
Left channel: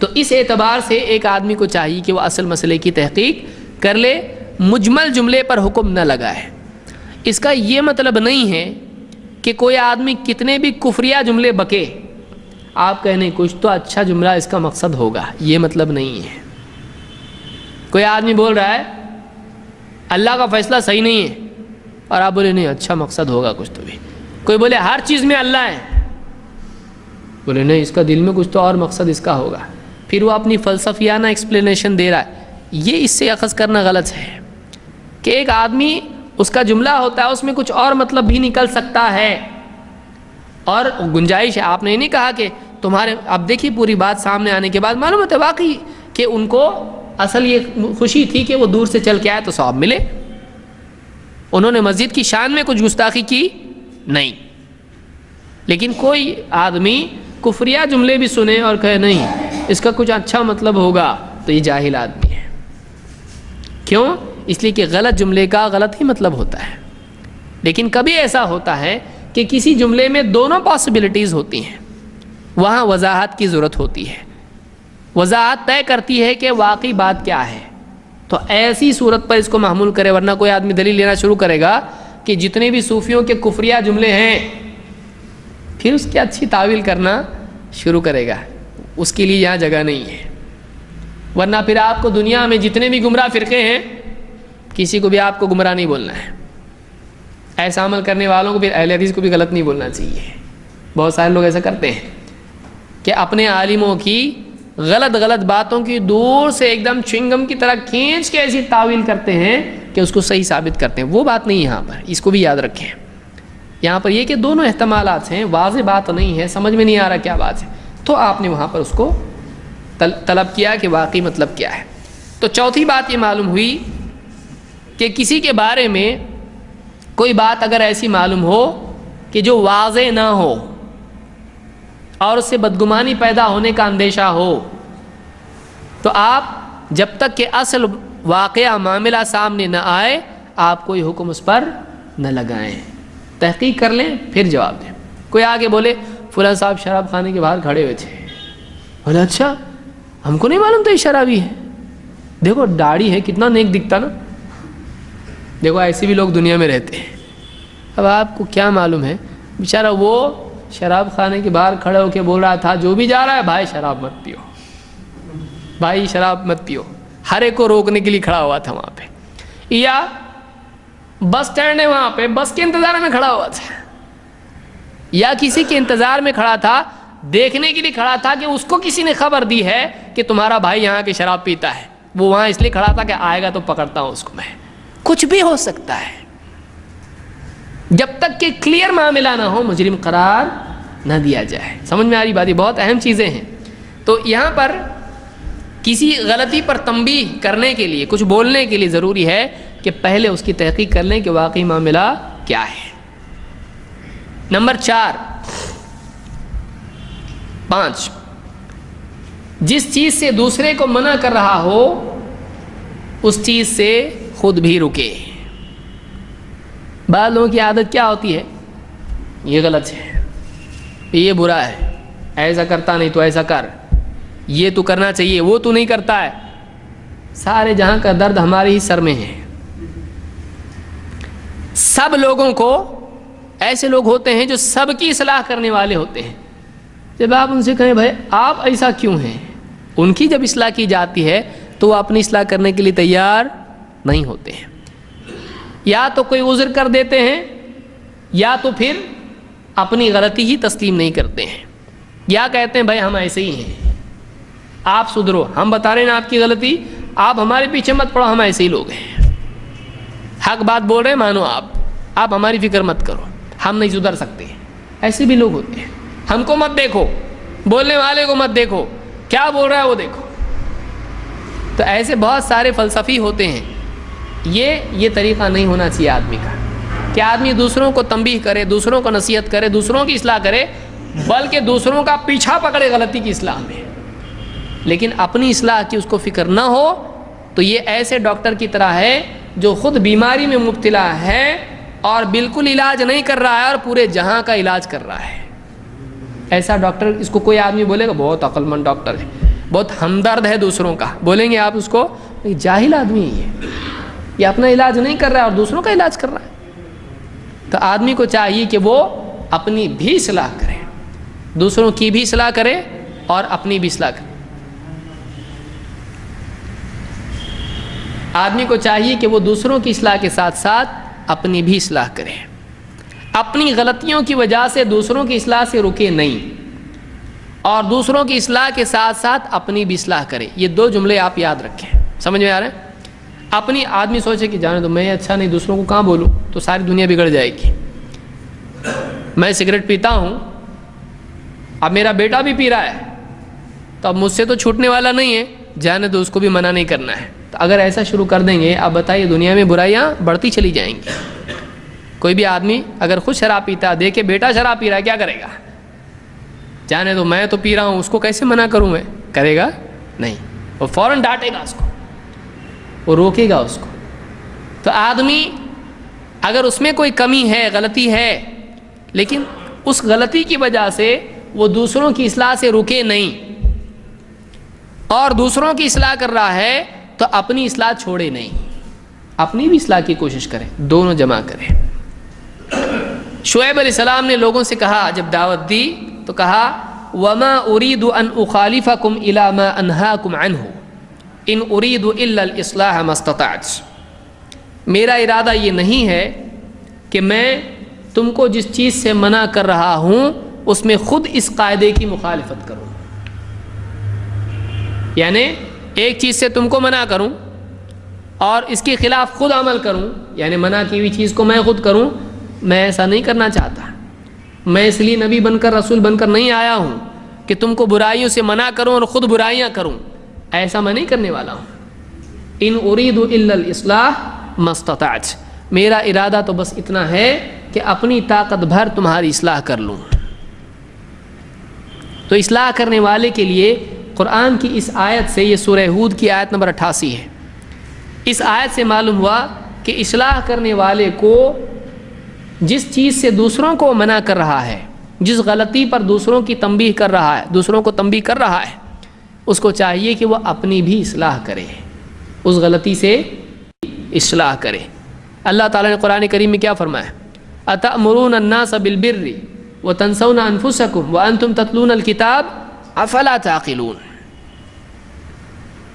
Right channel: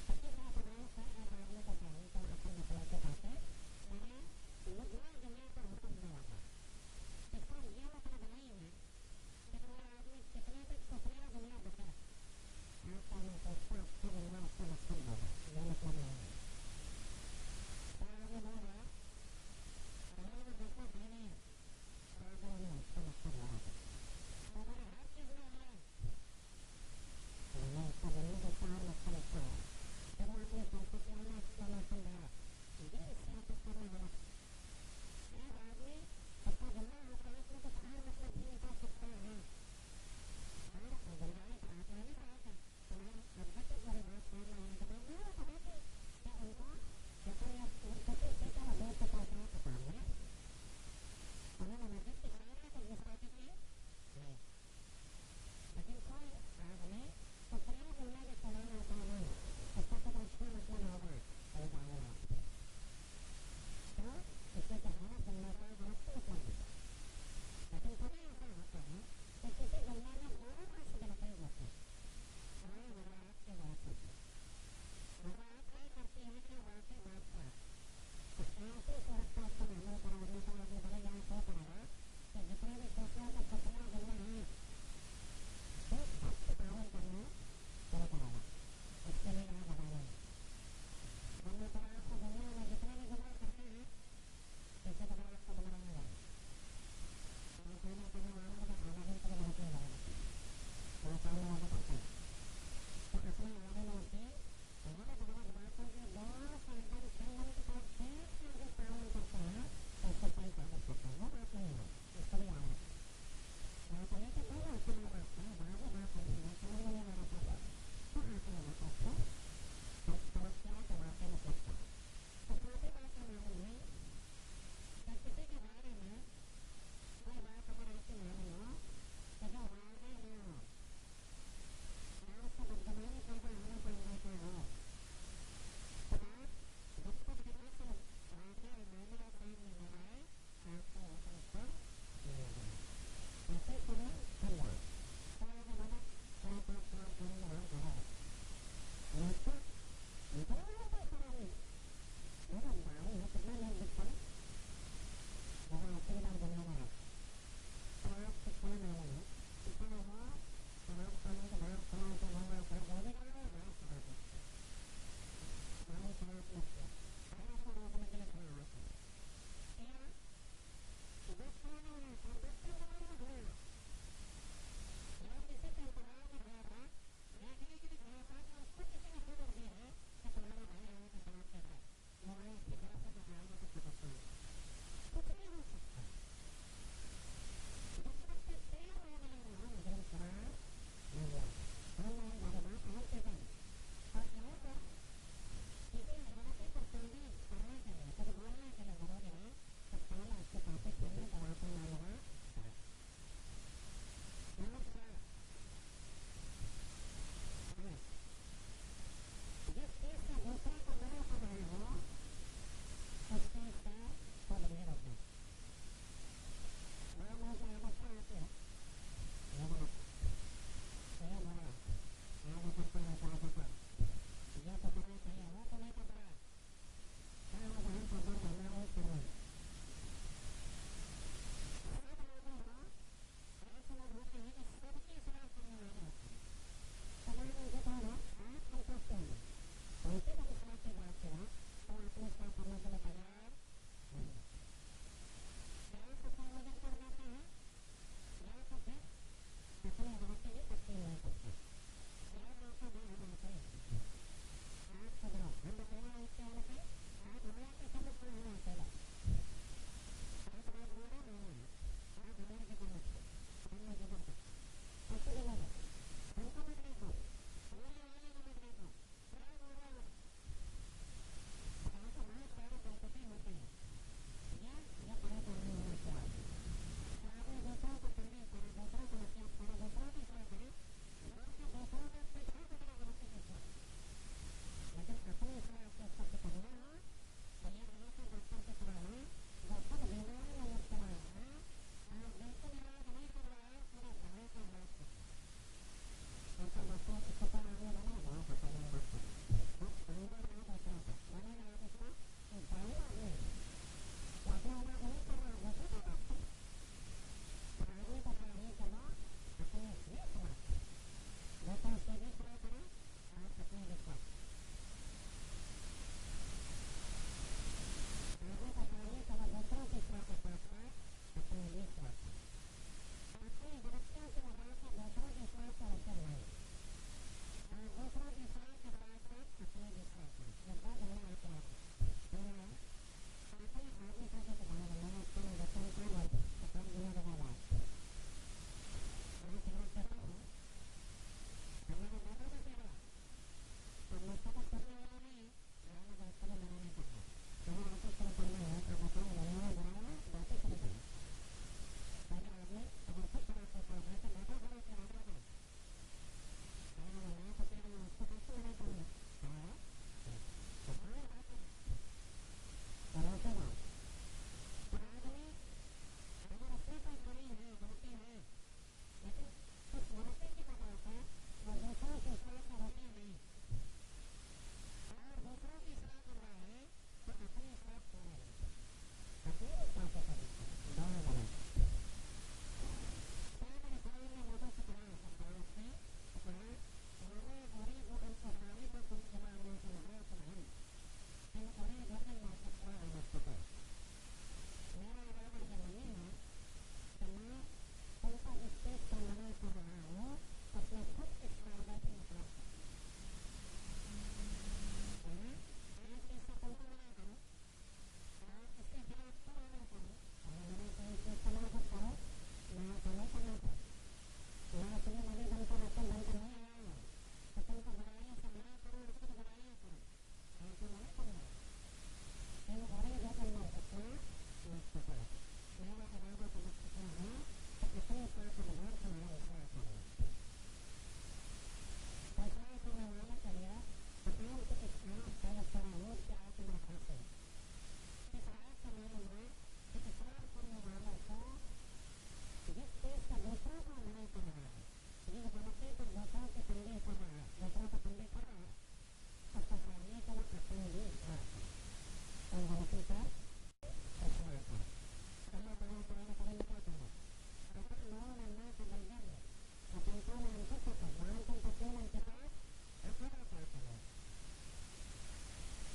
تو اس اعتبار سے ایک آدمی کو چاہیے کہ وہ اصل مسئلے کی تحقیق کر لے، مجمل جملے پر حکم نہ لگائے۔ اس کا یہ مطلب نہیں ہے کہ کوئی آدمی کتنے بھی کفریہ جملے بکے آپ کہنے کچھ تو اچھا جملہ اس کا مقصد ہوگا، یہ مطلب نہیں ہے۔ کوئی آدمی بول رہا ہے اللہ کا فیصلہ صحیح نہیں ہے اور آپ بولے نہیں اچھا مقصد ہوگا کچھ تو بھی۔ کوئی بولے ہر چیز میں اللہ ہے، بولے نہیں اس کا دل میں کچھ تو اور مقصد اس کا ہوگا، پھر وہ اپنی فلسفیانہ ایکسپلینیشن دے رہا ہے۔ یہ اس سے اخذ کرنا غلط ہے کہ ایک آدمی اس کا جملہ ہوتا ہے اس میں کچھ اور مطلب بھی نکل سکتا ہے اور گنجائش ہے۔ آپ نے نہیں کہا کہ تمہارے، اب دیکھیے پوری بات سامنے آنے کے بعد معلوم ہوتا ہے واقعی کہ ان کو اصل یہ خوشی تھی کہ وہ دور سے چل کے آئے تو ثواب ملے۔ انہوں نے مسجد کی شان میں کچھ گستاخی کی نہیں، لیکن کوئی آدمی کفریہ جملے بھی سنے اور کہے نہیں اس کا کچھ اچھا مطلب ہوگا تو یہ جاہل آدمی ہے۔ کیوں؟ اس لیے کہ غلط جملے کا غلط ہی مطلب ہوتا ہے۔ لیکن کبھی ایسا ہوتا ہے کہ کسی جملے میں دونوں پاسبلٹیز ہوتی ہیں، وہاں وضاحت کی ضرورت ہوتی ہے۔ وضاحت طے کرتی ہے کہ واقعی بات کیا ہے، تو ایسی صورت پر اس کو محمول کرے، ورنہ کوئی آدمی دلیل لینا شروع کرے گا کہ جتنے بھی صوفیوں کے کفریہ جملے ہیں پھر اس کی اچھی تعویل کرنا شروع کرے گا، اس کے لیے یہاں جگہ نہیں ہے۔ ورنہ پھر آپ کو دنیا میں جتنے بھی گمراہ فرقے ہیں کسی کو بھی آپ کو گمراہ نہیں بولنا ہے، ایسا عمل کرنے والوں کو پھر اہل حدیث کو بھی غلط نہیں بولنا چاہیے۔ بہت سارے لوگ ایسا کرتے ہیں کہ اپنے عالموں کی غلط باتوں کی دور سے ایک دم چنگم کی طرح کھینچ کے ایسی تعویل کرتے ہیں کہ اس کو صحیح ثابت کرتے ہیں۔ وہ بات نہیں یہاں پر، اس کو بھی یاد رکھیں۔ یہاں پر یہ کہ دونوں احتمالات ہیں، واضح بات نہیں ہے، سمجھ میں نہیں آ رہا کیا بات ہے، تو آپ نے وہاں پر اس کو طلب کیا کہ واقعی مطلب کیا ہے۔ تو چوتھی بات یہ معلوم ہوئی کہ کسی کے بارے میں کوئی بات اگر ایسی معلوم ہو کہ جو واضح نہ ہو اور اس سے بدگمانی پیدا ہونے کا اندیشہ ہو، تو آپ جب تک کہ اصل واقعہ معاملہ سامنے نہ آئے آپ کوئی حکم اس پر نہ لگائیں، تحقیق کر لیں پھر جواب دیں۔ کوئی آگے بولے فلاں صاحب شراب خانے کے باہر کھڑے ہوئے تھے، بولے اچھا ہم کو نہیں معلوم تھا یہ شرابی ہے، دیکھو داڑھی ہے کتنا نیک دکھتا نا۔ دیکھو ایسے بھی لوگ دنیا میں رہتے ہیں۔ اب آپ کو کیا معلوم ہے بیچارہ وہ شراب خانے کے باہر کھڑے ہو کے بول رہا تھا جو بھی جا رہا ہے بھائی شراب مت پیو، بھائی شراب مت پیو، ہر ایک کو روکنے کے لیے کھڑا ہوا تھا وہاں پہ۔ یا بس سٹینڈ ہے وہاں پہ، بس کے انتظار میں کھڑا ہوا تھا، یا کسی کے انتظار میں کھڑا تھا، دیکھنے کے لیے کھڑا تھا کہ اس کو کسی نے خبر دی ہے کہ تمہارا بھائی یہاں کی شراب پیتا ہے، وہ وہاں اس لیے کھڑا تھا کہ آئے گا تو پکڑتا ہوں اس کو میں۔ کچھ بھی ہو سکتا ہے، جب تک کہ کلیئر معاملہ نہ ہو مجرم قرار نہ دیا جائے۔ سمجھ میں آ رہی بات؟ یہ بہت اہم چیزیں ہیں۔ تو یہاں پر کسی غلطی پر تنبیہ کرنے کے لیے، کچھ بولنے کے لیے ضروری ہے کہ پہلے اس کی تحقیق کر لیں کہ واقعی معاملہ کیا ہے۔ نمبر 5، جس چیز سے دوسرے کو منع کر رہا ہو اس چیز سے خود بھی رکے۔ بعض لوگوں کی عادت کیا ہوتی ہے، یہ غلط ہے، یہ برا ہے، ایسا کرتا نہیں تو ایسا کر، یہ تو کرنا چاہیے وہ تو نہیں کرتا ہے۔ سارے جہاں کا درد ہمارے ہی سر میں ہے۔ سب لوگوں کو، ایسے لوگ ہوتے ہیں جو سب کی اصلاح کرنے والے ہوتے ہیں، جب آپ ان سے کہیں بھائی آپ ایسا کیوں ہیں، ان کی جب اصلاح کی جاتی ہے تو وہ اپنی اصلاح کرنے کے لیے تیار نہیں ہوتے ہیں، یا تو کوئی عذر کر دیتے ہیں یا تو پھر اپنی غلطی ہی تسلیم نہیں کرتے ہیں، یا کہتے ہیں بھائی ہم ایسے ہی ہیں، آپ سدھرو، ہم بتا رہے ہیں آپ کی غلطی، آپ ہمارے پیچھے مت پڑو، ہم ایسے ہی لوگ ہیں، حق بات بول رہے ہیں مانو، آپ ہماری فکر مت کرو، ہم نہیں سدھر سکتے۔ ایسے بھی لوگ ہوتے ہیں، ہم کو مت دیکھو، بولنے والے کو مت دیکھو، کیا بول رہا ہے وہ دیکھو۔ تو ایسے بہت سارے فلسفی ہوتے ہیں۔ یہ طریقہ نہیں ہونا چاہیے آدمی کا کہ آدمی دوسروں کو تنبیہ کرے، دوسروں کو نصیحت کرے، دوسروں کی اصلاح کرے، بلکہ دوسروں کا پیچھا پکڑے غلطی کی اصلاح میں، لیکن اپنی اصلاح کی اس کو فکر نہ ہو۔ تو یہ ایسے ڈاکٹر کی طرح ہے جو خود بیماری میں مبتلا ہے اور بالکل علاج نہیں کر رہا ہے اور پورے جہاں کا علاج کر رہا ہے۔ ایسا ڈاکٹر، اس کو کوئی آدمی بولے گا بہت عقل مند ڈاکٹر ہے، بہت ہمدرد ہے دوسروں کا، بولیں گے آپ اس کو جاہل آدمی ہے، یہ اپنا علاج نہیں کر رہا ہے اور دوسروں کا علاج کر رہا ہے۔ تو آدمی کو چاہیے کہ وہ اپنی بھی اصلاح کرے، دوسروں کی بھی اصلاح کرے اور اپنی بھی اصلاح کرے۔ آدمی کو چاہیے کہ وہ دوسروں کی اصلاح کے ساتھ ساتھ اپنی بھی اصلاح کرے، اپنی غلطیوں کی وجہ سے دوسروں کی اصلاح سے رکے نہیں، اور دوسروں کی اصلاح کے ساتھ ساتھ اپنی بھی اصلاح کرے۔ یہ دو جملے آپ یاد رکھیں، سمجھ میں آ رہے ہیں؟ اپنی آدمی سوچے کہ جانے دو میں اچھا نہیں، دوسروں کو کہاں بولوں، تو ساری دنیا بگڑ جائے گی۔ میں سگریٹ پیتا ہوں، اب میرا بیٹا بھی پی رہا ہے، تو اب مجھ سے تو چھوٹنے والا نہیں ہے، جانے دو، اس کو بھی منع نہیں کرنا ہے۔ تو اگر ایسا شروع کر دیں گے، اب بتائیے دنیا میں برائیاں بڑھتی چلی جائیں گی۔ کوئی بھی آدمی اگر خود شراب پیتا ہے، دیکھے بیٹا شراب پی رہا ہے، کیا کرے گا؟ جانے دو، میں تو پی رہا ہوں، اس کو کیسے منع کروں میں؟ کرے گا نہیں، وہ فوراً ڈانٹے گا اس کو، وہ روکے گا اس کو۔ تو آدمی اگر اس میں کوئی کمی ہے، غلطی ہے، لیکن اس غلطی کی وجہ سے وہ دوسروں کی اصلاح سے رکے نہیں اور دوسروں کی اصلاح کر رہا ہے، تو اپنی اصلاح چھوڑے نہیں، اپنی بھی اصلاح کی کوشش کریں، دونوں جمع کریں۔ شعیب علیہ السلام نے لوگوں سے کہا، جب دعوت دی تو کہا وَمَا أُرِيدُ أَنْ أُخَالِفَكُمْ إِلَى مَا أَنْهَاكُمْ عَنْهُ إِنْ أُرِيدُ إِلَّا الْإِصْلَاحَ مَا اسْتَطَعْتُ۔ میرا ارادہ یہ نہیں ہے کہ میں تم کو جس چیز سے منع کر رہا ہوں اس میں خود اس قاعدے کی مخالفت کروں، یعنی ایک چیز سے تم کو منع کروں اور اس کے خلاف خود عمل کروں، یعنی منع کی ہوئی چیز کو میں خود کروں، میں ایسا نہیں کرنا چاہتا۔ میں اس لیے نبی بن کر، رسول بن کر نہیں آیا ہوں کہ تم کو برائیوں سے منع کروں اور خود برائیاں کروں، ایسا میں نہیں کرنے والا ہوں۔ ان اريد الا الاصلاح ما استطعت، میرا ارادہ تو بس اتنا ہے کہ اپنی طاقت بھر تمہاری اصلاح کر لوں۔ تو اصلاح کرنے والے کے لیے قرآن کی اس آیت سے، یہ سورہ ہود کی آیت نمبر 88 ہے، اس آیت سے معلوم ہوا کہ اصلاح کرنے والے کو جس چیز سے دوسروں کو منع کر رہا ہے، جس غلطی پر دوسروں کی تنبیہ کر رہا ہے، دوسروں کو تنبیہ کر رہا ہے، اس کو چاہیے کہ وہ اپنی بھی اصلاح کرے، اس غلطی سے اصلاح کرے۔ اللہ تعالیٰ نے قرآن کریم میں کیا فرمایا؟ أَتَأْمُرُونَ النَّاسَ بِالْبِرِّ وَتَنْسَوْنَ أَنفُسَكُمْ وَأَنْتُمْ تَتْلُونَ الْكِتَابَ أَفَلَا تَعْقِلُونَ۔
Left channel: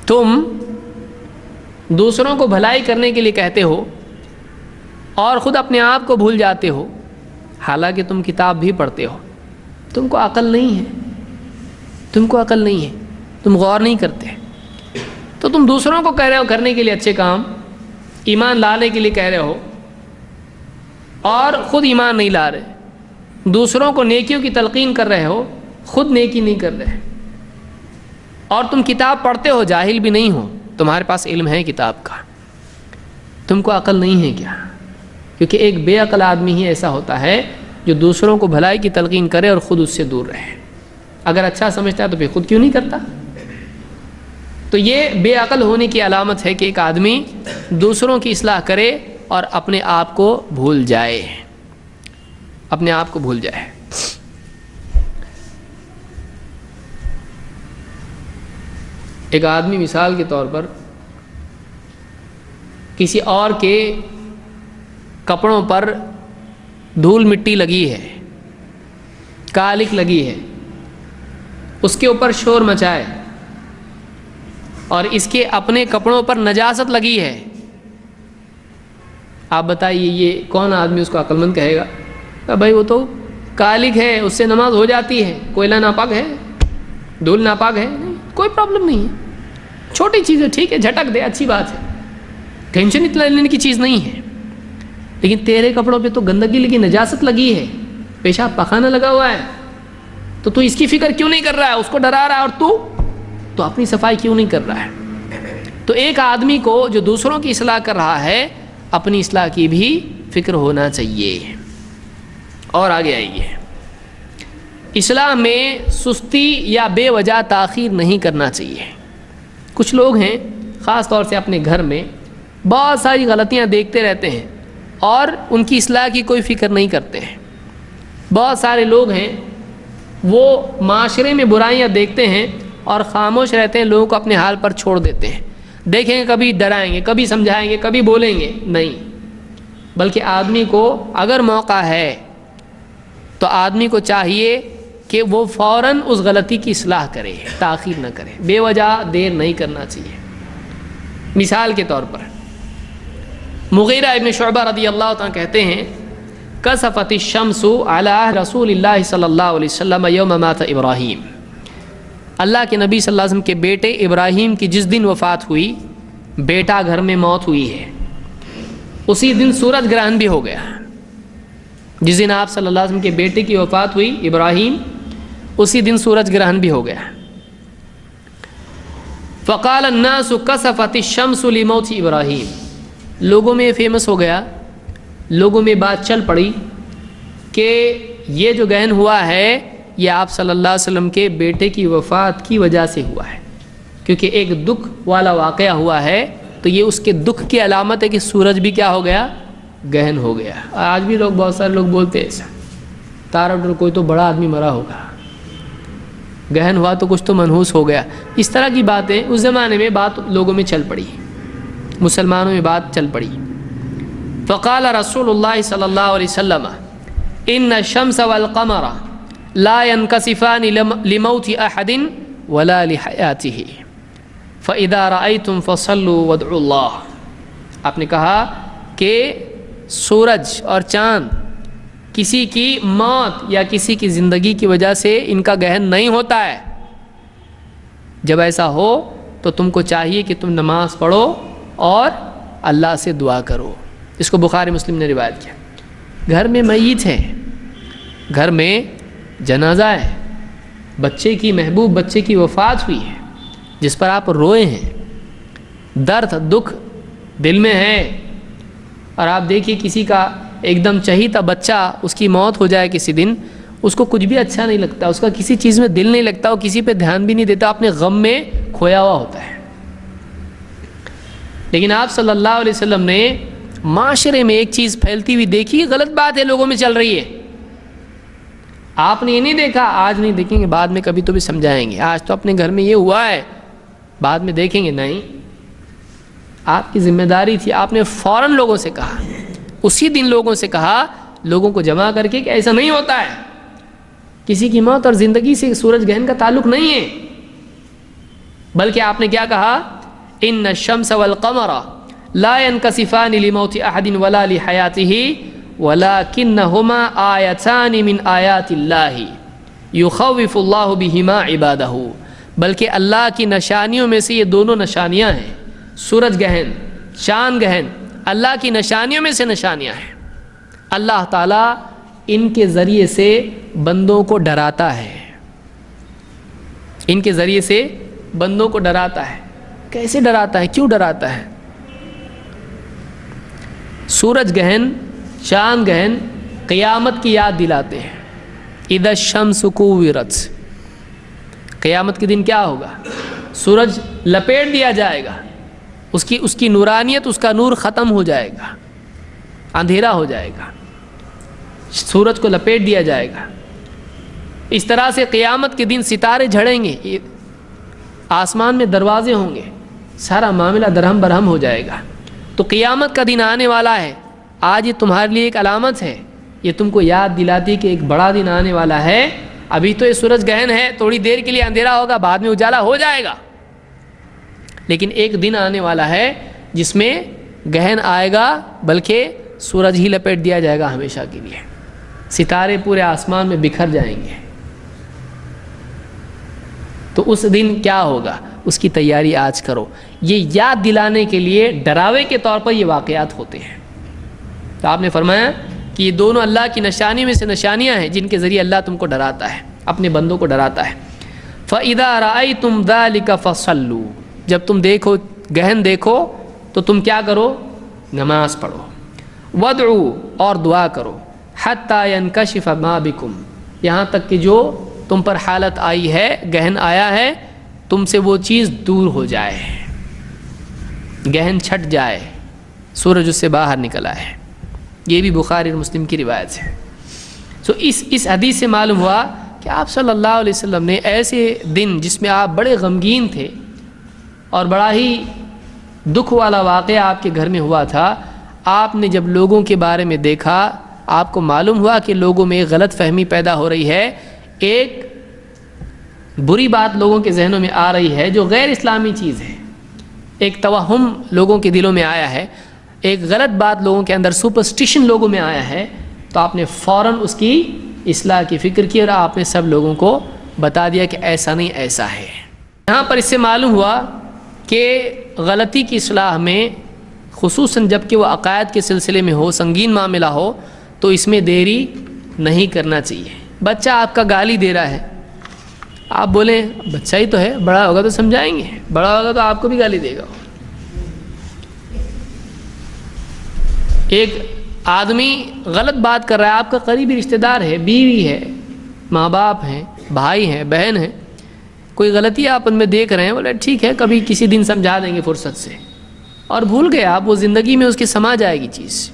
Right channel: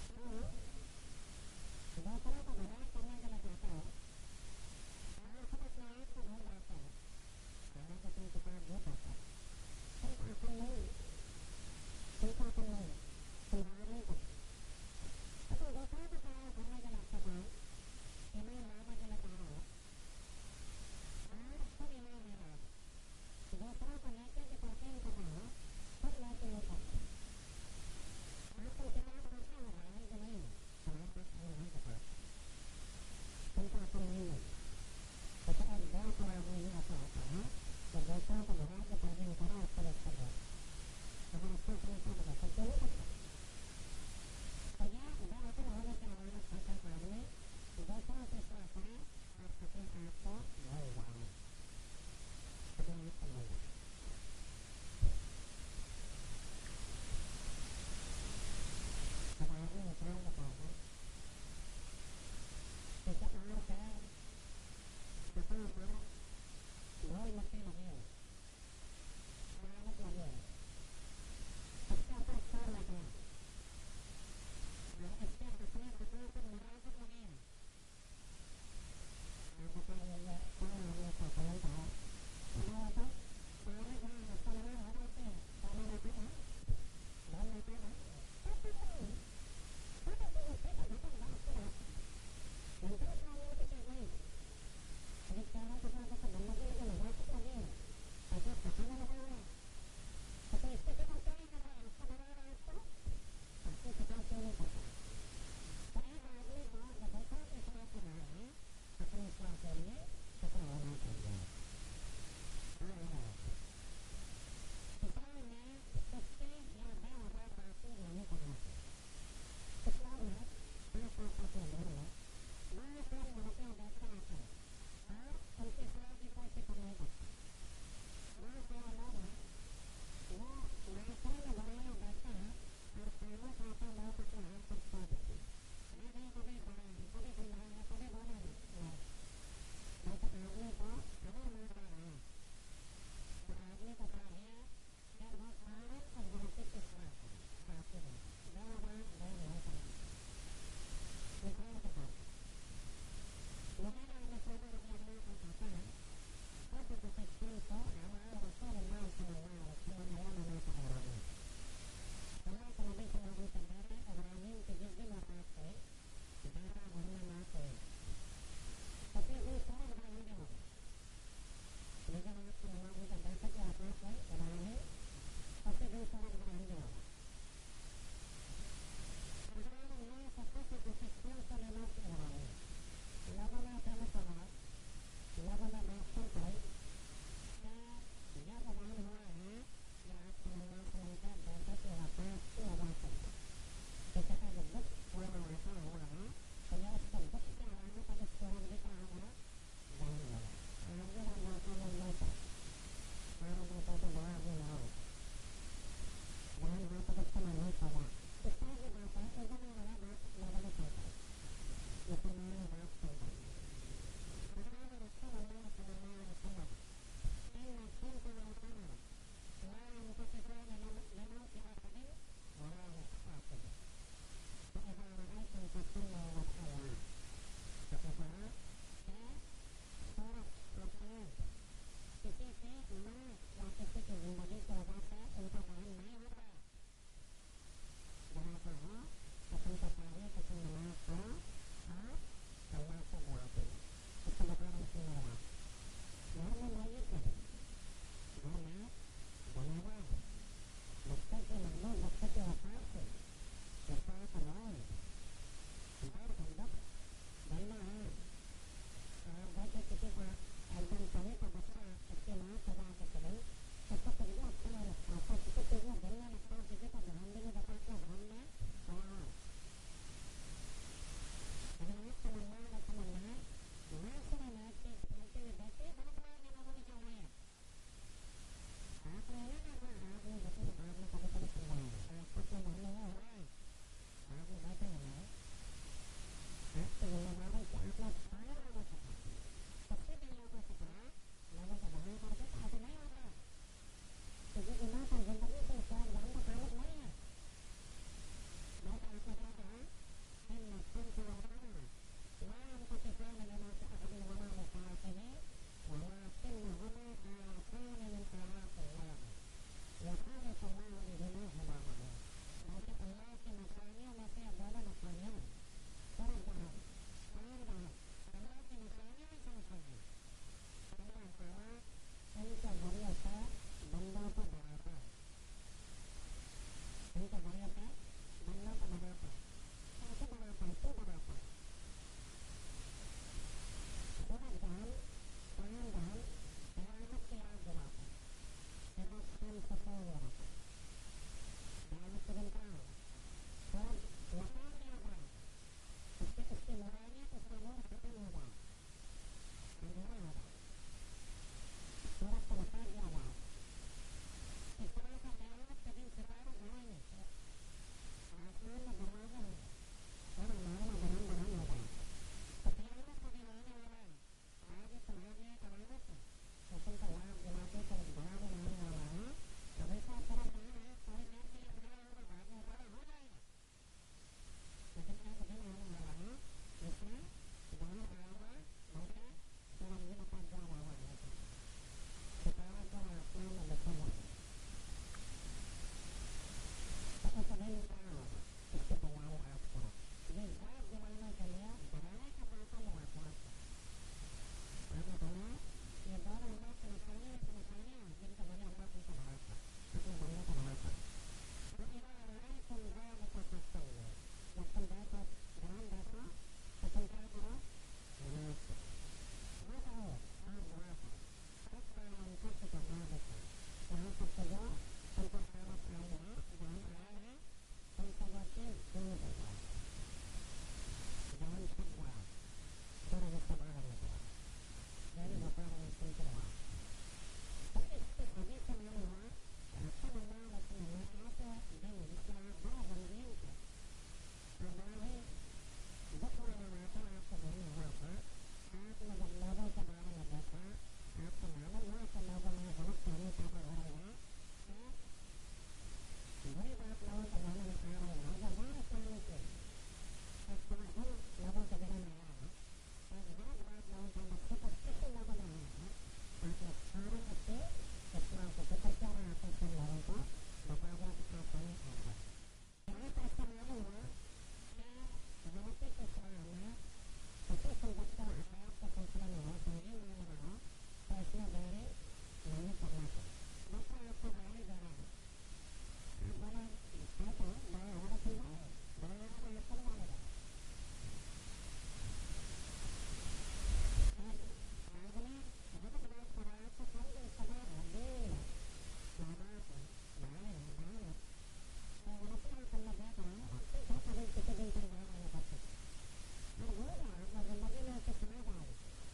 تم دوسروں کو بھلائی کرنے کے لیے کہتے ہو اور خود اپنے آپ کو بھول جاتے ہو، حالانکہ تم کتاب بھی پڑھتے ہو۔ تم کو عقل نہیں ہے، تم کو عقل نہیں ہے، تم غور نہیں کرتے، تو تم دوسروں کو کہہ رہے ہو کرنے کے لیے اچھے کام، ایمان لانے کے لیے کہہ رہے ہو اور خود ایمان نہیں لا رہے، دوسروں کو نیکیوں کی تلقین کر رہے ہو، خود نیکی نہیں کر رہے، اور تم کتاب پڑھتے ہو، جاہل بھی نہیں ہو، تمہارے پاس علم ہے کتاب کا، تم کو عقل نہیں ہے کیا؟ کیونکہ ایک بے عقل آدمی ہی ایسا ہوتا ہے جو دوسروں کو بھلائی کی تلقین کرے اور خود اس سے دور رہے۔ اگر اچھا سمجھتا ہے تو پھر خود کیوں نہیں کرتا؟ تو یہ بے عقل ہونے کی علامت ہے کہ ایک آدمی دوسروں کی اصلاح کرے اور اپنے آپ کو بھول جائے، اپنے آپ کو بھول جائے۔ ایک آدمی مثال کے طور پر کسی اور کے کپڑوں پر دھول مٹی لگی ہے، کالک لگی ہے، اس کے اوپر شور مچائے اور اس کے اپنے کپڑوں پر نجاست لگی ہے، آپ بتائیے یہ کون آدمی اس کو عقل مند کہے گا؟ بھائی وہ تو کالک ہے، اس سے نماز ہو جاتی ہے، کوئلہ ناپاک ہے، دھول ناپاک ہے، نہیں کوئی پرابلم نہیں ہے، چھوٹی چیز ہے، ٹھیک ہے جھٹک دے، اچھی بات ہے، ٹینشن اتنا لینے کی چیز نہیں ہے۔ لیکن تیرے کپڑوں پہ تو گندگی لگی، نجاست لگی ہے، پیشاب پخانہ لگا ہوا ہے، تو اس کی فکر کیوں نہیں کر رہا ہے؟ اس کو ڈرا رہا ہے، اور تو اپنی صفائی کیوں نہیں کر رہا ہے؟ تو ایک آدمی کو جو دوسروں کی اصلاح کر رہا ہے، اپنی اصلاح کی بھی فکر ہونا چاہیے۔ اور آگے آئیے، اصلاح میں سستی یا بے وجہ تاخیر نہیں کرنا چاہیے۔ کچھ لوگ ہیں خاص طور سے اپنے گھر میں بہت ساری غلطیاں دیکھتے رہتے ہیں اور ان کی اصلاح کی کوئی فکر نہیں کرتے ہیں۔ بہت سارے لوگ ہیں وہ معاشرے میں برائیاں دیکھتے ہیں اور خاموش رہتے ہیں، لوگوں کو اپنے حال پر چھوڑ دیتے ہیں، دیکھیں گے کبھی ڈرائیں گے، کبھی سمجھائیں گے، کبھی بولیں گے نہیں، بلکہ آدمی کو اگر موقع ہے تو آدمی کو چاہیے کہ وہ فوراً اس غلطی کی اصلاح کرے، تاخیر نہ کرے، بے وجہ دیر نہیں کرنا چاہیے۔ مثال کے طور پر مغیرہ ابن شعبہ رضی اللہ عنہ کہتے ہیں کسفت الشمس علی رسول اللہ صلی اللہ علیہ وسلم یوم مات ابراہیم، اللہ کے نبی صلی اللہ علیہ وسلم کے بیٹے ابراہیم کی جس دن وفات ہوئی، بیٹا گھر میں موت ہوئی ہے، اسی دن سورج گرہن بھی ہو گیا۔ جس دن آپ صلی اللہ علیہ وسلم کے بیٹے کی وفات ہوئی ابراہیم، اسی دن سورج گرہن بھی ہو گیا۔ فقال الناس کسفت الشمس لموت ابراہیم، لوگوں میں فیمس ہو گیا، لوگوں میں بات چل پڑی کہ یہ جو گہن ہوا ہے یہ آپ صلی اللہ علیہ وسلم کے بیٹے کی وفات کی وجہ سے ہوا ہے، کیونکہ ایک دکھ والا واقعہ ہوا ہے، تو یہ اس کے دکھ کی علامت ہے کہ سورج بھی کیا ہو گیا؟ گہن ہو گیا۔ آج بھی لوگ، بہت سارے لوگ بولتے ہیں ایسا، تارا ڈر کوئی تو بڑا آدمی مرا ہوگا، گہن ہوا تو کچھ تو منحوس ہو گیا، اس طرح کی باتیں اس زمانے میں بات لوگوں میں چل پڑی۔ مسلمانوں میں بات چل پڑی. فقال رسول اللہ صلی اللہ علیہ وسلم ان الشمس والقمر لا ينكسفان لموت احد ولا لحیاته فاذا رأيتم فصلوا وادعوا اللہ. آپ نے کہا کہ سورج اور چاند کسی کی موت یا کسی کی زندگی کی وجہ سے ان کا گہن نہیں ہوتا ہے. جب ایسا ہو تو تم کو چاہیے کہ تم نماز پڑھو اور اللہ سے دعا کرو. اس کو بخاری مسلم نے روایت کیا. گھر میں میت ہے, گھر میں جنازہ ہے, بچے کی محبوب بچے کی وفات ہوئی ہے جس پر آپ روئے ہیں, درد دکھ دل میں ہے, اور آپ دیکھیے کسی کا ایک دم چہیتا بچہ اس کی موت ہو جائے کسی دن, اس کو کچھ بھی اچھا نہیں لگتا, اس کا کسی چیز میں دل نہیں لگتا, وہ کسی پہ دھیان بھی نہیں دیتا, اپنے غم میں کھویا ہوا ہوتا ہے. لیکن آپ صلی اللہ علیہ وسلم نے معاشرے میں ایک چیز پھیلتی ہوئی دیکھی, غلط بات ہے لوگوں میں چل رہی ہے. آپ نے یہ نہیں دیکھا, آج نہیں دیکھیں گے بعد میں کبھی تو بھی سمجھائیں گے, آج تو اپنے گھر میں یہ ہوا ہے بعد میں دیکھیں گے, نہیں. آپ کی ذمہ داری تھی, آپ نے فوراً لوگوں سے کہا, اسی دن لوگوں سے کہا, لوگوں کو جمع کر کے کہ ایسا نہیں ہوتا ہے, کسی کی موت اور زندگی سے سورج گہن کا تعلق نہیں ہے. بلکہ آپ نے کیا کہا, ان الشمس والقمر لا ينكسفان لموت احد ولا لحیاته ولكنهما آیتان من آیات اللہ یخوف اللہ بہما عبادہ. بلکہ اللہ کی نشانیوں میں سے یہ دونوں نشانیاں ہیں, سورج گہن چاند گہن, اللہ کی نشانیوں میں سے نشانیاں ہیں. اللہ تعالیٰ ان کے ذریعے سے بندوں کو ڈراتا ہے, ان کے ذریعے سے بندوں کو ڈراتا ہے. کیسے ڈراتا ہے, کیوں ڈراتا ہے؟ سورج گہن چاند گہن قیامت کی یاد دلاتے ہیں. اذا الشمس کوورت, قیامت کے دن کیا ہوگا, سورج لپیٹ دیا جائے گا, اس کی نورانیت, اس کا نور ختم ہو جائے گا, اندھیرا ہو جائے گا, سورج کو لپیٹ دیا جائے گا. اس طرح سے قیامت کے دن ستارے جھڑیں گے, آسمان میں دروازے ہوں گے, سارا معاملہ درہم برہم ہو جائے گا. تو قیامت کا دن آنے والا ہے, آج یہ تمہارے لیے ایک علامت ہے, یہ تم کو یاد دلاتی کہ ایک بڑا دن آنے والا ہے. ابھی تو یہ سورج گہن ہے, تھوڑی دیر کے لیے اندھیرا ہوگا, بعد میں اجالا ہو جائے گا, لیکن ایک دن آنے والا ہے جس میں گہن آئے گا, بلکہ سورج ہی لپیٹ دیا جائے گا ہمیشہ کے لیے, ستارے پورے آسمان میں بکھر جائیں گے. تو اس دن کیا ہوگا, اس کی تیاری آج کرو. یہ یاد دلانے کے لیے ڈراوے کے طور پر یہ واقعات ہوتے ہیں. تو آپ نے فرمایا کہ یہ دونوں اللہ کی نشانی میں سے نشانیاں ہیں جن کے ذریعے اللہ تم کو ڈراتا ہے, اپنے بندوں کو ڈراتا ہے. فَإِذَا رَأَيْتُمْ ذَلِكَ فَصَلُّوا, جب تم دیکھو گہن دیکھو تو تم کیا کرو, نماز پڑھو. وَادْعُوا, اور دعا کرو. حَتَّى يَنْكَشِفَ مَا بِكُمْ, یہاں تک کہ جو تم پر حالت آئی ہے, گہن آیا ہے, تم سے وہ چیز دور ہو جائے, گہن چھٹ جائے, سورج اس سے باہر نکلا ہے. یہ بھی بخاری اور مسلم کی روایت ہے. تو اس حدیث سے معلوم ہوا کہ آپ صلی اللہ علیہ وسلم نے ایسے دن جس میں آپ بڑے غمگین تھے اور بڑا ہی دکھ والا واقعہ آپ کے گھر میں ہوا تھا, آپ نے جب لوگوں کے بارے میں دیکھا, آپ کو معلوم ہوا کہ لوگوں میں ایک غلط فہمی پیدا ہو رہی ہے, ایک بری بات لوگوں کے ذہنوں میں آ رہی ہے جو غیر اسلامی چیز ہے, ایک توہم لوگوں کے دلوں میں آیا ہے, ایک غلط بات لوگوں کے اندر, سپرسٹیشن لوگوں میں آیا ہے. تو آپ نے فوراً اس کی اصلاح کی فکر کی اور آپ نے سب لوگوں کو بتا دیا کہ ایسا نہیں ایسا ہے. یہاں پر اس سے معلوم ہوا کہ غلطی کی اصلاح میں, خصوصاً جب کہ وہ عقائد کے سلسلے میں ہو, سنگین معاملہ ہو, تو اس میں دیری نہیں کرنا چاہیے. بچہ آپ کا گالی دے رہا ہے, آپ بولیں بچہ ہی تو ہے, بڑا ہوگا تو سمجھائیں گے, بڑا ہوگا تو آپ کو بھی گالی دے گا. ایک آدمی غلط بات کر رہا ہے, آپ کا قریبی رشتہ دار ہے, بیوی ہے, ماں باپ ہیں, بھائی ہیں, بہن ہیں, کوئی غلطی آپ ان میں دیکھ رہے ہیں, بولے ٹھیک ہے کبھی کسی دن سمجھا دیں گے فرصت سے, اور بھول گئے آپ, وہ زندگی میں اس کی سما جائے گی چیز.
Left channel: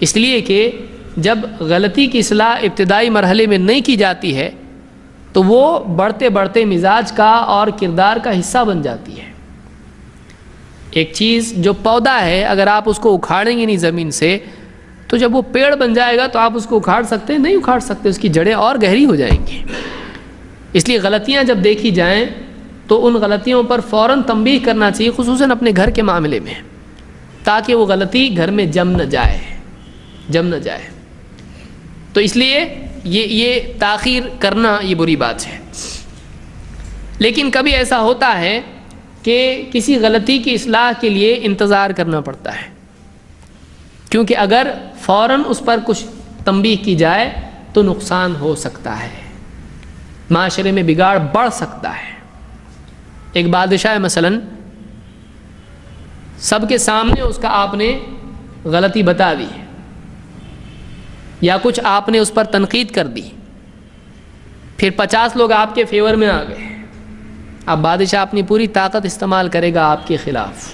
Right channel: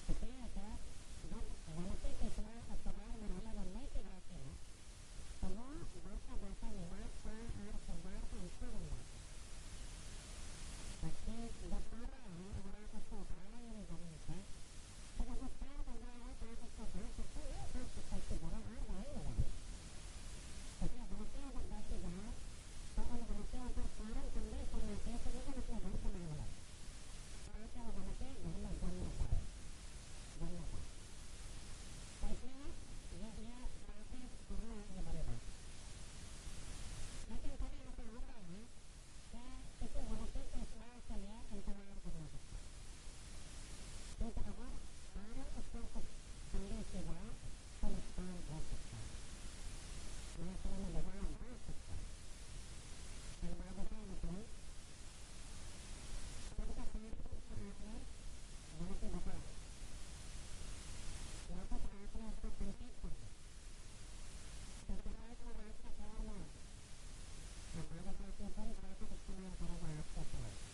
اس لیے کہ جب غلطی کی اصلاح ابتدائی مرحلے میں نہیں کی جاتی ہے تو وہ بڑھتے بڑھتے مزاج کا اور کردار کا حصہ بن جاتی ہے. ایک چیز جو پودا ہے اگر آپ اس کو اکھاڑیں گے نہیں زمین سے تو جب وہ پیڑ بن جائے گا تو آپ اس کو اکھاڑ سکتے ہیں؟ نہیں اکھاڑ سکتے، اس کی جڑیں اور گہری ہو جائیں گی۔ اس لیے غلطیاں جب دیکھی جائیں تو ان غلطیوں پر فوراً تنبیہ کرنا چاہیے، خصوصاً اپنے گھر کے معاملے میں، تاکہ وہ غلطی گھر میں جم نہ جائے۔ تو اس لیے یہ تاخیر کرنا یہ بری بات ہے۔ لیکن کبھی ایسا ہوتا ہے کہ کسی غلطی کی اصلاح کے لیے انتظار کرنا پڑتا ہے، کیونکہ اگر فوراً اس پر کچھ تنبیہ کی جائے تو نقصان ہو سکتا ہے، معاشرے میں بگاڑ بڑھ سکتا ہے۔ ایک بادشاہ مثلاً سب کے سامنے اس کا آپ نے غلطی بتا دی یا کچھ آپ نے اس پر تنقید کر دی، پھر 50 لوگ آپ کے فیور میں آ گئے، اب بادشاہ اپنی پوری طاقت استعمال کرے گا آپ کے خلاف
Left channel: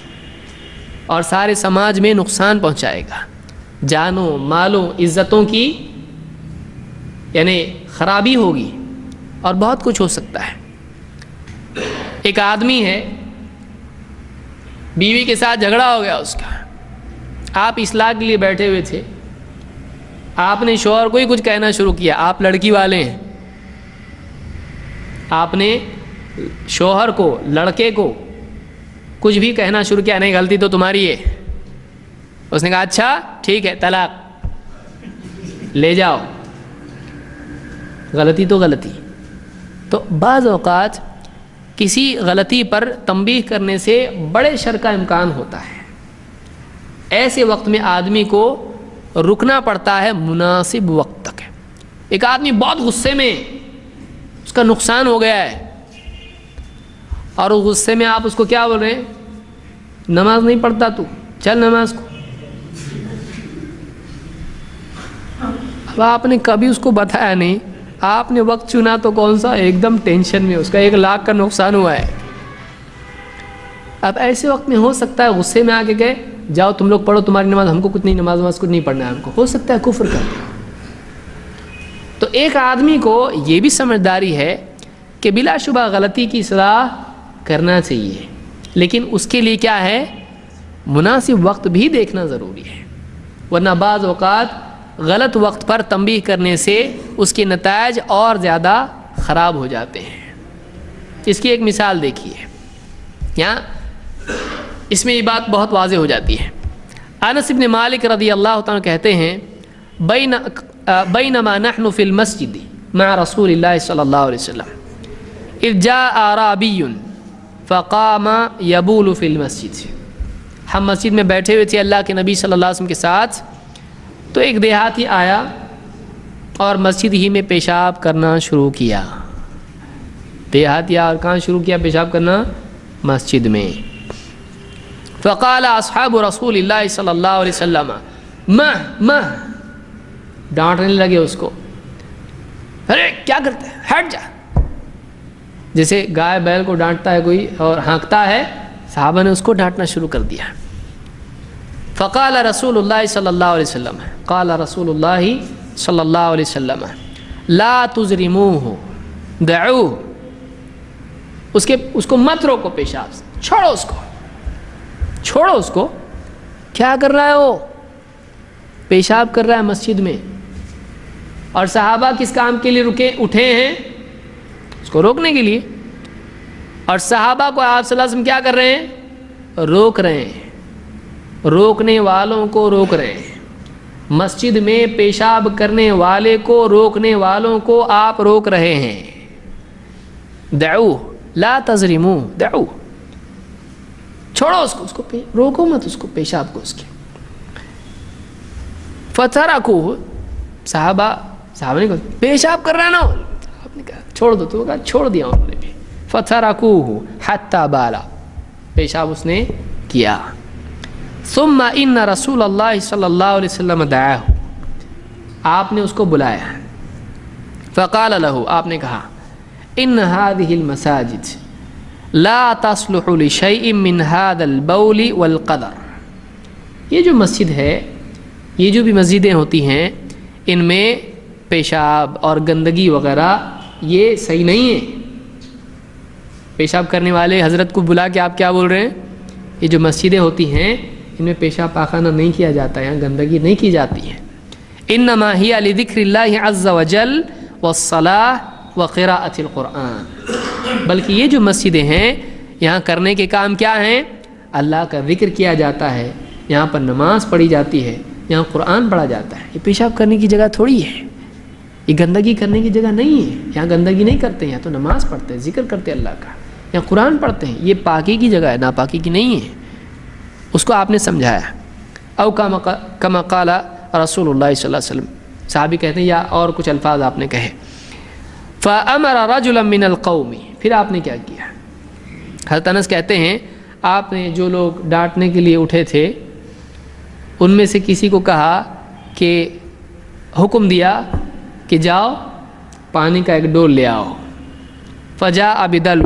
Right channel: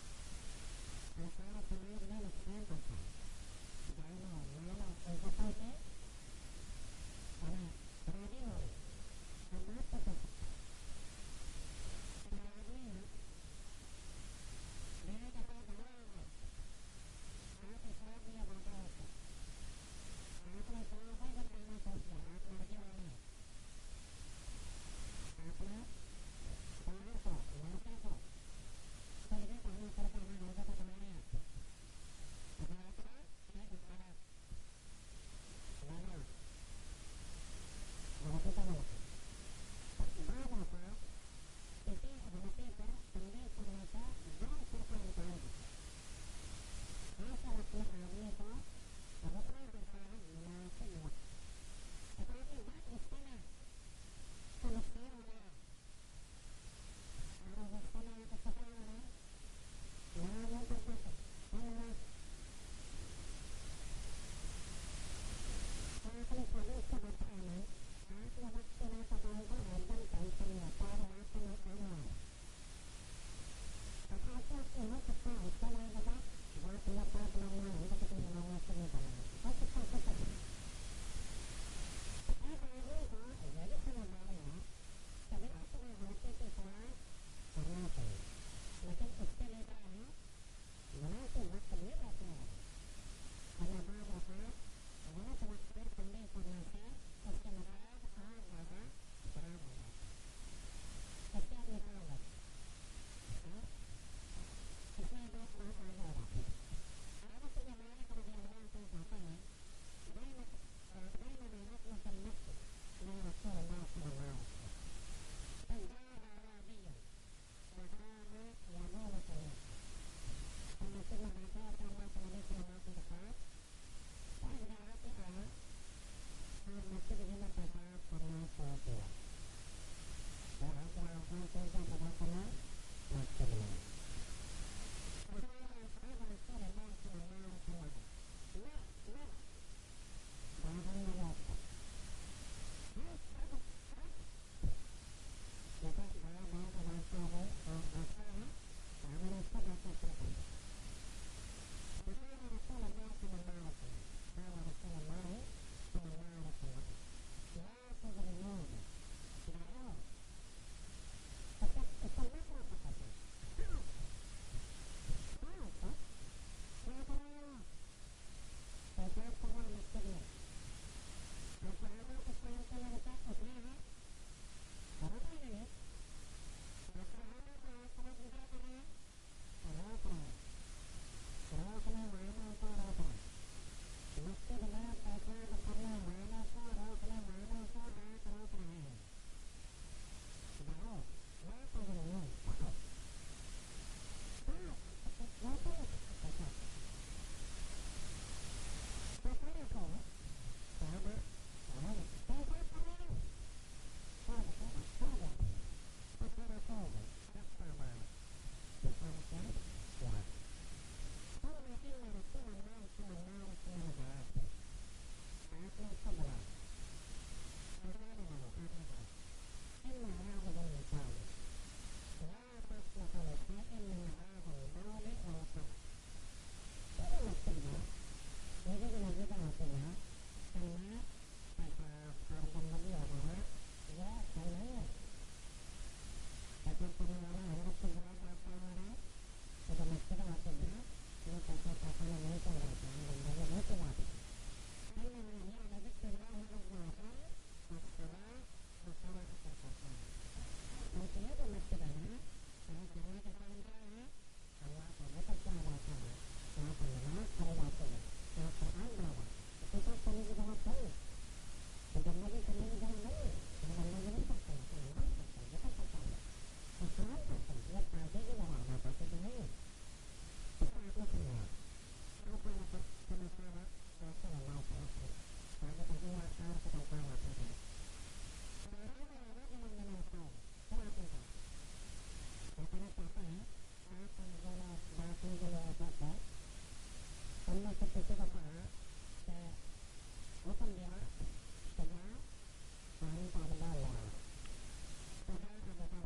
اور سارے سماج میں نقصان پہنچائے گا، جانوں مالوں عزتوں کی یعنی خرابی ہوگی اور بہت کچھ ہو سکتا ہے۔ ایک آدمی ہے، بیوی کے ساتھ جھگڑا ہو گیا اس کا، آپ اصلاح کے لیے بیٹھے ہوئے تھے، آپ نے شوہر کو ہی کچھ کہنا شروع کیا، آپ لڑکی والے ہیں، آپ نے شوہر کو لڑکے کو کچھ بھی کہنا شروع کیا، نہیں غلطی تو تمہاری ہے، اس نے کہا اچھا ٹھیک ہے طلاق لے جاؤ، غلطی تو غلطی۔ تو بعض اوقات کسی غلطی پر تنبیہ کرنے سے بڑے شر کا امکان ہوتا ہے، ایسے وقت میں آدمی کو رکنا پڑتا ہے مناسب وقت تک۔ ایک آدمی بہت غصے میں، اس کا نقصان ہو گیا ہے اور اس غصے میں آپ اس کو کیا بول رہے ہیں؟ نماز نہیں پڑھتا تو چل نماز کو۔ اب آپ نے کبھی اس کو بتایا نہیں، آپ نے وقت چنا تو کون سا، ایک دم ٹینشن میں، اس کا 1 لاکھ کا نقصان ہوا ہے۔ اب ایسے وقت میں ہو سکتا ہے غصے میں آ کے گئے جاؤ تم لوگ پڑھو تمہاری نماز، ہم کو کچھ نہیں، نماز کچھ نہیں پڑھنا ہے ہم کو، ہو سکتا ہے کفر کر دیں۔ تو ایک آدمی کو یہ بھی سمجھداری ہے کہ بلا شبہ غلطی کی اصلاح کرنا چاہیے، لیکن اس کے لیے کیا ہے، مناسب وقت بھی دیکھنا ضروری ہے، ورنہ بعض اوقات غلط وقت پر تنبیہ کرنے سے اس کے نتائج اور زیادہ خراب ہو جاتے ہیں۔ اس کی ایک مثال دیکھیے، یہاں اس میں یہ بات بہت واضح ہو جاتی ہے۔ انس بن مالک رضی اللہ تعالیٰ کہتے ہیں بینما نحن فی المسجد مع رسول اللہ صلی اللہ علیہ وسلم اذ جاء اعرابی فقام یبول فی المسجد، ہم مسجد میں بیٹھے ہوئے تھے اللہ کے نبی صلی اللہ علیہ وسلم کے ساتھ، تو ایک دیہاتی آیا اور مسجد ہی میں پیشاب کرنا شروع کیا۔ دیہاتی اور کہاں شروع کیا پیشاب کرنا؟ مسجد میں۔ فقال اصحاب رسول اللہ صلی اللہ علیہ وسلم مہ ڈانٹنے لگے اس کو، ارے کیا کرتا ہے، ہٹ جا، جیسے گائے بیل کو ڈانٹتا ہے کوئی اور ہانکتا ہے، صحابہ نے اس کو ڈانٹنا شروع کر دیا۔ فقال رسول اللہ صلی اللہ علیہ وسلم، قال رسول اللہ صلی اللہ علیہ وسلم لا تزرموہ دعوہ، اس کو مت روکو پیشاب سے، چھوڑو اس کو، کیا کر رہا ہے وہ؟ پیشاب کر رہا ہے مسجد میں، اور صحابہ کس کام کے لیے اٹھے ہیں؟ اس کو روکنے کے لیے، اور صحابہ کو آپ صلی اللہ علیہ وسلم کیا کر رہے ہیں؟ روک رہے ہیں، روکنے والوں کو روک رہے ہیں، مسجد میں پیشاب کرنے والے کو روکنے والوں کو آپ روک رہے ہیں۔ دعو لا تزرمو، دعو، چھوڑو اس کو روکو مت اس کو، پیشاب کو اس کے۔ فترکوہ، صحابہ نے کہا پیشاب کر رہا ہے نا، آپ نے کہا چھوڑ دو، تو کہا چھوڑ دیا انہوں نے بھی۔ فترکوہ حتی بالا، پیشاب اس نے کیا۔ ثم ان رسول اللہ صلی اللہ علیہ وسلم دعاہ، آپ نے اس کو بلایا، فقال له، آپ نے کہا ان هذه المساجد لا تصلح لشيء من هذا البول والقدر، یہ جو مسجد ہے، یہ جو بھی مسجدیں ہوتی ہیں، ان میں پیشاب اور گندگی وغیرہ یہ صحیح نہیں ہے۔ پیشاب کرنے والے حضرت کو بلا کے آپ کیا بول رہے ہیں؟ یہ جو مسجدیں ہوتی ہیں ان میں پیشاب پاخانہ نہیں کیا جاتا ہے، یہاں گندگی نہیں کی جاتی ہے. انما ہی لذکر اللہ عز وجل والصلاۃ وقراءۃ القرآن. بلکہ یہ جو مسجدیں ہیں یہاں کرنے کے کام کیا ہیں؟ اللہ کا ذکر کیا جاتا ہے، یہاں پر نماز پڑھی جاتی ہے، یہاں قرآن پڑھا جاتا ہے. یہ پیشاب کرنے کی جگہ تھوڑی ہے، یہ گندگی کرنے کی جگہ نہیں ہے. یہاں گندگی نہیں کرتے ہیں، یہاں تو نماز پڑھتے ہیں، ذکر کرتے ہیں اللہ کا، یہاں قرآن پڑھتے ہیں. یہ پاکی کی جگہ ہے، ناپاکی کی نہیں ہے. اس کو آپ نے سمجھایا. او کما قال رسول اللہ صلی اللہ علیہ وسلم، صحابی کہتے ہیں یا اور کچھ الفاظ آپ نے کہے. فامر رجلا من القوم، پھر آپ نے کیا کیا؟ حضرت انس کہتے ہیں آپ نے جو لوگ ڈانٹنے کے لیے اٹھے تھے ان میں سے کسی کو کہا کہ حکم دیا کہ جاؤ پانی کا ایک ڈول لے آؤ. فجاء بدلو،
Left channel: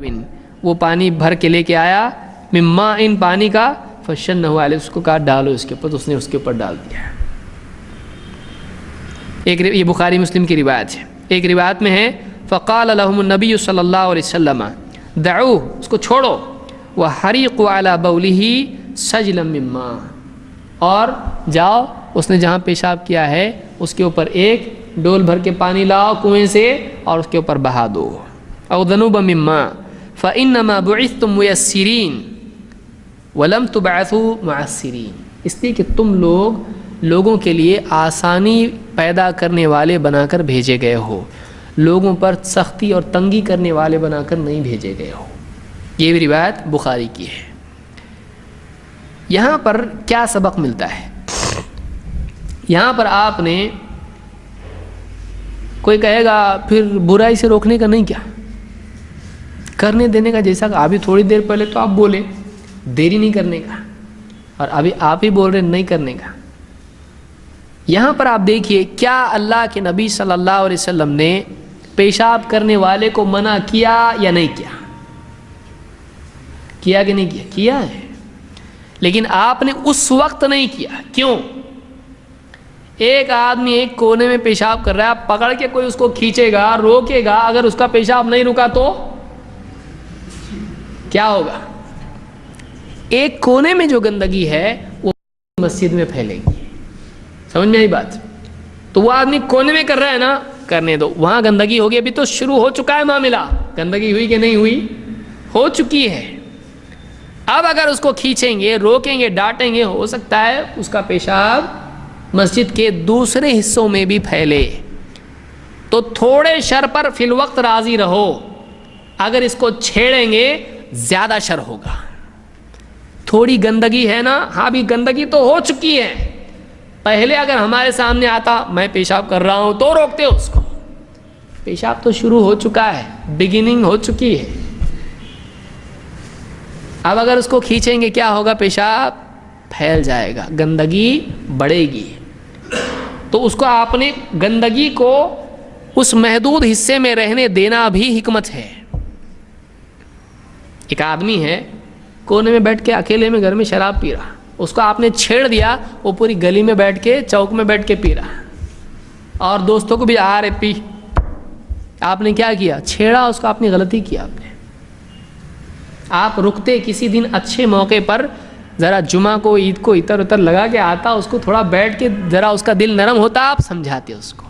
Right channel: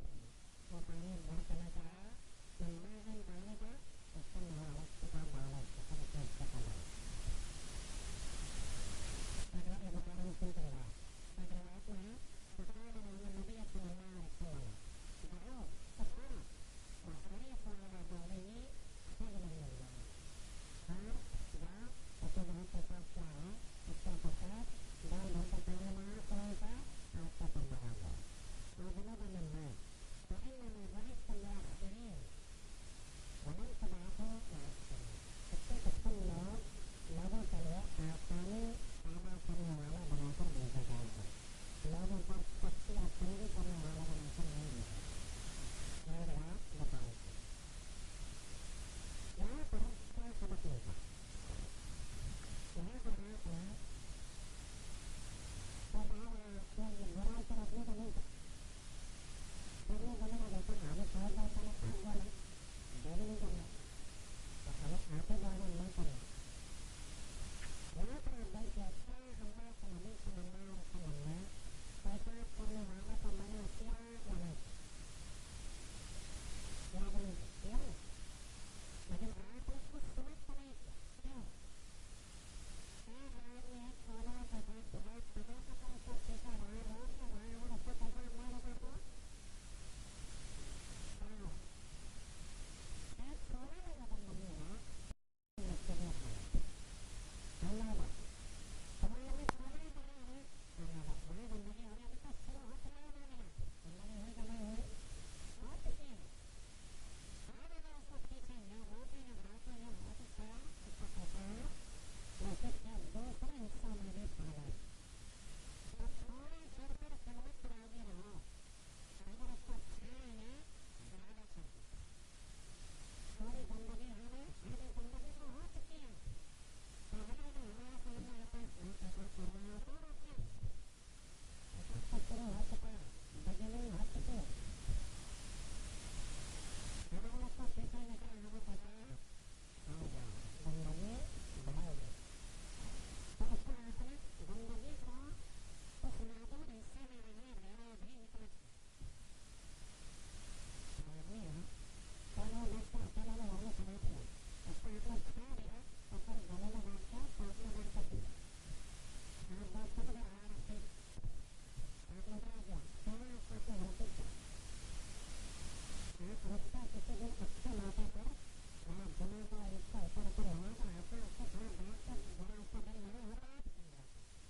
وہ پانی بھر کے لے کے آیا، مما ان پانی کا، فشنہ علیہ، اس کو کہا ڈالو اس کے اوپر، تو اس نے اس کے اوپر ڈال دیا. یہ بخاری مسلم کی روایت ہے. ایک روایت میں ہے فقال لهم النبی صلی اللہ علیہ وسلم دعوه، اس کو چھوڑو، وحریقوا علی بولہ سجلا من ماء، اور جاؤ اس نے جہاں پیشاب کیا ہے اس کے اوپر ایک ڈول بھر کے پانی لاؤ کنویں سے اور اس کے اوپر بہا دو. او ذنوبا من ماء فانما بعثتم ميسرین ولم تبعثوا معسرین، اس لیے کہ تم لوگوں کے لیے آسانی پیدا کرنے والے بنا کر بھیجے گئے ہو، لوگوں پر سختی اور تنگی کرنے والے بنا کر نہیں بھیجے گئے ہو. یہ بھی روایت بخاری کی ہے. یہاں پر کیا سبق ملتا ہے؟ یہاں پر آپ نے، کوئی کہے گا پھر برائی سے روکنے کا نہیں کیا کرنے دینے کا، جیسا کہ ابھی تھوڑی دیر پہلے تو آپ بولے دیری نہیں کرنے کا، اور ابھی آپ ہی بول رہے نہیں کرنے کا. یہاں پر آپ دیکھیے کیا اللہ کے نبی صلی اللہ علیہ وسلم نے پیشاب کرنے والے کو منع کیا یا نہیں کیا؟ کیا کہ نہیں کیا؟ کیا ہے، لیکن آپ نے اس وقت نہیں کیا. کیوں؟ ایک آدمی ایک کونے میں پیشاب کر رہا ہے، آپ پکڑ کے کوئی اس کو کھینچے گا، روکے گا، اگر اس کا پیشاب نہیں رکا تو کیا ہوگا؟ ایک کونے میں جو گندگی ہے وہ مسجد میں پھیلے گی. سمجھ میں آئی بات؟ تو وہ آدمی کونے میں کر رہا ہے نا، کرنے دو، وہاں گندگی ہوگی. ابھی تو شروع ہو چکا ہے معاملہ، گندگی ہوئی کہ نہیں ہوئی؟ ہو چکی ہے. اب اگر اس کو کھینچیں گے، روکیں گے، ڈانٹیں گے، ہو سکتا ہے اس کا پیشاب مسجد کے دوسرے حصوں میں بھی پھیلے. تو تھوڑے شر پر فی الوقت راضی رہو، اگر اس کو چھیڑیں گے زیادہ شر ہوگا. تھوڑی گندگی ہے نا، ہاں بھی گندگی تو ہو چکی ہے. پہلے اگر ہمارے سامنے آتا میں پیشاب کر رہا ہوں تو روکتے اس کو. پیشاب تو شروع ہو چکا ہے، بگننگ ہو چکی ہے. اب اگر اس کو کھینچیں گے کیا ہوگا؟ پیشاب پھیل جائے گا، گندگی بڑھے گی. تو اس کو آپ نے گندگی کو اس محدود حصے میں رہنے دینا بھی حکمت ہے. ایک آدمی ہے کونے میں بیٹھ کے اکیلے میں گھر میں شراب پی رہا، اس کو آپ نے چھیڑ دیا، وہ پوری گلی میں بیٹھ کے، چوک میں بیٹھ کے پی رہا، اور دوستوں کو بھی آ رہے پی. آپ نے کیا کیا؟ چھیڑا اس کو، آپ نے غلطی کیا. آپ رکتے کسی دن اچھے موقع پر، ذرا جمعہ کو، عید کو اتر اتر لگا کے آتا، اس کو تھوڑا بیٹھ کے ذرا اس کا دل نرم ہوتا، آپ سمجھاتے اس کو.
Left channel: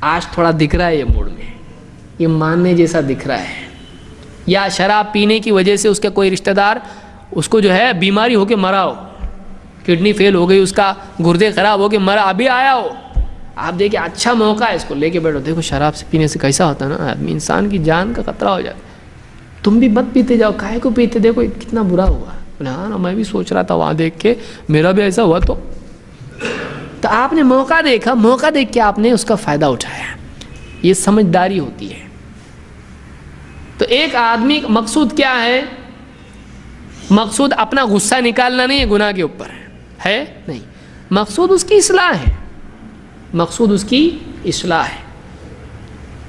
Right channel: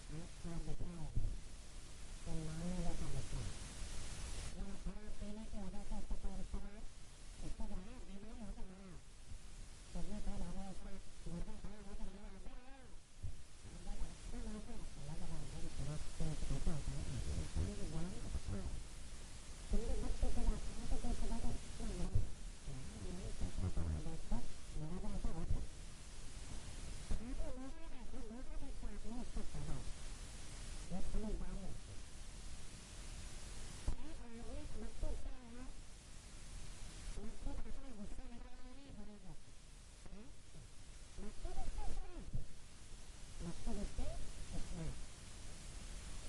آج تھوڑا دکھ رہا ہے یہ موڈ میں، یہ ماننے جیسا دکھ رہا ہے، یا شراب پینے کی وجہ سے اس کا کوئی رشتہ دار اس کو جو ہے بیماری ہو کے مرا ہو، کڈنی فیل ہو گئی، اس کا گردے خراب ہو کے مرا، ابھی آیا ہو. آپ دیکھیں اچھا موقع ہے، اس کو لے کے بیٹھو. دیکھو شراب سے پینے سے کیسا ہوتا ہے نا آدمی، انسان کی جان کا خطرہ ہو جاتا. تم بھی مت پیتے جاؤ. کاہے کو پیتے؟ دیکھو کتنا برا ہوا. ہاں نا، میں بھی سوچ رہا تھا وہاں دیکھ کے میرا بھی ایسا ہوا. تو آپ نے موقع دیکھا، موقع دیکھ کے آپ نے اس کا فائدہ اٹھایا. یہ سمجھداری ہوتی ہے. تو ایک آدمی مقصود کیا ہے؟ مقصود اپنا غصہ نکالنا نہیں ہے گناہ کے اوپر، ہے نہیں. مقصود اس کی اصلاح ہے، مقصود اس کی اصلاح ہے.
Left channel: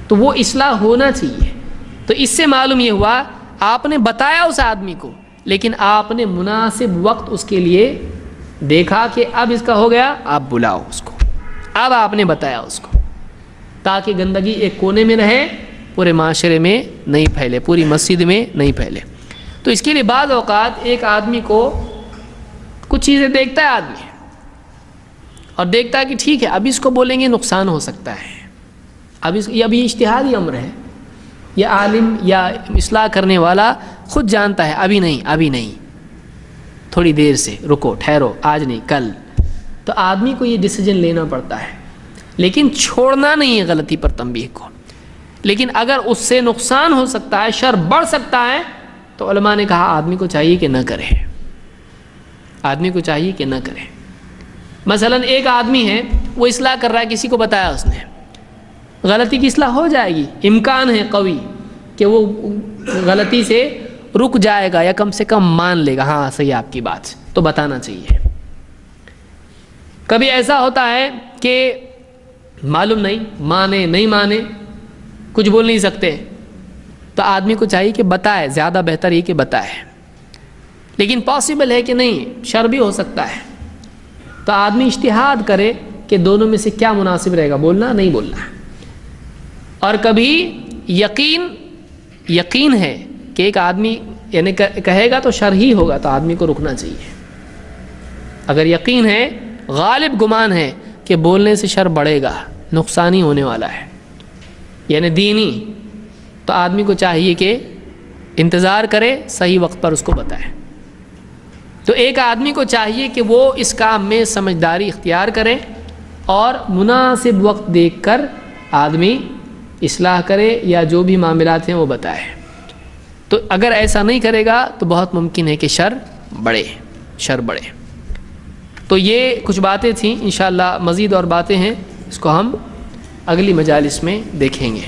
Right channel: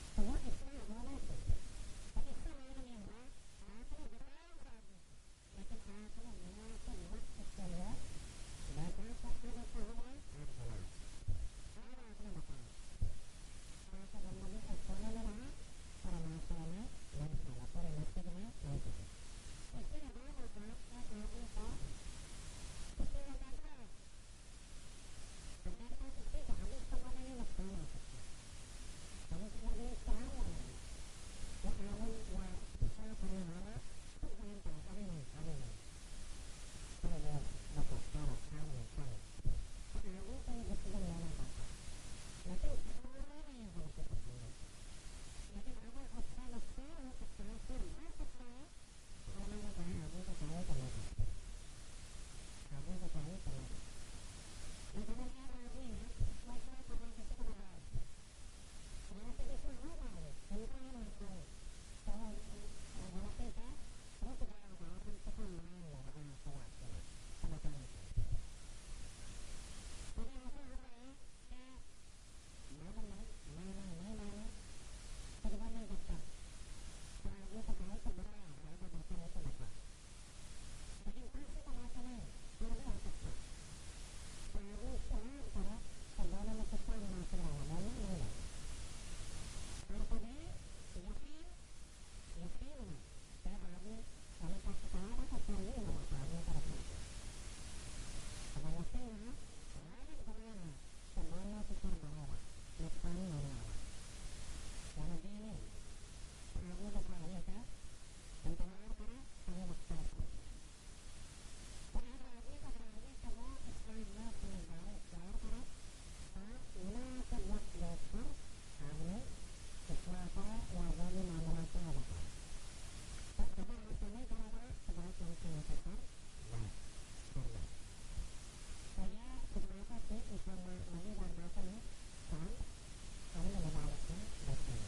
تو وہ اصلاح ہونا چاہیے. تو اس سے معلوم یہ ہوا آپ نے بتایا اس آدمی کو، لیکن آپ نے مناسب وقت اس کے لیے دیکھا کہ اب اس کا ہو گیا، آپ بلاؤ اس کو. اب آپ نے بتایا اس کو، تاکہ گندگی ایک کونے میں رہے، پورے معاشرے میں نہیں پھیلے، پوری مسجد میں نہیں پھیلے. تو اس کے لیے بعض اوقات ایک آدمی کو کچھ چیزیں دیکھتا ہے آدمی اور دیکھتا ہے کہ ٹھیک ہے اب اس کو بولیں گے نقصان ہو سکتا ہے، اب یہ اجتہادی امر ہے، یہ عالم یا اصلاح کرنے والا خود جانتا ہے ابھی نہیں، تھوڑی دیر سے رکو، ٹھہرو، آج نہیں کل. تو آدمی کو یہ ڈیسیجن لینا پڑتا ہے، لیکن چھوڑنا نہیں ہے غلطی پر تنبیہ کو. لیکن اگر اس سے نقصان ہو سکتا ہے، شر بڑھ سکتا ہے، تو علماء نے کہا آدمی کو چاہیے کہ نہ کرے، آدمی کو چاہیے کہ نہ کرے. مثلا ایک آدمی ہے وہ اصلاح کر رہا ہے، کسی کو بتایا اس نے، غلطی کی اصلاح ہو جائے گی، امکان ہے قوی کہ وہ غلطی سے رک جائے گا یا کم سے کم مان لے گا، ہاں صحیح آپ کی بات، تو بتانا چاہیے. کبھی ایسا ہوتا ہے کہ معلوم نہیں مانے کچھ بول نہیں سکتے، تو آدمی کو چاہیے کہ بتائے، زیادہ بہتر یہ کہ بتائے. لیکن پاسبل ہے کہ نہیں، شر بھی ہو سکتا ہے، تو آدمی اجتہاد کرے کہ دونوں میں سے کیا مناسب رہے گا، بولنا نہیں بولنا. اور کبھی یقین ہے کہ ایک آدمی یعنی کہے گا تو شر ہی ہوگا، تو آدمی کو رکنا چاہیے. اگر یقین ہے، غالب گمان ہے کہ بولنے سے شر بڑھے گا، نقصان ہی ہونے والا ہے، یعنی دینی، تو آدمی کو چاہیے کہ انتظار کرے، صحیح وقت پر اس کو بتائے. تو ایک آدمی کو چاہیے کہ وہ اس کام میں سمجھداری اختیار کرے اور مناسب وقت دیکھ کر آدمی اصلاح کرے یا جو بھی معاملات ہیں وہ بتائے. تو اگر ایسا نہیں کرے گا تو بہت ممکن ہے کہ شر بڑھے. تو یہ کچھ باتیں تھیں، انشاءاللہ مزید اور باتیں ہیں، اس کو ہم اگلی مجالس میں دیکھیں گے.